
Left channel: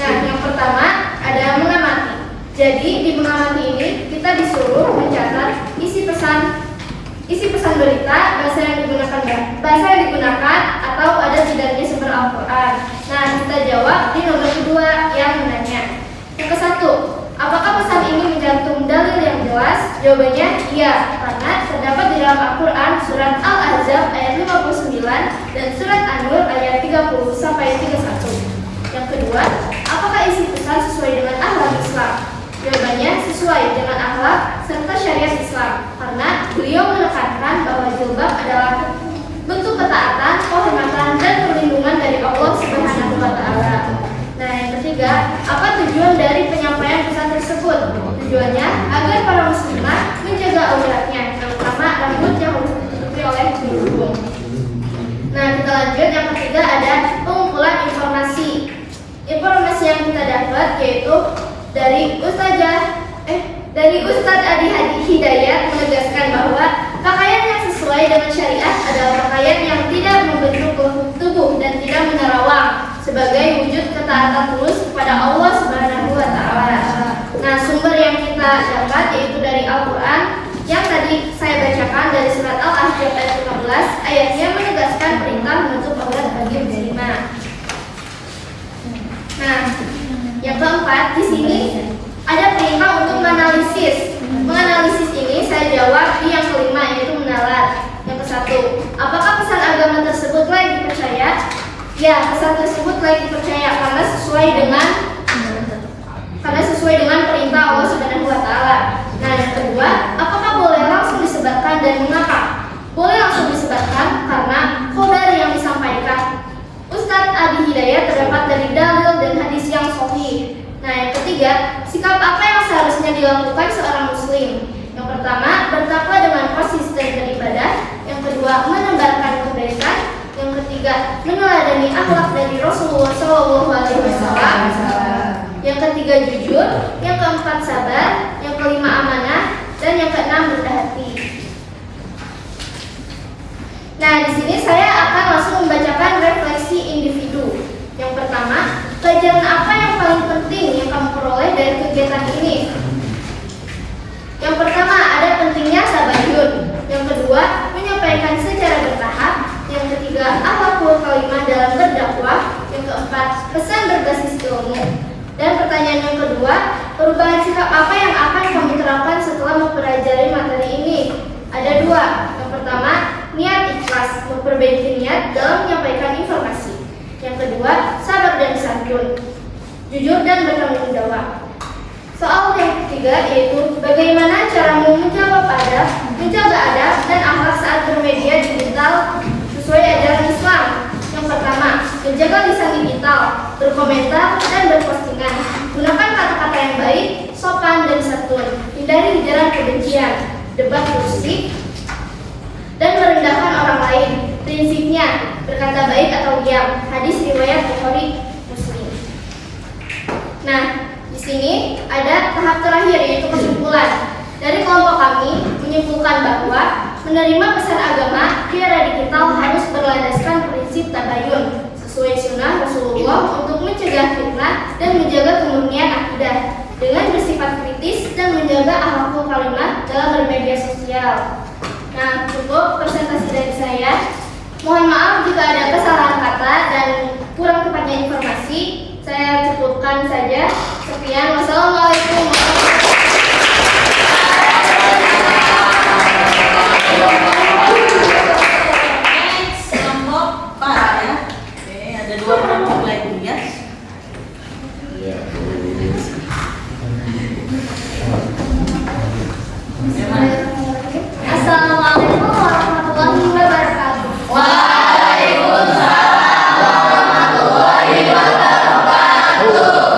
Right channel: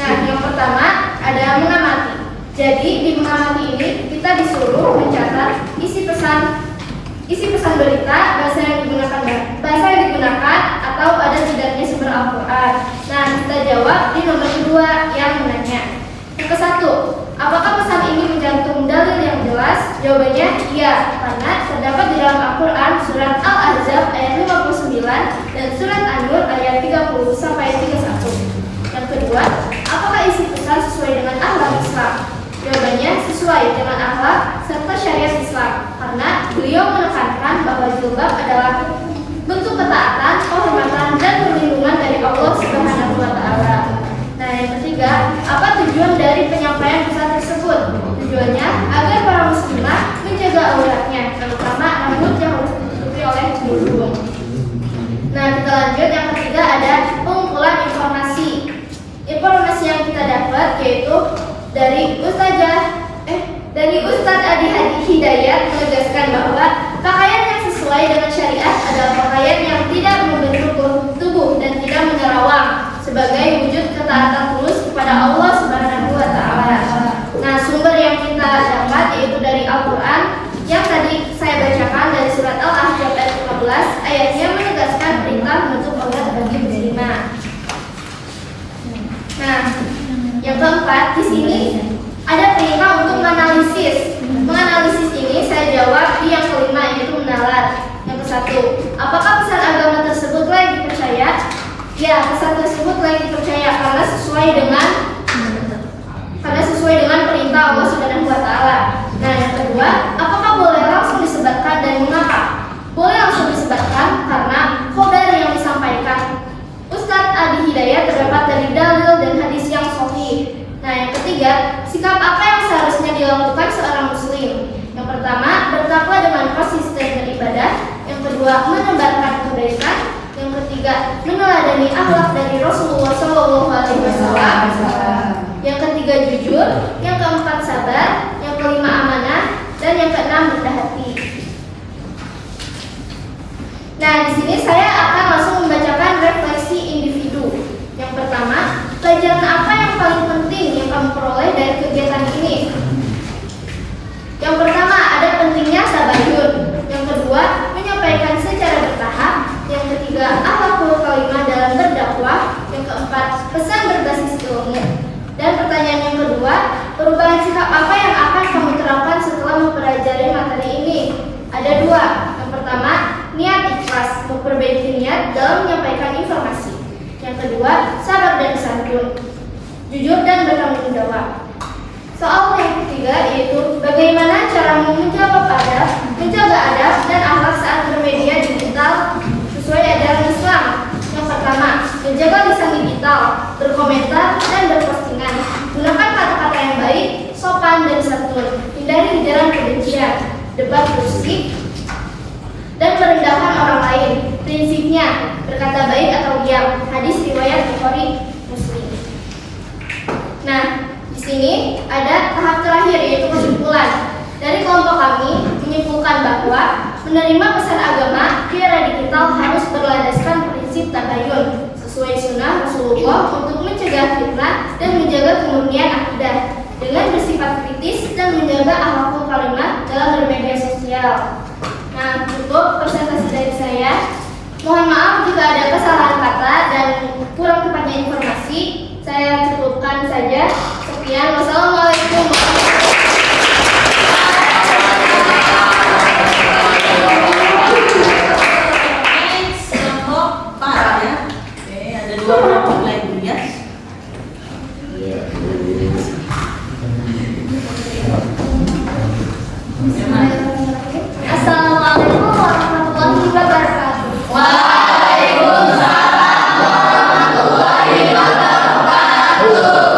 Nah, yang pertama ada mengamati. Jadi di mengamati ini kita disuruh mencatat isi pesan berita, bahasa yang digunakan atau ada tidaknya sumber Al-Quran. Nah, kita jawab di nomor kedua yang menanya. Yang ke satu, apakah pesan ini mencantum dalil yang jelas? Jawabannya iya, karena terdapat di dalam Al-Quran surat Al-Ahzab ayat 59 dan surat An-Nur ayat 30 sampai 31. Yang kedua, apakah isi pesan sesuai dengan akhlak Islam? Jawabannya sesuai dengan akhlak serta syariat Islam, karena beliau menekankan bahwa jilbab adalah bentuk ketaatan, penghormatan dan perlindungan dari Allah Subhanahu wa taala. Nah, yang ketiga, apa tujuan dari penyampaian pesan tersebut? Tujuannya agar para muslimah menjaga auratnya, terutama rambut yang harus ditutupi oleh kerudung. Nah, kita lanjut. Yang ketiga ada pengumpulan informasi. Informasi yang kita dapat yaitu dari Ustadz Adi Hidayat menegaskan bahwa pakaian yang sesuai dengan syariat adalah pakaian yang tidak membentuk tubuh dan tidak menerawang, sebagai wujud ketaatan tulus kepada Allah Subhanahu wa taala. Nah, sumber yang kita dapat yaitu dari Al-Qur'an yang tadi saya bacakan dari surat Al-Ahzab ayat 15, ayatnya menegaskan perintah menutup aurat bagi muslimah. Nah, yang keempat di sini ada perintah untuk menganalisis. Menganalisis ini saya jawab di yang kelima yaitu menalar. Yang ke satu, apakah pesan agama tersebut layak dipercaya? Ya, pesan tersebut layak dipercaya karena sesuai dengan perintah Allah Subhanahu wa taala. Nah, yang kedua, apakah boleh langsung disebarkan dan mengapa? Boleh langsung disebarkan karena khobar yang disampaikan Ustadz Adi Hidayat terdapat dari dalil dan hadis yang sahih. Nah, yang ketiga, sikap apa yang seharusnya dilakukan seorang muslim? Yang pertama, bertakwa dengan konsisten beribadah. Yang kedua, menebarkan kebaikan. Yang ketiga, meneladani akhlak dari Rasulullah SAW. Yang ketiga, jujur. Yang keempat, sabar. Yang kelima, amanah. Dan yang keenam, rendah hati. Nah, di sini saya akan langsung membacakan refleksi individu. Yang pertama, pelajaran apa yang paling penting yang kamu peroleh dari kegiatan ini? Yang pertama, ada pentingnya tabayun. Yang kedua, menyampaikan secara bertahap. Yang ketiga, akhlakul kalimah dalam berdakwah. Yang keempat, pesan berbasis ilmu. Dan pertanyaan yang kedua, perubahan sikap apa yang akan kamu terapkan setelah mempelajari materi ini? Ada dua. Yang pertama, niat ikhlas, memperbaiki niat dalam menyampaikan informasi. Yang kedua, sabar dan santun, jujur dan bertanggung jawab. Soal yang ketiga yaitu bagaimana caramu menjaga adab dan akhlak saat bermedia digital sesuai ajaran Islam. Yang pertama, menjaga lisan digital, berkomentar dan berpostingan. Gunakan kata-kata yang baik, sopan dan santun. Hindari ujaran kebencian, debat bersih, dan merendahkan orang lain. Prinsipnya, berkata baik atau diam. Hadis riwayat Bukhari Muslim. Nah, di sini ada tahap terakhir yaitu kesimpulan. Dari kelompok kami menyimpulkan bahwa menerima pesan agama di era digital harus berlandaskan prinsip tabayun sesuai sunnah Rasulullah untuk mencegah fitnah dan menjaga kemurnian akidah dengan bersifat kritis dan menjaga akhlakul kalimah dalam bermedia sosial. Nah, cukup presentasi dari saya. Mohon maaf jika ada kesalahan kata dan kurang tepatnya informasi. Saya cukupkan saja. Sekian. Wassalamualaikum warahmatullahi wabarakatuh. Next, kelompok 4 ya. Oke, ada 2 kelompok lagi ya. Assalamualaikum warahmatullahi wabarakatuh. Waalaikumsalam warahmatullahi wabarakatuh.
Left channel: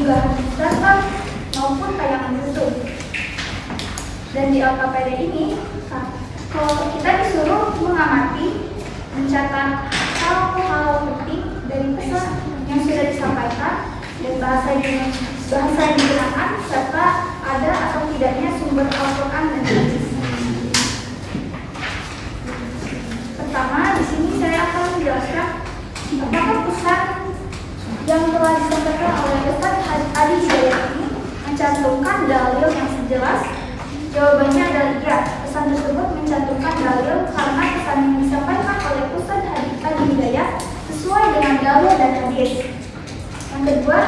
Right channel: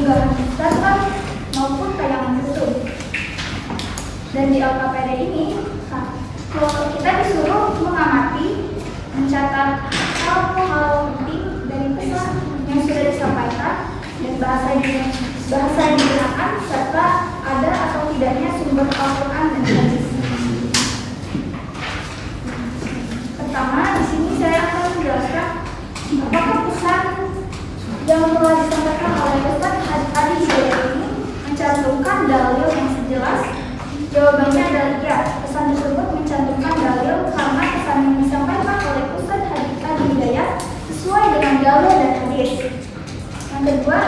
unggahan Instagram maupun tayangan YouTube. Dan di LKPD ini, kalau kita disuruh mengamati, mencatat hal-hal penting dari pesan yang sudah disampaikan dan bahasa yang digunakan serta ada atau tidaknya sumber Al-Quran dan hadis. Pertama, di sini saya akan menjelaskan apakah pesan yang telah disampaikan oleh Ustaz Adi Hidayat ini mencantumkan dalil yang jelas. Jawabannya adalah iya. Pesan tersebut mencantumkan dalil karena pesan yang disampaikan oleh Ustaz Adi Hidayat sesuai dengan dalil dan hadis. Yang kedua,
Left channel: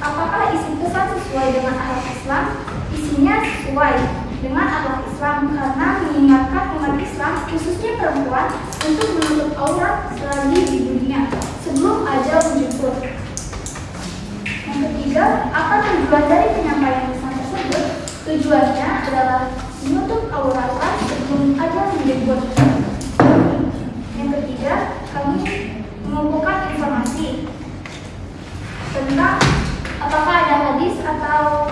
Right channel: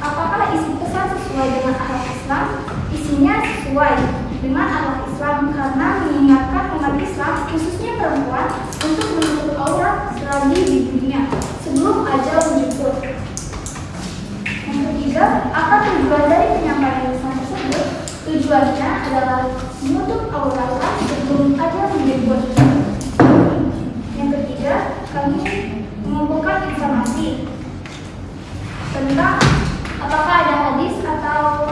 apakah isi pesan sesuai dengan akhlak Islam? Isinya sesuai dengan akhlak Islam karena mengingatkan umat Islam, khususnya perempuan, untuk menutup aurat selagi di dunia sebelum ajal menjemput. Yang ketiga, apa tujuan dari penyampaian pesan tersebut? Tujuannya adalah menutup aurat sebelum ajal menjemput. Yang ketiga, kami mengumpulkan informasi tentang apakah ada hadis atau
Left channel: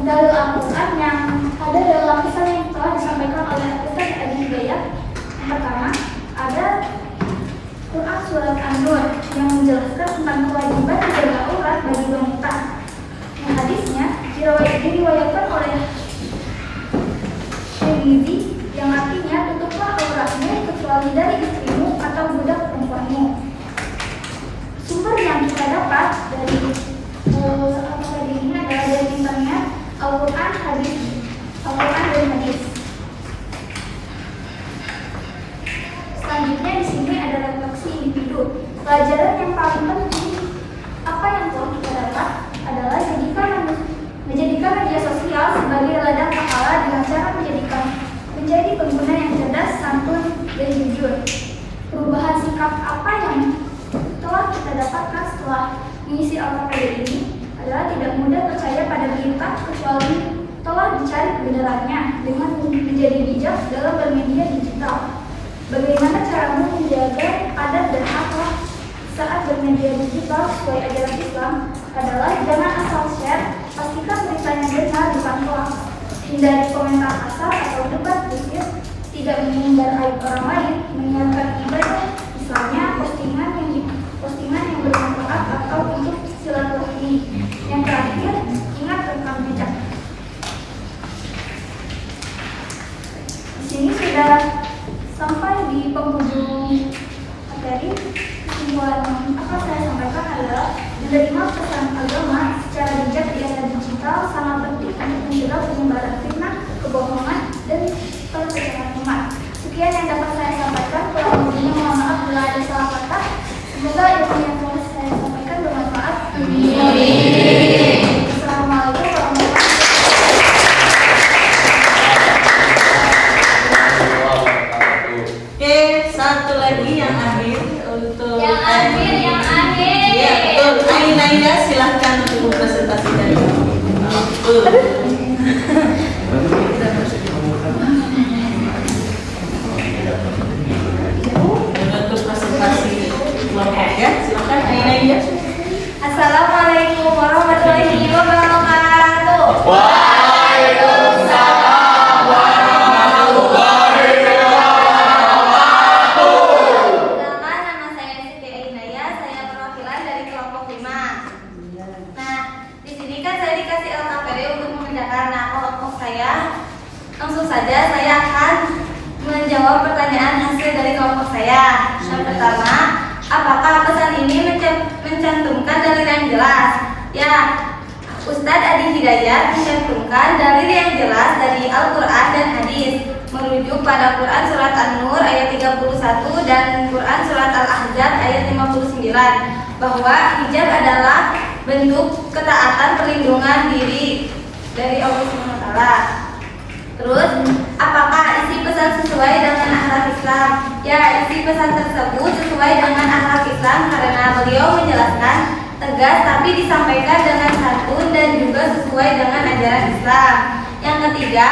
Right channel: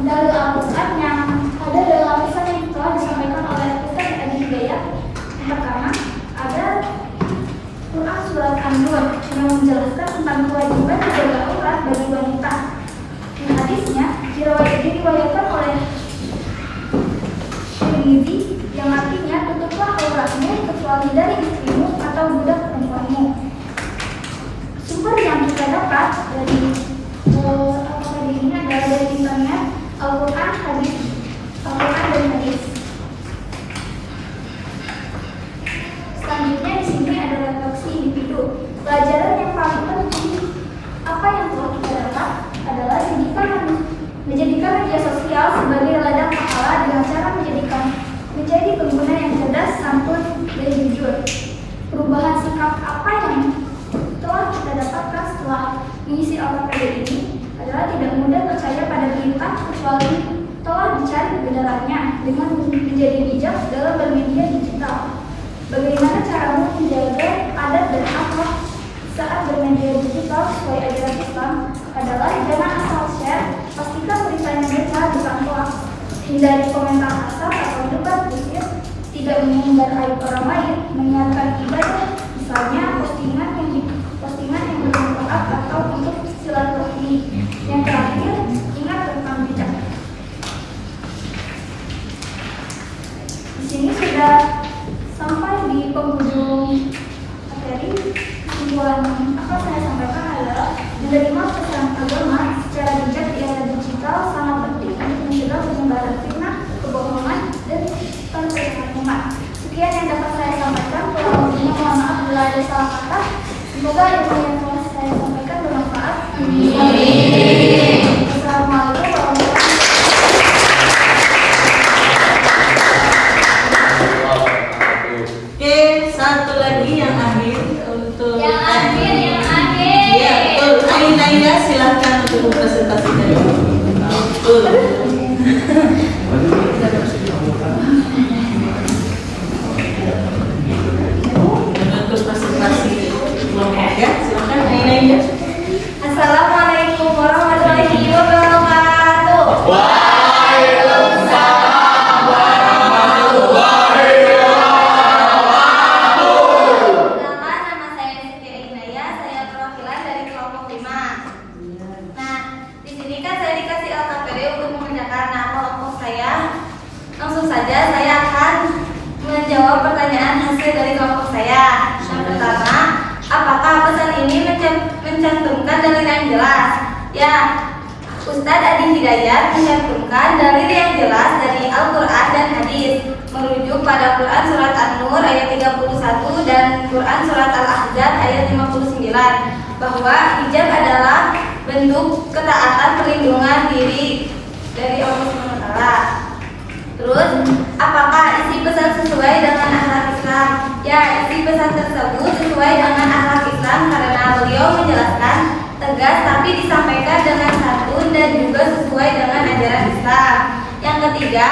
dalil Al-Quran yang ada dalam pesan yang telah disampaikan oleh Ustaz Adi Hidayat. Yang pertama, ada Quran Surat An-Nur yang menjelaskan tentang kewajiban menjaga aurat bagi wanita. Yang hadisnya diriwayatkan oleh Tirmidzi yang artinya tutuplah auratmu kecuali dari istrimu atau budak perempuanmu. Sumber yang kita dapat dari ini adalah dari internet, Al-Quran dan hadis. Selanjutnya di sini ada refleksi individu. Pelajaran yang paling penting apa yang telah kita dapat adalah menjadikan media sosial sebagai ladang pahala dengan cara menjadi pengguna yang cerdas, santun, dan jujur. Perubahan sikap apa yang telah kita dapatkan setelah mengisi LKPD ini adalah tidak mudah percaya pada berita kecuali telah dicari kebenarannya dengan menjadi bijak dalam bermedia digital. Bagaimana caramu menjaga adat dan akhlak saat bermedia digital sesuai ajaran Islam adalah jangan asal share, pastikan beritanya benar dipantau, hindari komentar kasar atau debat kusir, tidak mengumbar aib orang lain, menyiarkan ibadah, misalnya postingan yang bermanfaat atau untuk silaturahmi. Yang terakhir, ingat tentang bijak. Di sini sudah sampai di penghujung materi. Kesimpulan apa saya sampaikan adalah menerima pesan agama secara bijak di era digital sangat penting untuk mencegah penyebaran fitnah, kebohongan, dan penyesatan umat. Sekian yang dapat saya sampaikan. Kurang lebihnya mohon maaf bila ada salah kata. Semoga ilmu yang telah saya sampaikan bermanfaat. Amin. Assalamualaikum warahmatullahi Oke, satu lagi yang akhir untuk Yang akhir. Iya, betul. Aina, silahkan untuk presentasi dari betul. Untuk presentasi kelompok ya, silahkan Aina. Assalamualaikum warahmatullahi wabarakatuh. Waalaikumsalam warahmatullahi wabarakatuh. Nama saya Siti Ainaya, saya perwakilan dari kelompok 5. Nah, di sini kan saya dikasih LKPD untuk mengerjakan. Nah, kelompok saya langsung saja saya akan menjawab pertanyaan hasil dari kelompok saya. Yang pertama, apakah pesan ini mencantumkan dalil yang jelas? Ya, Ustadz Adi Hidayat mencantumkan dalil yang jelas dari Al-Quran dan hadis, merujuk pada Quran Surat An-Nur ayat 31 dan Quran Surat Al-Ahzab ayat 59, bahwa hijab adalah bentuk ketaatan perlindungan diri dari Allah SWT. Terus, apakah isi pesan sesuai dengan akhlak Islam? Ya, isi pesan tersebut sesuai dengan akhlak Islam karena beliau menjelaskan tegas tapi disampaikan dengan santun dan juga sesuai dengan ajaran Islam. Yang ketiga,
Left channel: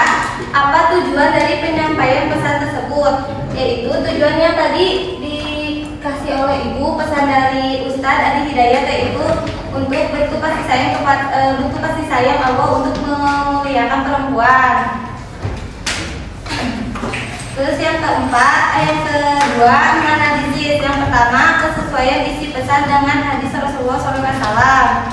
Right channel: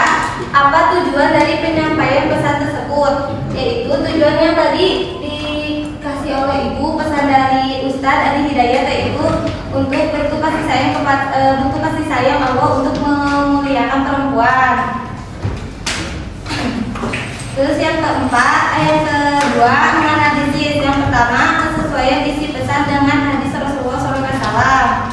apa tujuan dari penyampaian pesan tersebut? Yaitu tujuannya tadi dikasih oleh Ibu, pesan dari Ustadz Adi Hidayat yaitu untuk bentuk kasih kasih sayang Allah untuk memuliakan perempuan. Terus yang kedua menganalisis. Yang pertama, kesesuaian isi pesan dengan hadis Rasulullah SAW.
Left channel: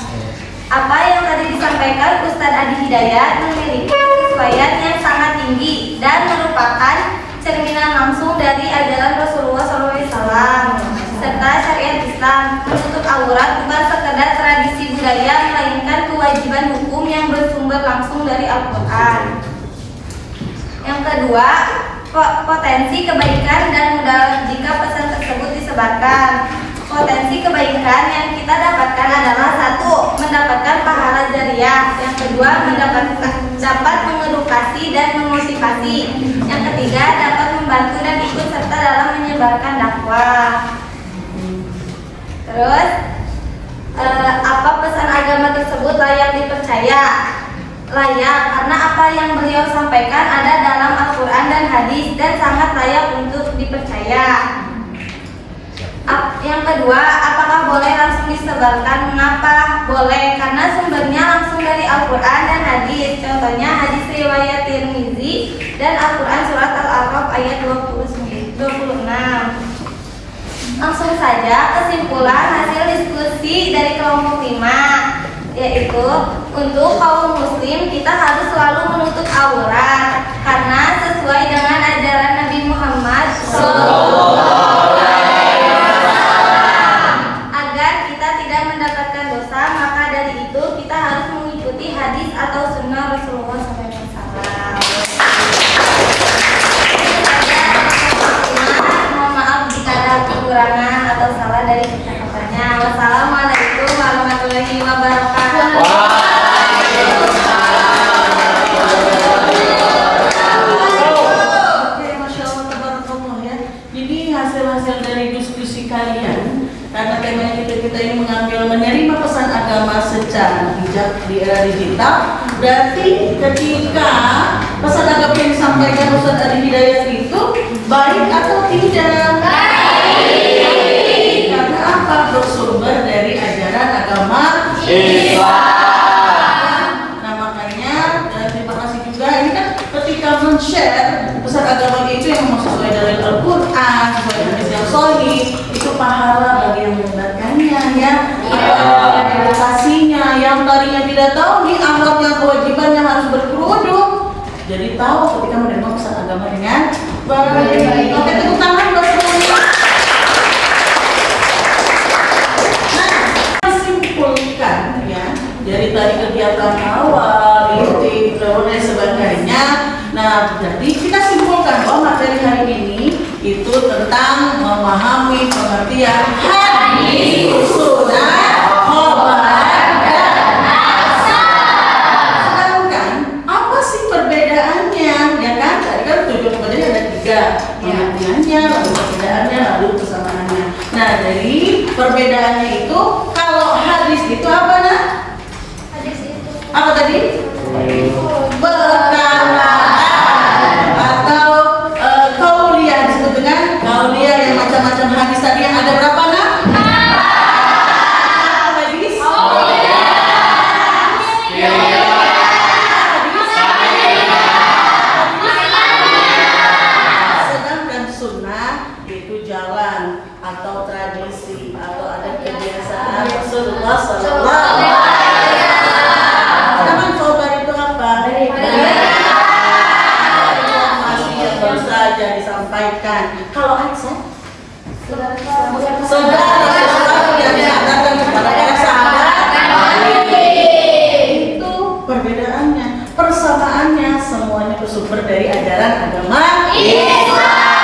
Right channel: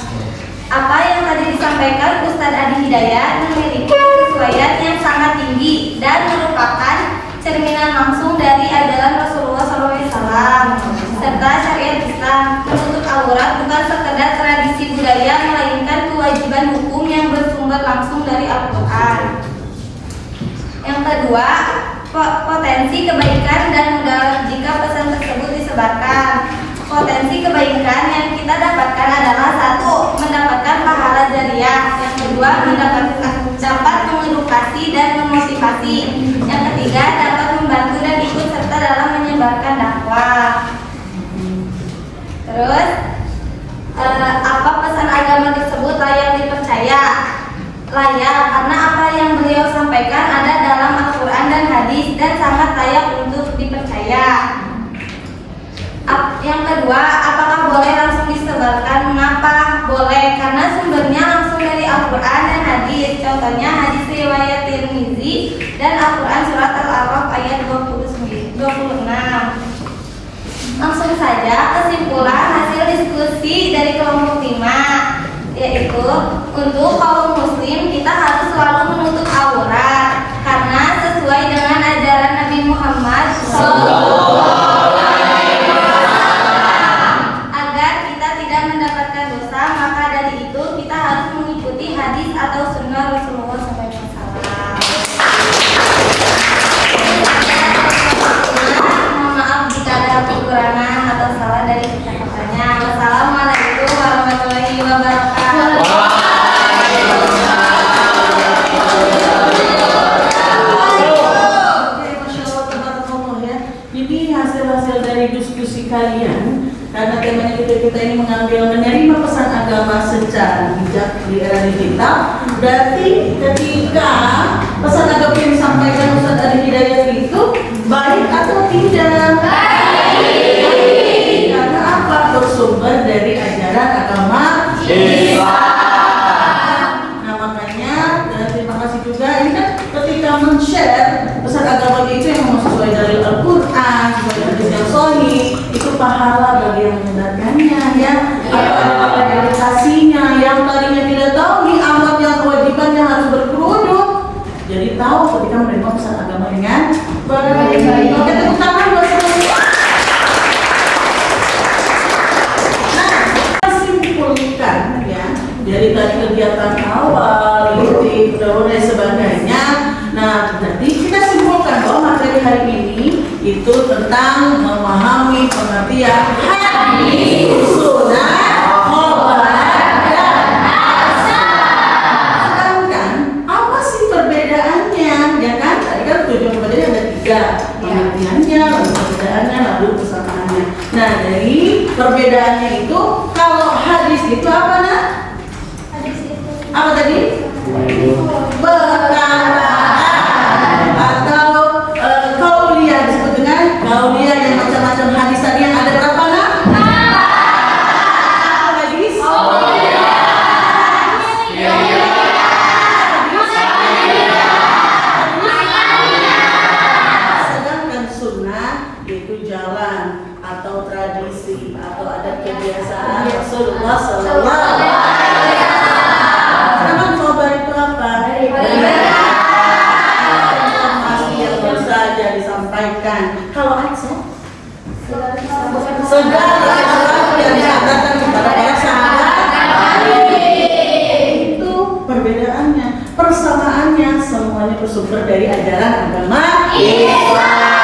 Apa yang tadi disampaikan Ustadz Adi Hidayat memiliki kesesuaian yang sangat tinggi dan merupakan cerminan langsung dari ajaran Rasulullah SAW serta syariat Islam. Menutup aurat bukan sekedar tradisi budaya, melainkan kewajiban hukum yang bersumber langsung dari Al-Quran. Yang kedua, potensi kebaikan dan mudarat jika pesan tersebut disebarkan. Potensi kebaikan yang kita dapatkan adalah: 1. Mendapatkan pahala jariah. Yang kedua, dapat mengedukasi dan memotivasi. Yang ketiga, dapat membantu dan ikut serta dalam menyebarkan dakwah. Terus, apa pesan agama tersebut layak dipercaya? Layak, karena apa yang beliau sampaikan ada dalam Al-Quran dan hadis dan sangat layak untuk dipercaya. Yang kedua, apakah boleh langsung disebarkan? Mengapa boleh? Karena sumbernya langsung dari Al-Quran dan hadis. Contohnya hadis riwayat Tirmizi dan Al-Quran surat Al-A'raf ayat 26. Langsung saja kesimpulan hasil diskusi dari kelompok 5, yaitu untuk kaum muslim kita harus selalu menutup aurat karena sesuai dengan ajaran Nabi Muhammad SAW. Agar kita tidak mendapatkan dosa, maka dari itu kita harus mengikuti hadis atau sunnah Rasulullah SAW. Mohon maaf jika ada kekurangan atau salah dari kata-katanya. Wassalamualaikum warahmatullahi wabarakatuh. Oke, Masya Allah, tabarakallah ya. Jadi hasil-hasil dari diskusi kalian, karena temanya kita ini mengambil menerima pesan agama secara bijak di era digital. Berarti ketika pesan agama yang disampaikan Ustadz Adi Hidayat itu baik atau tidak? Baik. Karena apa? Bersumber dari ajaran agama Islam. Nah makanya terima kasih juga. Ini kan ketika men-share pesan agama itu yang memang sesuai dari Al-Quran, sesuai hadis yang sahih, itu pahala bagi yang mendengarkannya ya. Edukasinya yang tadinya tidak tahu nih amatnya kewajibannya harus berkerudung, jadi tahu ketika menerima pesan agama dengan baik. Oke, tepuk tangan buat semuanya. Nah, kita simpulkan ya dari tadi kegiatan awal, inti, dan sebagainya. Nah, jadi kita simpulkan bahwa materi hari ini itu tentang memahami pengertian hadis, sunnah, khobar, dan asar. Sedangkan apa sih perbedaannya? Ya kan, tadi kan tujuan pembelajaran ada 3, pengertiannya, lalu perbedaannya, lalu persamaannya. Nah, dari perbedaannya itu, kalau hadis itu apa nak? Hadis itu Apa tadi? Perkataan atau kauliyah, disebut dengan kauliyah yang macam-macam hadis tadi yang ada berapa nak? Apa hadis? Sedangkan sunnah itu jalan atau tradisi atau ada kebiasaan Rasulullah SAW. Sedangkan khobar itu apa? Informasi yang baru saja disampaikan. Kalau Aisyah, segala sesuatu yang disampaikan kepada para sahabat, itu perbedaannya. Persamaannya semuanya bersumber dari ajaran agama Islam.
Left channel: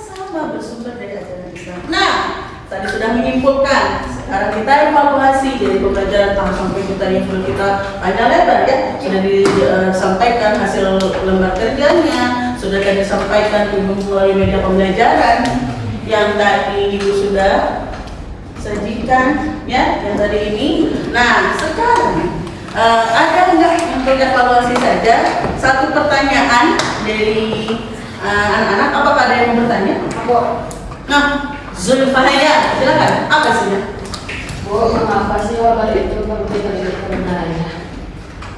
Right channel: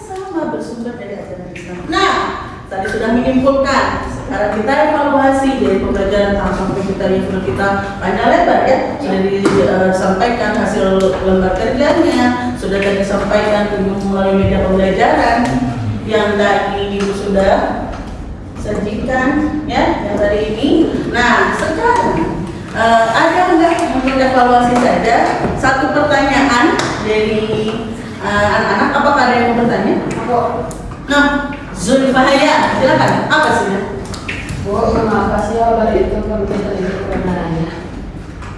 Semuanya sama bersumber dari ajaran Islam. Nah, tadi sudah menyimpulkan. Sekarang kita evaluasi dari pembelajaran sampai kita yang sudah kita panjang lebar ya, sudah disampaikan hasil lembar kerjanya, sudah tadi disampaikan melalui media pembelajaran yang tadi Ibu sudah sajikan ya, yang tadi ini. Nah sekarang ada enggak untuk evaluasi saja satu pertanyaan dari anak-anak? Apakah ada yang mau bertanya? Nah, Zulfahaya, silakan. Apa sih? Bu, kenapa sih kabar itu perlu diteliti kebenarannya?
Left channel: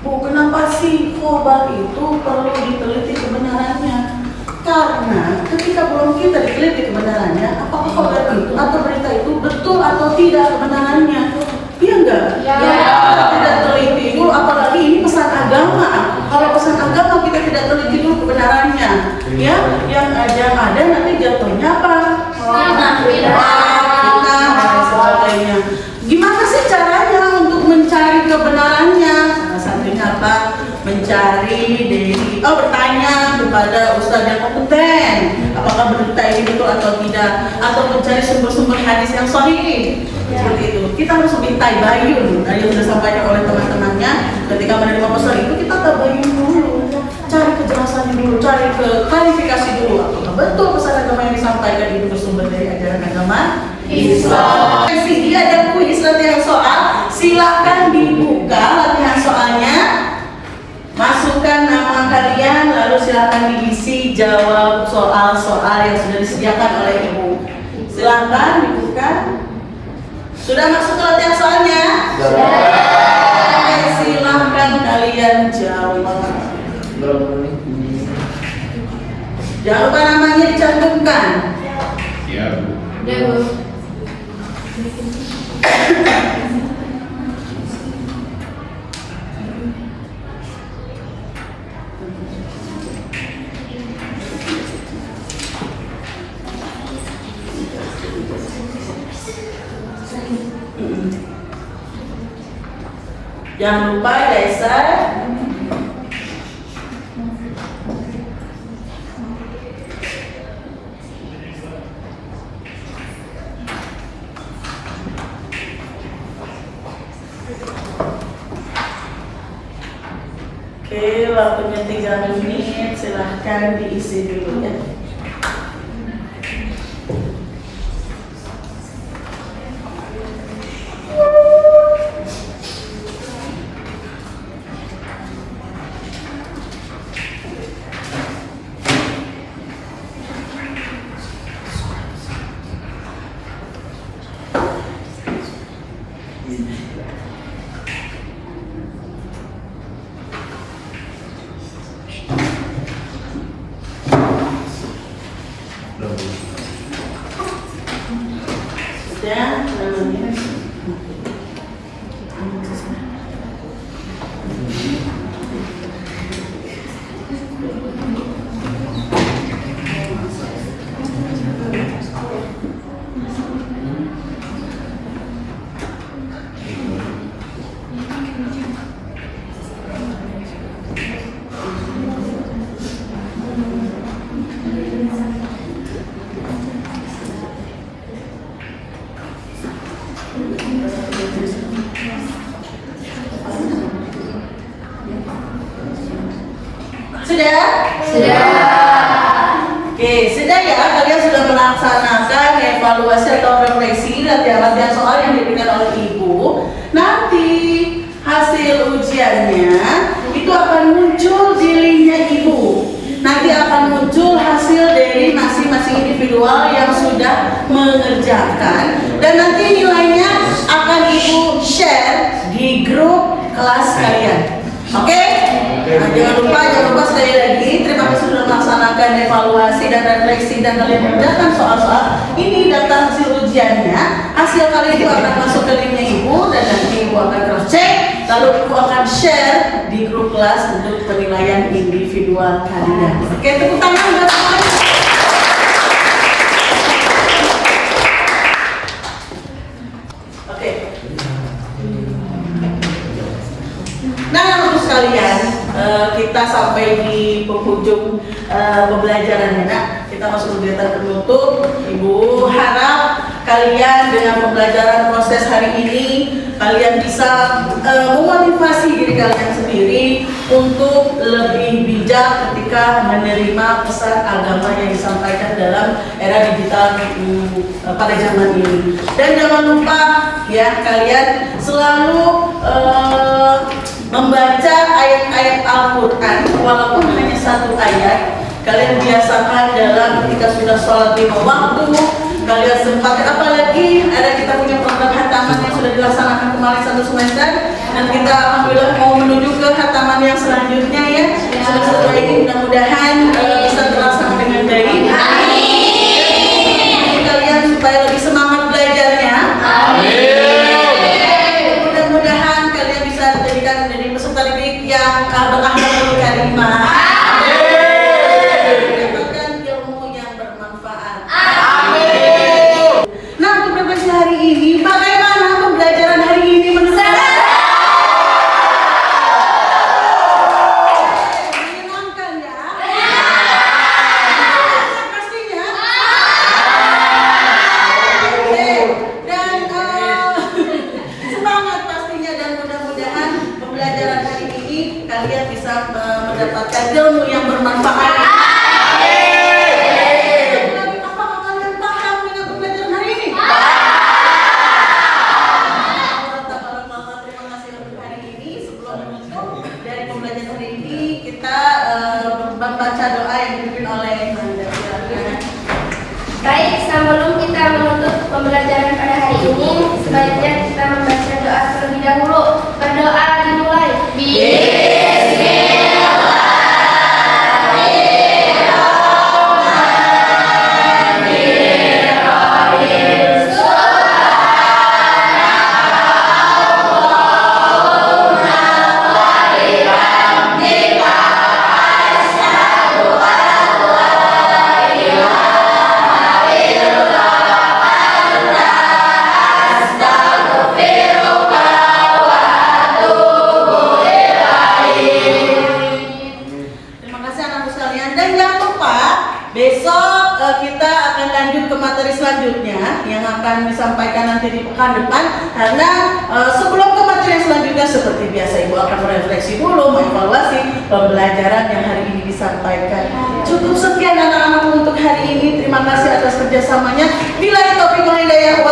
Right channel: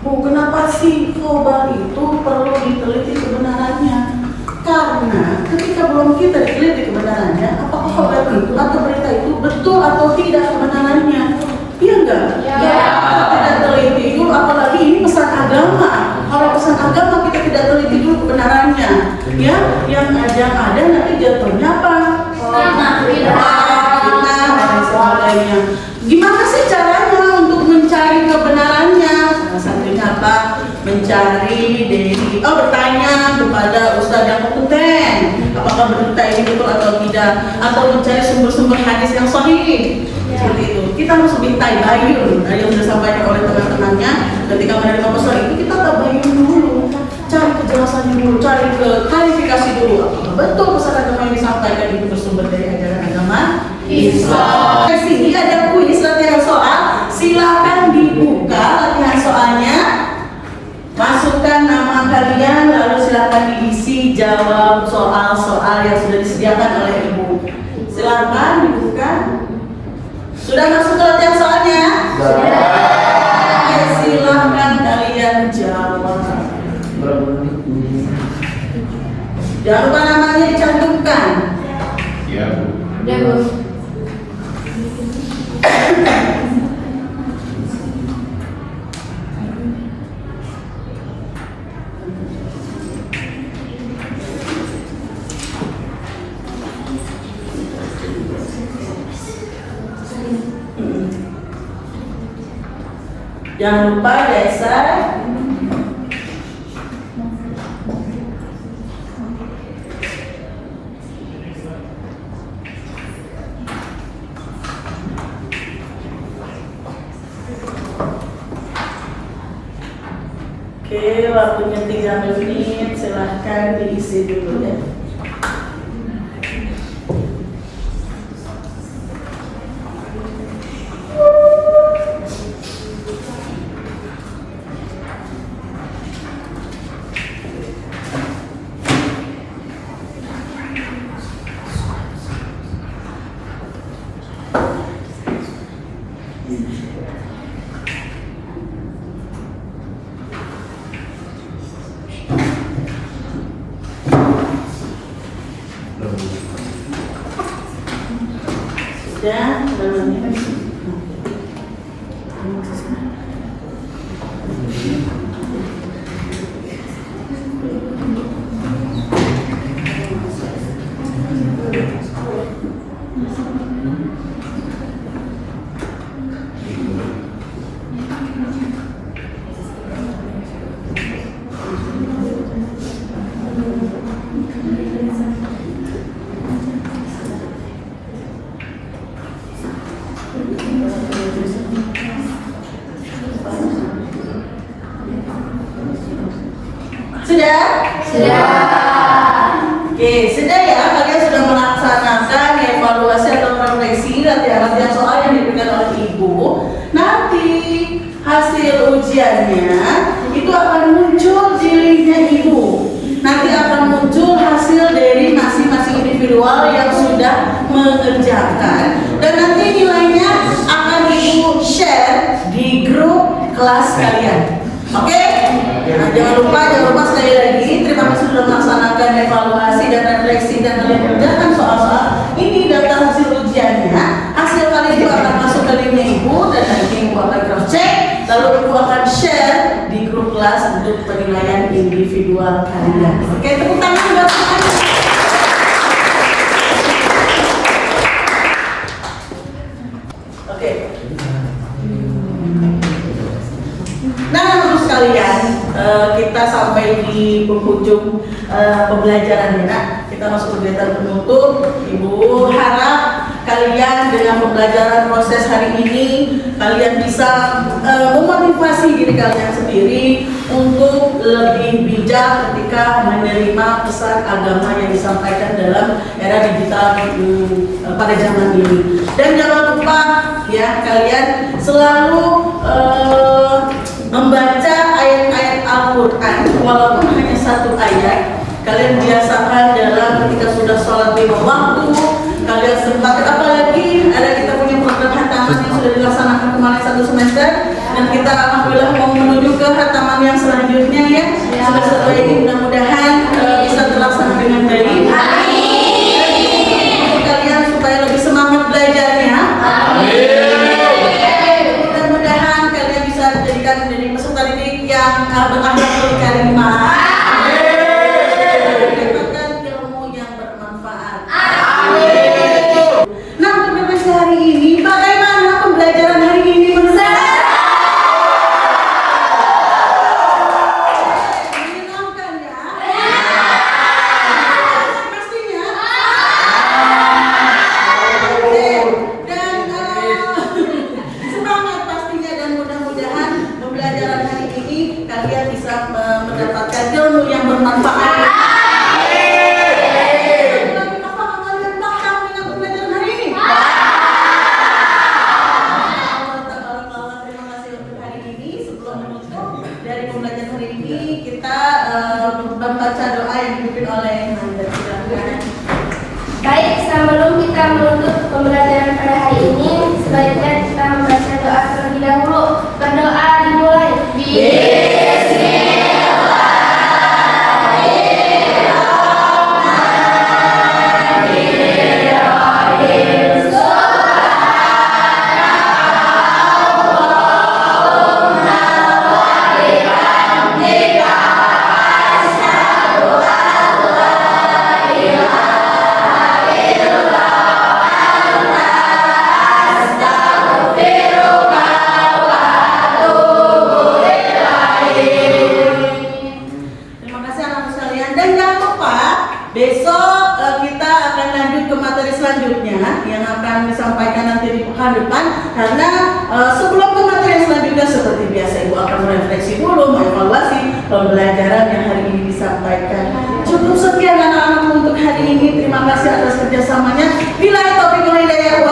Bu, kenapa sih khobar itu perlu diteliti kebenarannya? Karena ketika belum kita diteliti kebenarannya, apakah khobar itu atau berita itu betul atau tidak kebenarannya? Iya enggak? Ya. Kita tidak teliti dulu, apalagi ini pesan agama. Kalau pesan agama kita tidak teliti dulu kebenarannya, ya, yang ada nanti jatuhnya apa? Fitnah dan sebagainya. Gimana sih caranya untuk mencari kebenarannya? Salah satunya apa? Bertanya kepada ustadz yang kompeten, apakah berita ini betul atau tidak, atau mencari sumber-sumber hadis yang sahih. Seperti itu. Kita harus lebih tabayun. Tadi yang sudah sampaikan oleh teman-temannya, ketika menerima pesan itu kita tabayun dulu, cari kejelasan dulu, cari klarifikasi dulu, apakah betul pesan agama yang disampaikan itu bersumber dari ajaran agama Islam. Di sini ada kuis latihan soal, silakan dibuka latihan soalnya. Masukkan nama kalian, lalu silakan diisi jawab soal-soal yang sudah disediakan oleh ibu. Silakan dibuka. Sudah masuk ke latihan soalnya? Sudah. Oke, silakan kalian jawab. Jangan lupa namanya dicantumkan. Iya, Bu. Ya, Bu. Jangan lupa dasar. Oke, waktunya 3 menit, silahkan diisi dulu ya. Sudah, lalu ini sudah? Sudah. Oke, sudah ya, kalian sudah melaksanakan evaluasi atau refleksi latihan-latihan soal yang diberikan oleh ibu. Nanti hasil ujiannya itu akan muncul di linknya ibu. Nanti akan muncul hasil dari masing-masing individual yang sudah mengerjakan, dan nanti nilainya akan ibu share di grup kelas kalian. Oke? Nah, jangan lupa sekali lagi, terima kasih sudah melaksanakan evaluasi dan refleksi dan kalian kerjakan soal-soal ini. Daftar hasil ujiannya, hasil kalian itu akan masuk ke linknya ibu, dan nanti ibu akan cross check, lalu ibu akan share di grup kelas untuk penilaian individual kalian. Oke, tepuk tangan buat semuanya. Oke. Nah, untuk sekalian, kita sampai di penghujung pembelajaran ya. Kita masuk kegiatan penutup. Ibu harap kalian dengan pembelajaran proses hari ini, kalian bisa memotivasi diri kalian sendiri untuk lebih bijak ketika menerima pesan agama yang disampaikan dalam era digital pada zaman ini. Dan jangan lupa ya, kalian selalu membaca ayat-ayat Al-Quran, walaupun hanya 1 ayat. Kalian biasakan dalam ketika sudah sholat 5 waktu, kalian sempatkan, apalagi ada kita punya program hantaman yang sudah dilaksanakan kami yang selanjutnya ya. Semester ini mudah-mudahan bisa terlaksana dengan baik. Kalian supaya lebih semangat belajarnya. Mudah-mudahan kalian bisa dijadikan menjadi peserta didik yang berakhlak karimah. Mendapatkan ilmu yang bermanfaat. Nah, untuk bebas hari ini, bagaimana pembelajaran hari ini menurut kalian? Menyenangkan ya? Pastinya. Oke, dan semangat pastinya, dan mudah-mudahan pembelajaran hari ini kalian bisa mendapatkan ilmu yang bermanfaat. Apakah kalian paham dengan pembelajaran hari ini? Terima kasih untuk hari ini. Sebelum menutup dari pembelajaran hari ini, kita membaca doa yang dipimpin oleh Nanda. Silakan. Baik, sebelum kita menutup pembelajaran pada hari ini, sebaiknya kita membaca doa terlebih dahulu. Berdoa dimulai. Terima kasih anak-anak sekalian, dan jangan lupa besok kita akan lanjut ke materi selanjutnya yang akan disampaikan nanti di pekan depan. Karena sebelum ke materi yang selanjutnya, seperti biasa Ibu akan merefleksi dulu, mengevaluasi pembelajaran yang hari ini disampaikan. Cukup sekian anak-anak untuk hari ini. Terima kasih atas kerjasamanya. Bila taufiq wal hidayah.